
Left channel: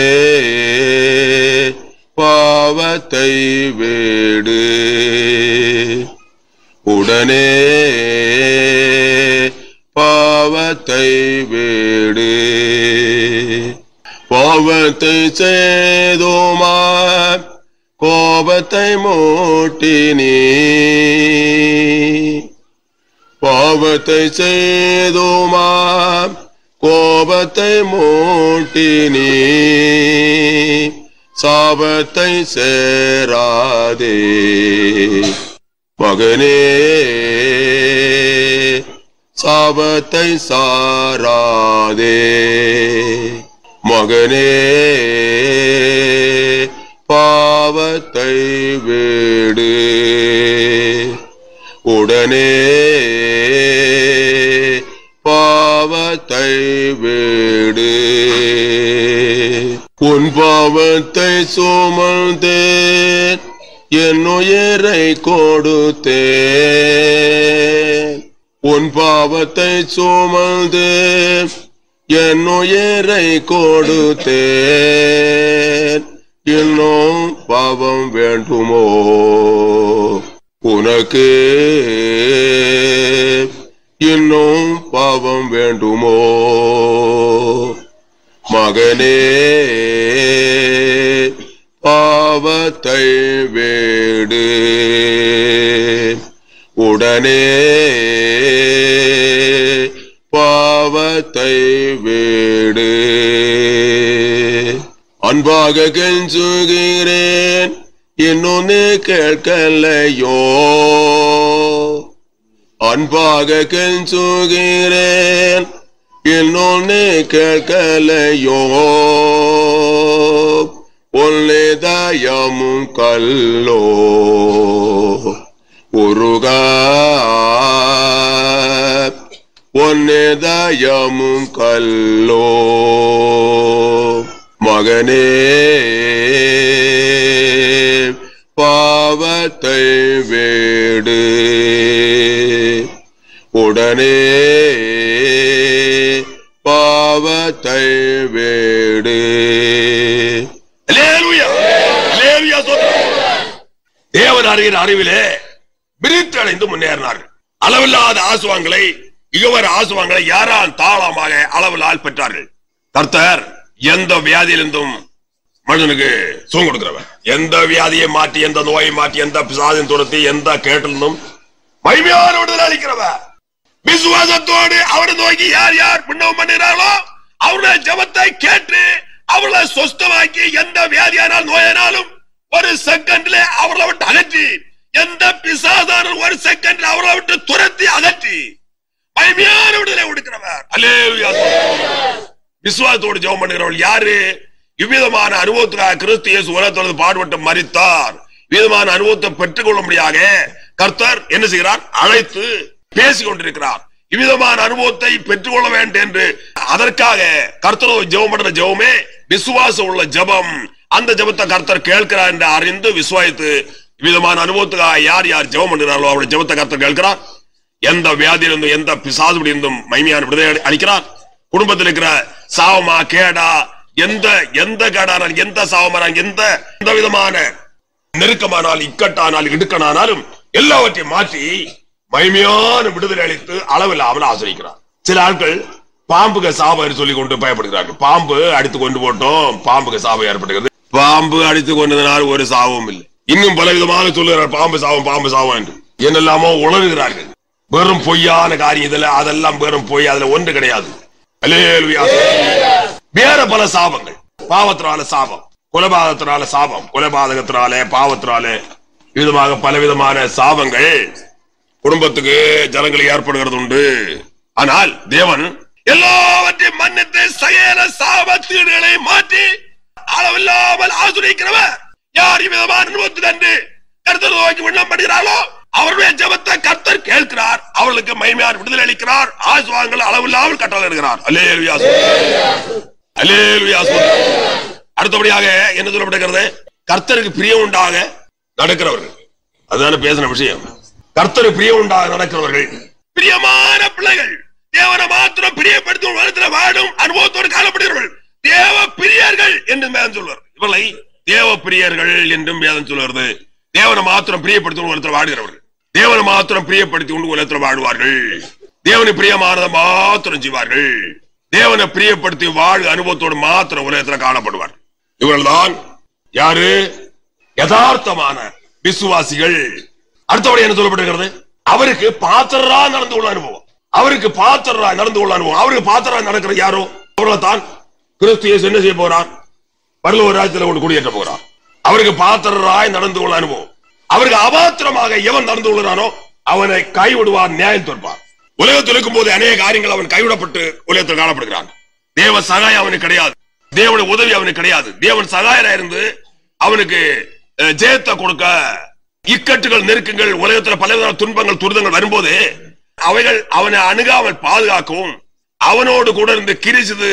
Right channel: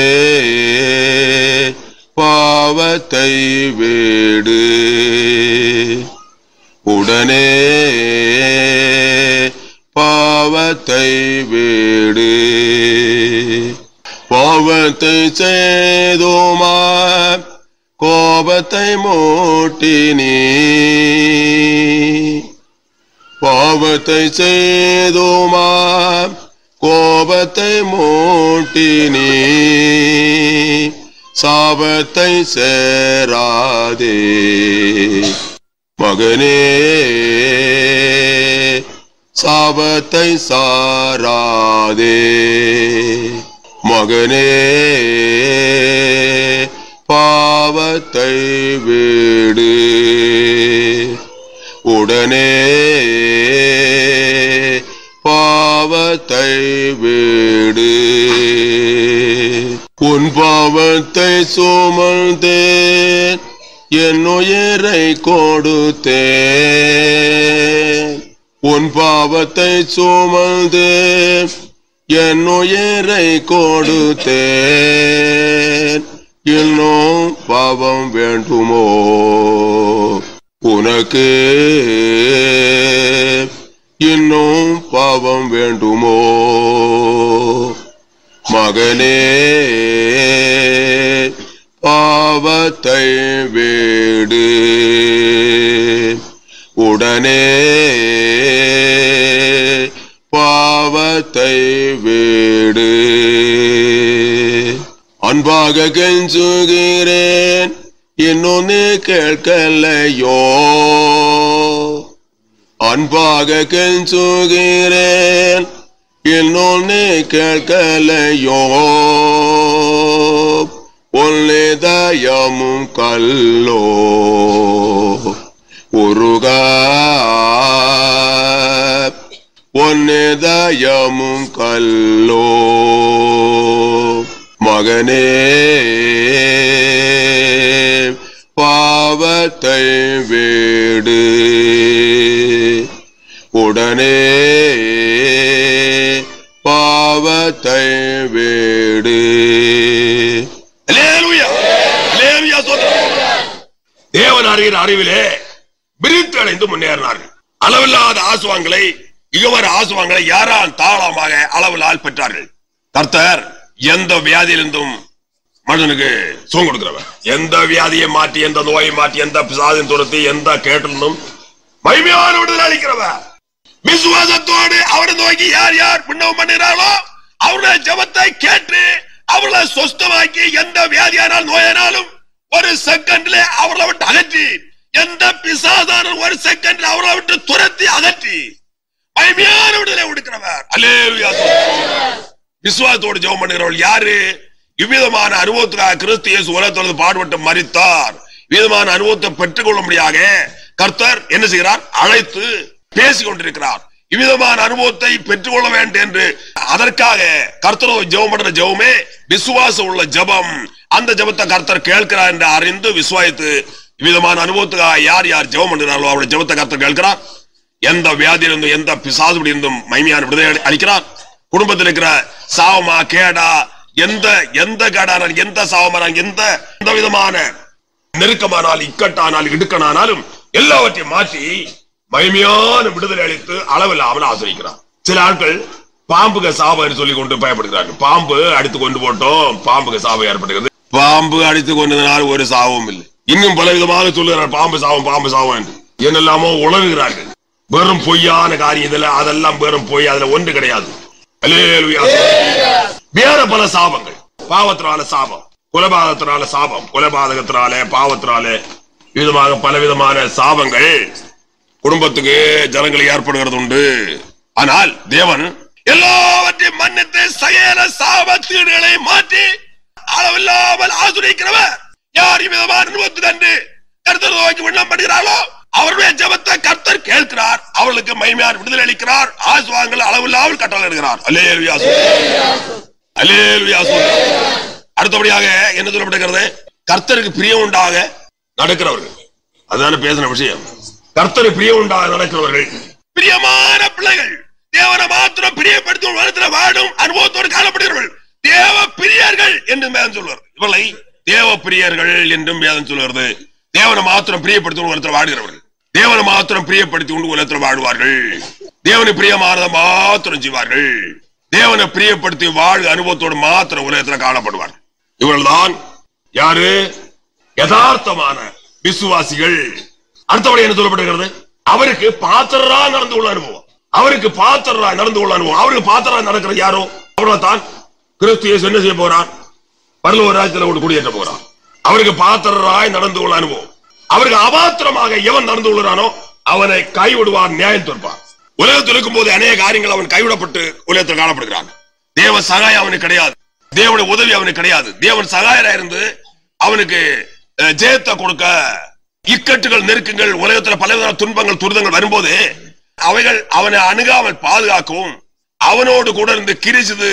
பாவத்தை வீடு, உடனே பாவத்தை வீடு. பாவத்தை செய்தோமா கோபத்தை மூட்டினே, பாவத்தை செய்தோமா கோபத்தை மூட்டினே, சாபத்தை சேராதே மகனே, சாபத்தை சாராதே மகனே, பாவத்தை வீடு, உடனே பாவத்தை வீடு. உன் பாவத்தை சுமந்தேன், என் உயிரை கொடுத்தேன். உன் பாவத்தை சுமந்தேன், என் உயிரை கொடுத்தேன். இன்னும் பாவம் வேண்டுமோ உனக்கு? இன்னும் பாவம் வேண்டுமோ மகனே? பாவத்தை வீடு, உடனே பாவத்தை வீடு. அன்பாக கெஞ்சுகிறேன், இன்னும் நீ கேட்கலையோ? அன்பாக கெஞ்சுகிறேன், இன்னும் நீ கேட்கலையோ? உன்னை தயமும் கல்லோ உருகா, பொன்னதயமும் கல்லோ மகனே பாவத்தை வேடு உடனே பாவத்தை வேடு. தேவன் அறிகிற அறிவிலே விருத்தடைந்து முன்னேறினார்கள். அளவில்லாத ஆசுவாங்களை இகவர ஆசுவாங்களை யாரால் தாளமாக அளவிலால் பெற்றார்கள். கர்த்தர் எந்த வியாதியிலிருந்தும் மனிதனுக்கு சுகம் கொடுக்கிறவர். எந்த வியாதியை மாற்றி, எந்த நோயை மாற்றி, எந்த பிசாதின் துரத்தி, எந்த கேட்டிலிருந்தும் மகிமையான விடுதலை அளிக்கிறவர். விசுவாசத்தோடு அவரை நோக்கி யார் யார் விண்ணப்பம் பண்ணுகிறார்களோ அவருடைய ஜெபத்தை கேட்டு அவர்களை சொஸ்தமாக்கி எந்த வியாதியானால் நோயானாலும் ஒரு செகண்ட்ல அவர்களை விட்டு அகற்றி, எந்த பிசாசான ஒரு செகண்ட்ல அவர்களை விட்டு துரத்தி அகற்றி மகிமையான விடுதலை கொடுக்கிறவர். அல்லேலூயா. விசுவாசத்தோடு ஜெபம் பண்ணுகிறவர்கள் யாரு? இவ்விதமான அனுபவத்துக்காக கிறிஸ்து இயேசு உலகத்தோடு பாடுபட்டு மரித்தார். விதமான அனுபவத்தை பெற்றுக் கொள்ளும்படியாக கர்த்தர் என்ன செய்கிறார்? அழைத்து பேசிக் கொண்டிருக்கிறார். இவ்விதமான அனுபவத்தை பெற்றுக் கொள்ள வேண்டும் என்று அதற்காக கர்த்தரோ ஜெபம் பண்ற ஜெபமே விசுவாசம் உள்ள ஜெபம். அந்த ஜெபத்தை கர்த்தர் கேட்கிறார் என்று அறிந்து விசுவாசித்து இவ்விதமான அனுபவத்துக்காக யார் யார் ஜெபம் பண்ணுகிறார்களோ அவருடைய ஜெபத்தை கர்த்தர் கேட்கிறார். எந்த வியாதியிலிருந்தும் எந்த பிசாசுபடி இருந்தும் மகிமையான விடுதலை அளிக்கிறார். குடும்பத்தில் இருக்கிற சாவமா கேடா எந்த கேடான எந்த சாவமான எந்த விதமான நெருக்கமானால் இக்கட்டானால் இடுக்கனானாலும் எல்லாவற்றையும் மாற்றி மகிமையான விடுதலை அளித்து அளவில்லாமல் ஆசிரிக்கிறார். சில ஆட்கள் பாம்புக்கு சாவை சொல்லிக் கொண்டு பயப்படுகிறார்கள். பாம்பு அடித்து கொண்டு போட்டோம், பாம்புக்கு சாவு ஏற்படுகிறது. பாம்பு அடித்து கொண்டதனால் ஒரு சாவும் இல்லை. இன்னும் பல விதமாக சொல்லுகிறார் பாம்பு சாவும் என்று என்னெல்லாமோ உணர்கிறார்கள். வெறும் பொய்யான காரியம் இதுல, அதெல்லாம் வெறும் பொய், அதுல ஒன்று கிடையாது. வேற பல சாபங்கள், பாவத்தினால சாபம், கொலைபாதத்தினால சாபம், கொலைபாதகத்தினால பாவத்தினால விதமாக பலவிதமான சாபங்கள் குடும்பத்துக்கு ஜனங்கள் ஏற்படுகிறது உண்டு. ஆனால் தேவன் எல்லாவற்றையும் மன்னித்து சகல சாபத்தீடுகளை மாற்றி அளவில்லாமல் ஆசீர்வதிக்கிறவர். யார் விதமான அனுபவத்தில் என்று கர்த்தர் நோக்கி விண்ணப்பம் பண்ணுகிறார்களோ அவருடைய ஜெபத்தை கர்த்தர் கேட்கிறார். அவர்களுக்கு மகிமையான விடுதலை அளிக்கிறார். ஆசீர்வாதங்கள் அளவில்லாமல் கட்டளையிடுகிறார். அல்லேலூயா. அல்லேலூயா. அடுத்தபடியாக என்ன சொல்லப்படுகிறது? கர்த்தருக்கு பிரியம் உண்டாக நடக்கிறவர்கள். அதுதான பேசின விஷயம். கர்த்தருக்கு பிரியம் உண்டாக நடக்கிறவர்கள் பிரியமான பிள்ளைகள், தேவனை மாத்திரம் பிரியப்படுத்தும் உலகத்தில் வாடும் அனுபவத்தோடு காணப்படுகிறவர்கள் தேவ பிரியர்கள் என்றும் வேதம் சொல்வார். இவளை தேவ பிரியர்கள் என்றும் வேதம் சொல்வது. தேவனை மாத்திரம் பிரியப்படுத்தி உலகத்தில் வாடுகிறவர்கள், தேவனை மாத்திரம் பிரியப்படுத்தி கொண்டு உலகத்தில் வாடுவார்கள். தேவனை பிரியமானதை மாத்திரம் செய்வார்கள். தேவனை பிரியப்படுத்தி வாழ் அனுபவத்தோடு மாத்திரம் உலகத்தில் காணப்படுவார். இவர்கள் தான் யாரு? யதார்த்தமான விசுவாசிகள். அடுத்தபடி என்ன சொல்லப்படுகிறது? அவருக்கு பாத்திரரா நடந்து கொள்ள அனுபவம். அவருக்கு பாத்திரரா நடந்து கொள்ள அனுபவம். அவருக்கு பாத்திரரா நடக்கிற யாரோ அவர்கள் தான் கிறிஸ்து இயேசு என்ன செய்ய போறார்? பரலோக ராஜ்யத்தில் குடியேற்ற போறார். அவருக்கு பாத்திரராய் நடந்து கொள்ள அனுபவம். அவருக்கு அபாத்திரமாக எவன் நடந்து கொள்கிறானோ அவனை கைவிடுவார், நியாயம் தீர்ப்பார். உலகத்தில் இருக்கும் போது அநேக காரியங்கள் அவன் கைவிடப்பட்டு உலகத்தில் காணப்படுகிறான். தேவ சகாயம் அவனுக்கு கிடையாது, தேவனுடைய உதவி அவனுக்கு கிடையாது. தேவன் சகாயரா இருந்து அவனுக்கு ஜெயத்தை கொடுக்க இக்கட்டுகள் நெருக்கங்கள் உலகத்தில் பல துன்பங்கள் துரிதங்கள் வரும்போது அவைகள் அவனை அணுகாமல் பாதுகாக்கவும் அவனோடு கூட இருந்து கிரிசது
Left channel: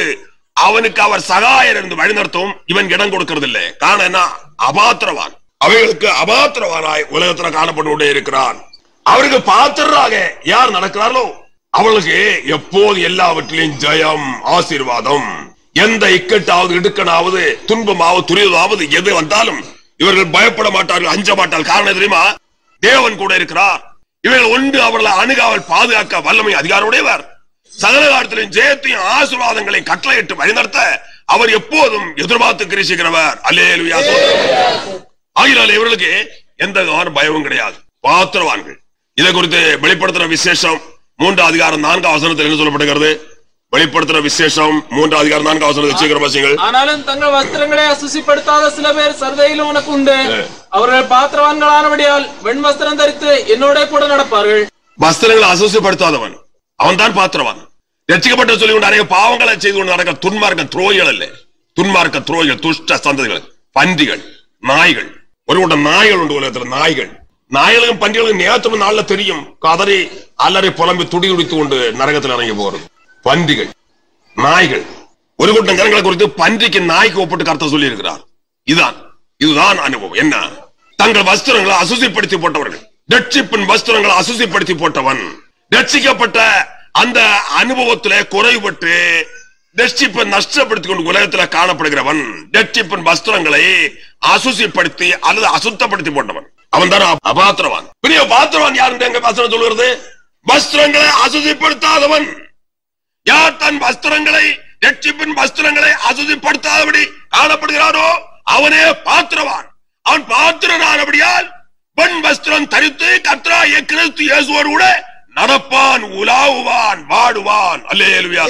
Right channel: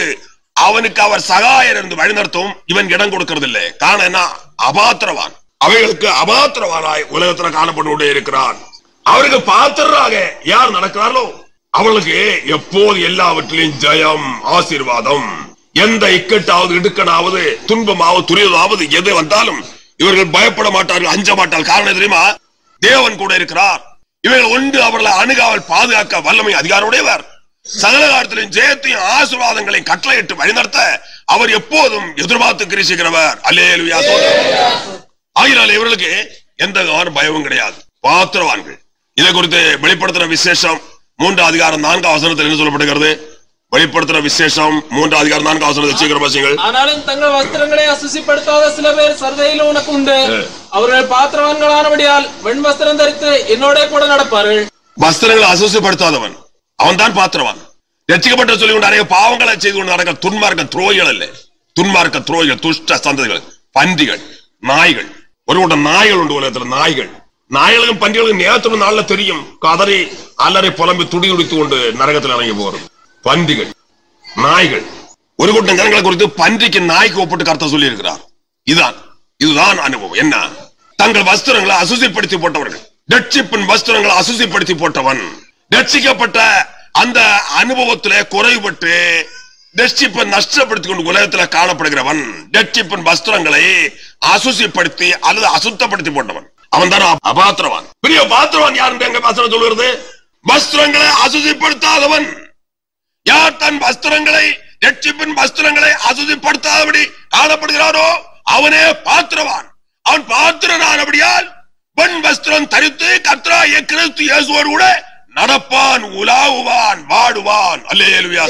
அவனுக்கு அவர் சகாயர் இருந்து வழிநடத்தவும் இவன் இடம் கொடுக்கிறது இல்லை. காரணம் என்ன? அபாத்திரவான். அவைகளுக்கு அபாத்திரவானாய் உலகத்தில் காணப்பட்டு கொண்டே இருக்கிறான். அவருக்கு பாத்திரராக யார் நடக்கிறார்களோ அவளுக்கு எப்போது எல்லாவற்றிலும் ஜெயம், ஆசீர்வாதம். எந்த இக்கட்டாவது இடுக்கனாவது துன்பமாவது துரியதாவது எது வந்தாலும் இவர்கள் பயப்பட மாட்டார்கள், அஞ்ச மாட்டார்கள். காரணம் தெரியுமா? தேவன் கூட இருக்கிறார். இவர்கள் ஒன்று அவர்களை அணுகாமல் பாதுகாக்க வல்லமை அதிகாரமுடையவர். சகல காலத்திலும் ஜெயத்தையும் ஆசீர்வாதங்களையும் கட்டளையிட்டு வழிநடத்த அவர் எப்போதும் எதிர்பார்த்து கிரிசிக்கிறவர். அல்லேலூயா. ஆகினால இவர்களுக்கு எந்த பயமும் கிடையாது. பாத்திரவான்கள். இதை குறித்து வெளிப்படுத்துற விசேஷம் 3 அதிகாரம் 4 வசனத்தில் என்ன சொல்லப்படுகிறது? வெளிப்படுத்துற விசேஷம் 3 அதிகாரம் 4 வசனத்தில் சீக்கிரம் வாசிங்கள். ஆனாலும் தங்கள் வஸ்திரங்களை அசுசிப்படுத்தாத சில பேர் சர்தையிலும் உனக்கு உண்டு. அவர்கள் பாத்திரவான்களானபடியால் வெண் வஸ்திரம் தரித்து என்னோட கூட நடப்பார்கள். வஸ்திரங்களை அசுசிப்படுத்தாதவன் அவன் தான் பாத்திரவான். ரட்சிக்கப்பட்ட சொல்லி கொண்டு அநேக பாவங்களை செய்து கொண்டு நடக்க துன்மார்க்க துரோகிகள் அல்ல. துன்மார்க்க துரோகிகள், துஷ்ட சந்ததிகள், பந்திகள், நாய்கள். ஒரு கூட்டம் நாய்கள் உண்டு உலகத்தில். நாய்கள் நாய்களுக்கும் பன்றிகளுக்கும் நேரத்துல நாள்ல தெரியும், கதறி அலறி புலம்பி துடி துடித்து கொண்டு நரகத்தில் இறங்கி போறது. பன்றிகள், நாய்கள், ஒரு கூட்டம் ஜனங்களை குறித்து பன்றிக்கு நாய்க்கு ஒப்பிட்டு கருத்தை சொல்லி இருக்கிறார். இதுதான் அனுபவம். என்ன? தங்கள் வஸ்திரங்களை அசுசிப்படுத்தி போட்டவர்கள். ரட்சிப்பின் வஸ்திரங்களை அசுசிப்படுத்தி போட்டவன், ரட்சிக்கப்பட்ட அந்த அனுபவத்திலே குறைபட்டு ரட்சிப்பை நஷ்டப்படுத்திக் கொண்டு உலகத்தில் காணப்படுகிறவன், ரட்சிப்பின் வஸ்திரங்களை அசுசிப்படுத்தி அல்லது அசுத்தப்படுத்தி போட்டவன், அவன் தான் அபாத்திரவான். பெரிய பாத்திரவான் யார் எங்க வசனம் சொல்கிறது? வஸ்திரங்களை அசுசிப்படுத்தாதவன். யார் தன் வஸ்திரங்களை, ரட்சிப்பின் வஸ்திரங்களை அசுசிப்படுத்தாதபடி காணப்படுகிறாரோ அவனே பாத்திரவான். அவன் பாத்திரனானபடியால் பெண் வஸ்திரம் தரித்து கர்த்தராகிய கிறிஸ்து இயேசுவோடு கூட நடப்பான், உலாவுவான், வாடுவான். அல்லேலூயா.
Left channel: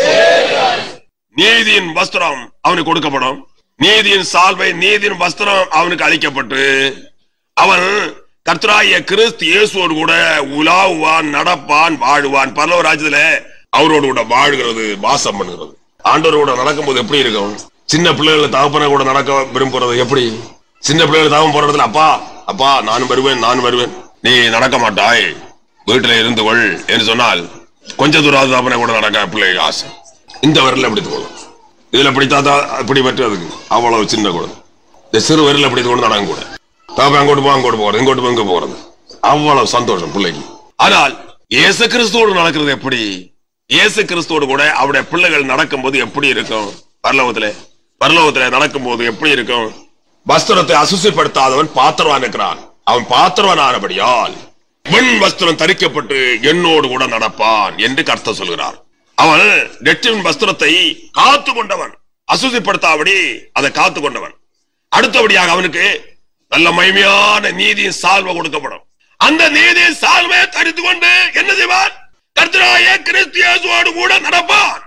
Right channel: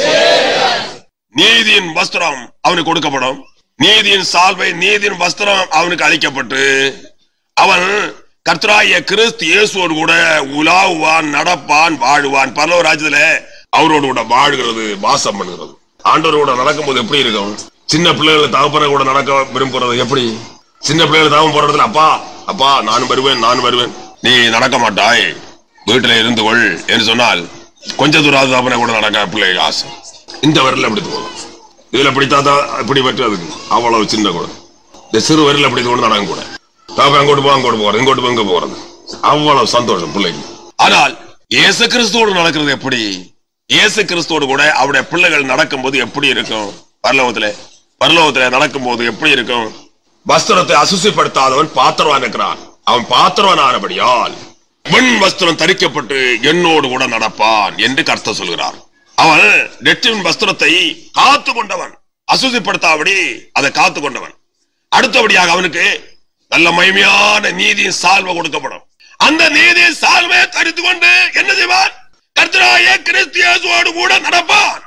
நீதியின் வஸ்திரம் அவனுக்கு கொடுக்கப்படும். நீதியின் சால்வை, நீதியின் வஸ்திரம் அவனுக்கு அளிக்கப்பட்டு அவன் கர்த்தராகிய கிறிஸ்து இயேசுவோடு கூட உலாவுவான், நடப்பான், வாழுவான். பரலோக ராஜ்யத்துல அவரோடு கூட வாழ்கிறது, வாசம் பண்ணுகிறது. ஆண்டவரோட நடக்கும்போது எப்படி இருக்கும்? சின்ன பிள்ளைகளை தகப்பன கூட நடக்க விரும்புறது எப்படி? சின்ன பிள்ளைகளை தகவல் போற இடத்துல அப்பா அப்பா நானும் வருவேன், நீ நடக்க மாட்டாய், வீட்டுல இருந்து கொள் என்று சொன்னால் கொஞ்ச தூரம் தகப்பன கூட நடக்க பிள்ளைகள் ஆசை. இந்த வரல பிடித்து போதும், இதுல பிடித்தாதான் இப்படி பற்றுறதுக்கு அவ்வளவு சின்ன கூட. இந்த சிறு வரல பிடித்து கொண்டு நடக்க கூட அங்கோட்டு போறது, இங்கோட்டு இங்க போறது, அவ்வளவு சந்தோஷம் பிள்ளைக்கு. ஆனால் இயேசு கிறிஸ்துவோடு நடக்கிறது எப்படி? இயேசு கிறிஸ்துவோடு கூட அவருடைய பிள்ளைகள் நடக்கும் போது எப்படி இருக்கும்? பரலோகத்திலே நடக்கும் போது எப்படி இருக்கும்? வஸ்திரத்தை அசுசிப்படுத்தாதவன் பாத்திரவான் இருக்கிறான். அவன் பாத்திரவான் ஆனபடியால் வெண் வஸ்திரம் தரிக்கப்பட்டு என்னோடு கூட நடப்பான் என்று கர்த்தர் சொல்கிறார். அவன் ரட்சிப்பின் வஸ்திரத்தை காத்து கொண்டவன், அசுசிப்படுத்தாபடி அதை காத்து கொண்டவன். அடுத்தபடியாக அவனுக்கு நல்ல மகிமையான நீதியின் சால்வை கொடுக்கப்படும். அந்த நீதியின் சால்வை தரித்து கொண்டு என்ன செய்வான்? கர்த்தராகிய கிறிஸ்து இயேசுவோடு கூட நடப்பான்,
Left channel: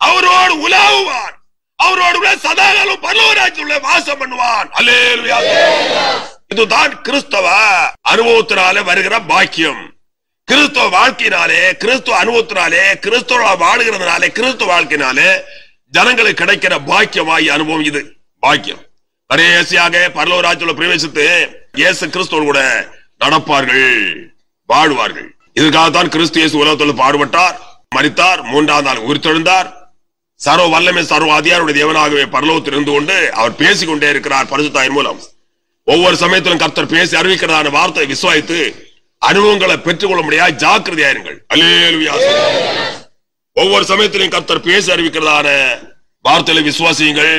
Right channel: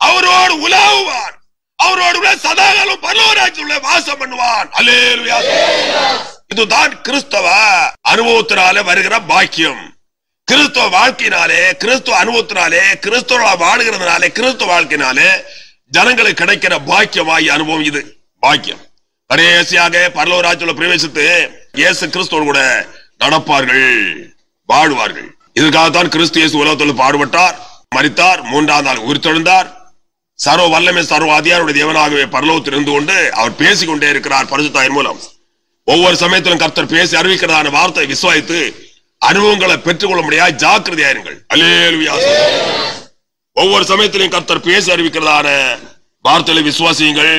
அவரோடு உலாவுவான், அவரோடு சதாகாலம் பரலோக ராஜ்யத்திலே வாசம் பண்ணுவான். அல்லேலூயா. இதுதான் கிறிஸ்தவ அனுபவத்தினாலே வருகிற பாக்கியம். கிறிஸ்தவ வாழ்க்கையினாலே, கிறிஸ்துவ அனுபவத்தினாலே, கிறிஸ்தவ வாழுகிறதுனாலே, கிறிஸ்துவ வாழ்க்கையினாலே ஜனங்களுக்கு கிடைக்கிற பாக்கியமாய் அனுபவம் இது. பாக்கியம் கடைசியாக பரலோக ராஜ்யத்திலே பிரவேசித்து இயேசு கிறிஸ்துவோடு கூட நடப்பார்கள், வாழுவார்கள். இதற்காகத்தான் கிறிஸ்து இயேசு உலகத்தில் பாடுபட்டார், மரித்தார், மூன்றாம் நாள் உயிர்த்தெழுந்தார். சர்வ வல்லமை சர்வ அதிகாரியுடைய தேவனாகவே பரலோகத்தில் இருந்து கொண்டு அவர் பேசிக்கொண்டே இருக்கிறார் பரிசுத்த ஆவியின் மூலம். ஒவ்வொரு சமயத்திலும் கர்த்தர் பேசி அறிவிக்கிறதான வார்த்தை விசுவாசித்து அனுபவங்களை பெற்றுக் கொள்ள முடியாது ஜாக்கிரதையாயிருங்கள். அல்லேலூயா. ஒவ்வொரு சமயத்திலும் கர்த்தர் பேசி அறிவிக்கிறதான வார்த்தைகளை விசுவாசியுங்கள்,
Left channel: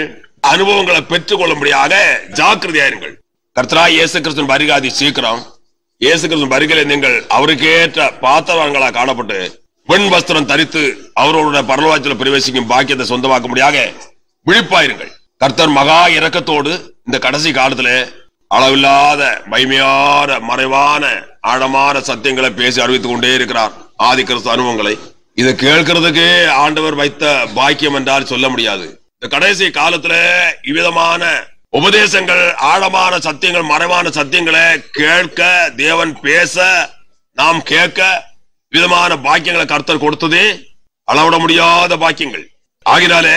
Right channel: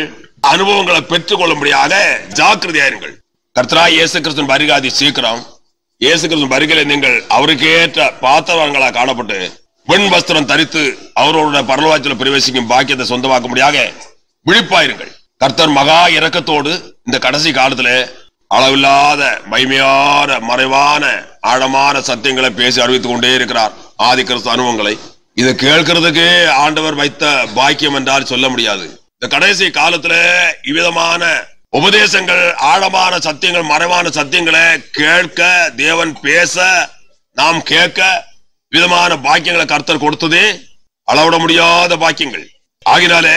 அனுபவங்களை பெற்றுக் கொள்ள முடியாத ஜாக்கிரதையாயிருங்கள். கர்த்தராகிய இயேசு கிறிஸ்துவின் வருகை சீக்கிரம். இயேசு கிறிஸ்துவின் வருகையில நீங்கள் அவருக்கு ஏற்ற பாத்திரவான்களா காணப்பட்டு வெண் வஸ்திரம் தரித்து அவரோட பரலோகத்தில் பிரவேசிக்கும் பாக்கியத்தை சொந்தமாக்க முடியாத விழிப்பாயிருங்கள். கர்த்தர் மகா இரக்கத்தோடு இந்த கடைசி காலத்துல அளவில்லாத மகிமையான மறைவான ஆழமான சத்தியங்களை பேசி அறிவித்துக் கொண்டே இருக்கிறார். ஆதி கிறிஸ்து அனுபவங்களை இதை கேட்கறதுக்கு ஆண்டவர் வைத்த பாக்கியம் என்றால் சொல்ல முடியாது. இந்த கடைசி காலத்துல இவ்விதமான உபதேசங்கள், ஆழமான சத்தியங்கள், மறைவான சத்தியங்களை கேட்க, தேவன் பேச, நாம் கேட்க விதமான பாக்கியங்களை கர்த்தர் கொடுத்தது அளவிட முடியாத பாக்கியங்கள். ஆகினாலே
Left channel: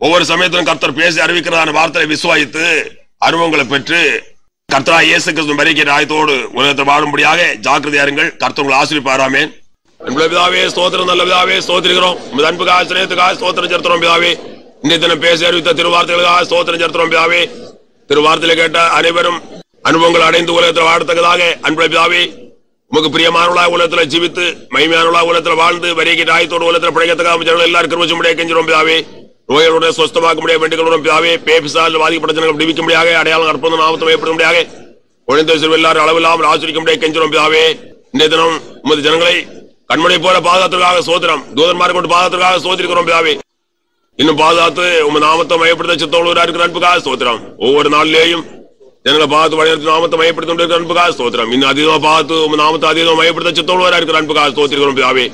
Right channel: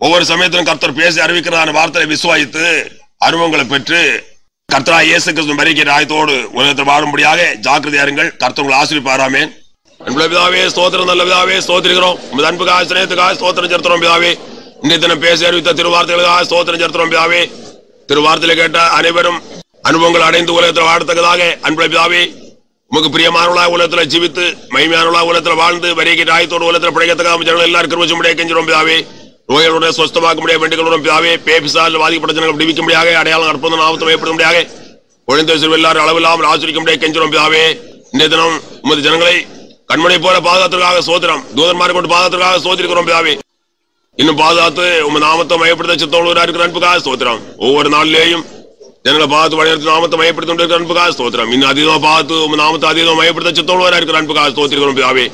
ஒவ்வொரு சமயத்திலும் கர்த்தர் பேசி அறிவிக்கிறதான வார்த்தையை விசுவாசித்து அனுபவங்களை பெற்று கர்த்தராகிய இயேசு கிறிஸ்து வருகிற ஆயத்தோடு உலகத்தில் வாழும்படியாக ஜாக்கிரதையாருங்கள். கர்த்தர் உங்களை ஆசீர்வதிப்பாராமே. அன்புள்ள பிதாவே, ஸ்தோத்திரம். நல்ல பிதாவே, ஸ்தோத்திரிக்கிறோம். உமது அன்புக்காக சிநேகத்துக்காக ஸ்தோத்திரம் செலுத்துறோம் பிதாவே. இன்றைய தினம் பேசி அறிவித்த திருவார்த்தைகளுக்காக ஸ்தோத்திரம் செலுத்துறோம் பிதாவே. திருவார்த்தையில கேட்ட அனைவரும் அனுபவங்கள் அடைந்து உலகத்தில் வாழத்தக்கதாக அன்புள்ள பிதாவே, உமக்கு பிரியமானவர்களாக உலகத்துல ஜீவித்து மகிமையானவர்களாக உலகத்துல வாழ்ந்து வருகிற ஆயத்தோடு உலகத்துல பிழைக்கத்தக்காக ஜனங்கள் எல்லாரும் கிருபை செய்யும்படியாக கெஞ்சுறோம் பிதாவே. நோய்களுடைய சொஸ்தமாக்க முடியாது வேண்டிக்கிறோம் பிதாவே. பேபிசால் பாதிக்கப்பட்ட ஜனங்கள் விடுவிக்க முடியாது, அடையாளம் அற்புதம் நாமத்தை ஏற்படுத்த முடியாது, குழந்தை சிறு எல்லாரும் அளவில்லாமல் ஆசிரிக்க முடியாது கெஞ்சுறோம் பிதாவே. இன்றைய தினம் உமது ஜனங்களை கண்மணி போல பாதுகாத்திற்காக சோதரம், தூதன்மாரை கொண்டு பாதுகாத்திற்காக சோதரிக்கிறோம் பிதாவே. இன்னும் பாதுகாத்து உமது நாமத்தை மையப்படுத்த சித்தோடு இருக்கிற அன்புக்காக சோத்திரம். ஒவ்வொரு நாளிலேயும் ஜனங்களை பார்த்து வழிநடத்தி நாமத்தை மையப்படுத்தி கொண்டிருக்கிற அன்புக்காக ஸ்தோத்திரம். இன்னும் அதிகமாக பார்த்து உங்க நாமத்தை அதிகமாக மையப்படுத்த சித்தோடு இருக்கிற அன்புக்காக ஸ்தோத்திரிக்கிறோம் பிதாவே.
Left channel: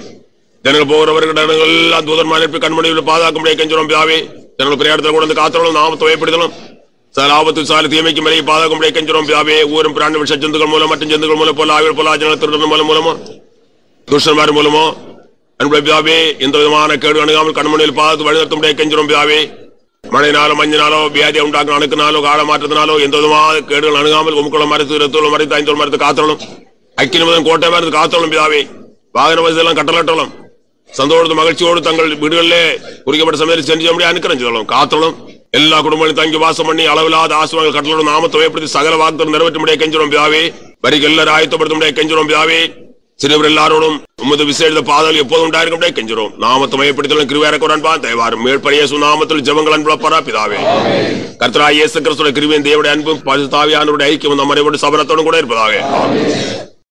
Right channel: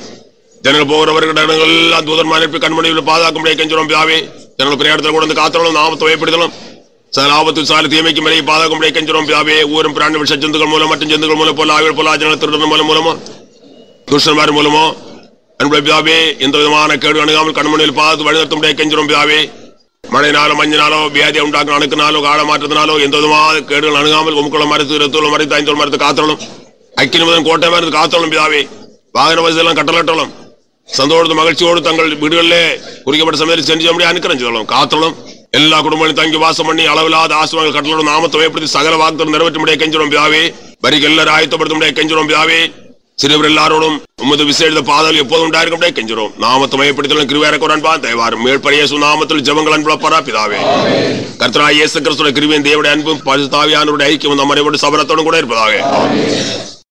ஜனங்கள் போகிறவர்கள் எல்லாம் தூதன்மாரை அனுப்பி கண்மணியில் பாதுகாக்க முடியாது கெஞ்சுறோம் பிதாவே. ஜனங்கள் பிரயாணத்தில் கூட வந்து காத்தலும் நாமத்தை மையப்படுத்தலும் சார் ஆபத்து சாலை தீமைக்கு மேலே பாதுகாக்க முடியாது கெஞ்சுறோம் பிதாவே. ஊரும் பிராணி விஷ ஜந்துக்கள் மூலம் மற்றும் ஜந்துக்கள் மூலம் போல ஆய்வு போல ஜனங்கள் திருடன் மூலமோ துஷ்டன்மார் மூலமோ அன்புள்ள பிதாவே எந்த விதமான கேடு அணுகாமல் கண்மணியில் பார்த்து வழிநடத்த முடியாது கெஞ்சுறோம் பிதாவே. மழைனாலோ மஞ்சினாலோ வியாதியை உண்டாக்க அணுக்கினாலோ கால மாற்றத்தினாலோ எந்த விதமான கேடுகள் அணுகாமல் உமக்குள்ள மறைத்து இரத்தோடு மறைத்து ஐந்தோடு மறைத்து காத்தலும் அக்கினிமுதன் கோட்டையா இருந்து காத்தோளும் பிதாவே. வாகன வசதி எல்லாம் கட்டளட்டோளும். சந்தோஷத்து மகிழ்ச்சியோடு தங்கள் வீடுகளிலே குறிக்கப்பட்ட சமயத்தில் செஞ்சு முடிய அனுக்கிரம் செய்தோம். காத்தோளும் எல்லா குடும்பங்களையும் தங்கி வாசம் பண்ணி அளவில்லாத ஆசிரியர்கள் கட்டளோடு நாமத்தை பயப்படுத்தி சகல வாக்குத்தம் நிறைவேற்ற முடிய கெஞ்சிரோம் பிதாவே. வரிக்கு எல்லாரும் ஆயத்தப்படுத்த முடிய கெஞ்சிரோம் பிதாவே. சிறுவர் எல்லாரோடும் உமது விசேஷ பாதல் எப்போதும் உண்டாயிருக்க முடிய கெஞ்சிரோம். நாமத்தை மையப்படுத்தலும் கிருபையாக்க அன்பா தயவாரும் மேற்படியேசு நாமத்தில் ஜெபங்கள் அன்புலப்பரா பிதாவே. கர்த்தராகிய இயேசு கிறிஸ்துவின் கிருபையும் தேவனுடைய அன்பும் பரிசுத்த ஆவியானவருடைய ஐக்கியம் நம்மை சபரத்தோடும் கூட இருப்பதாக.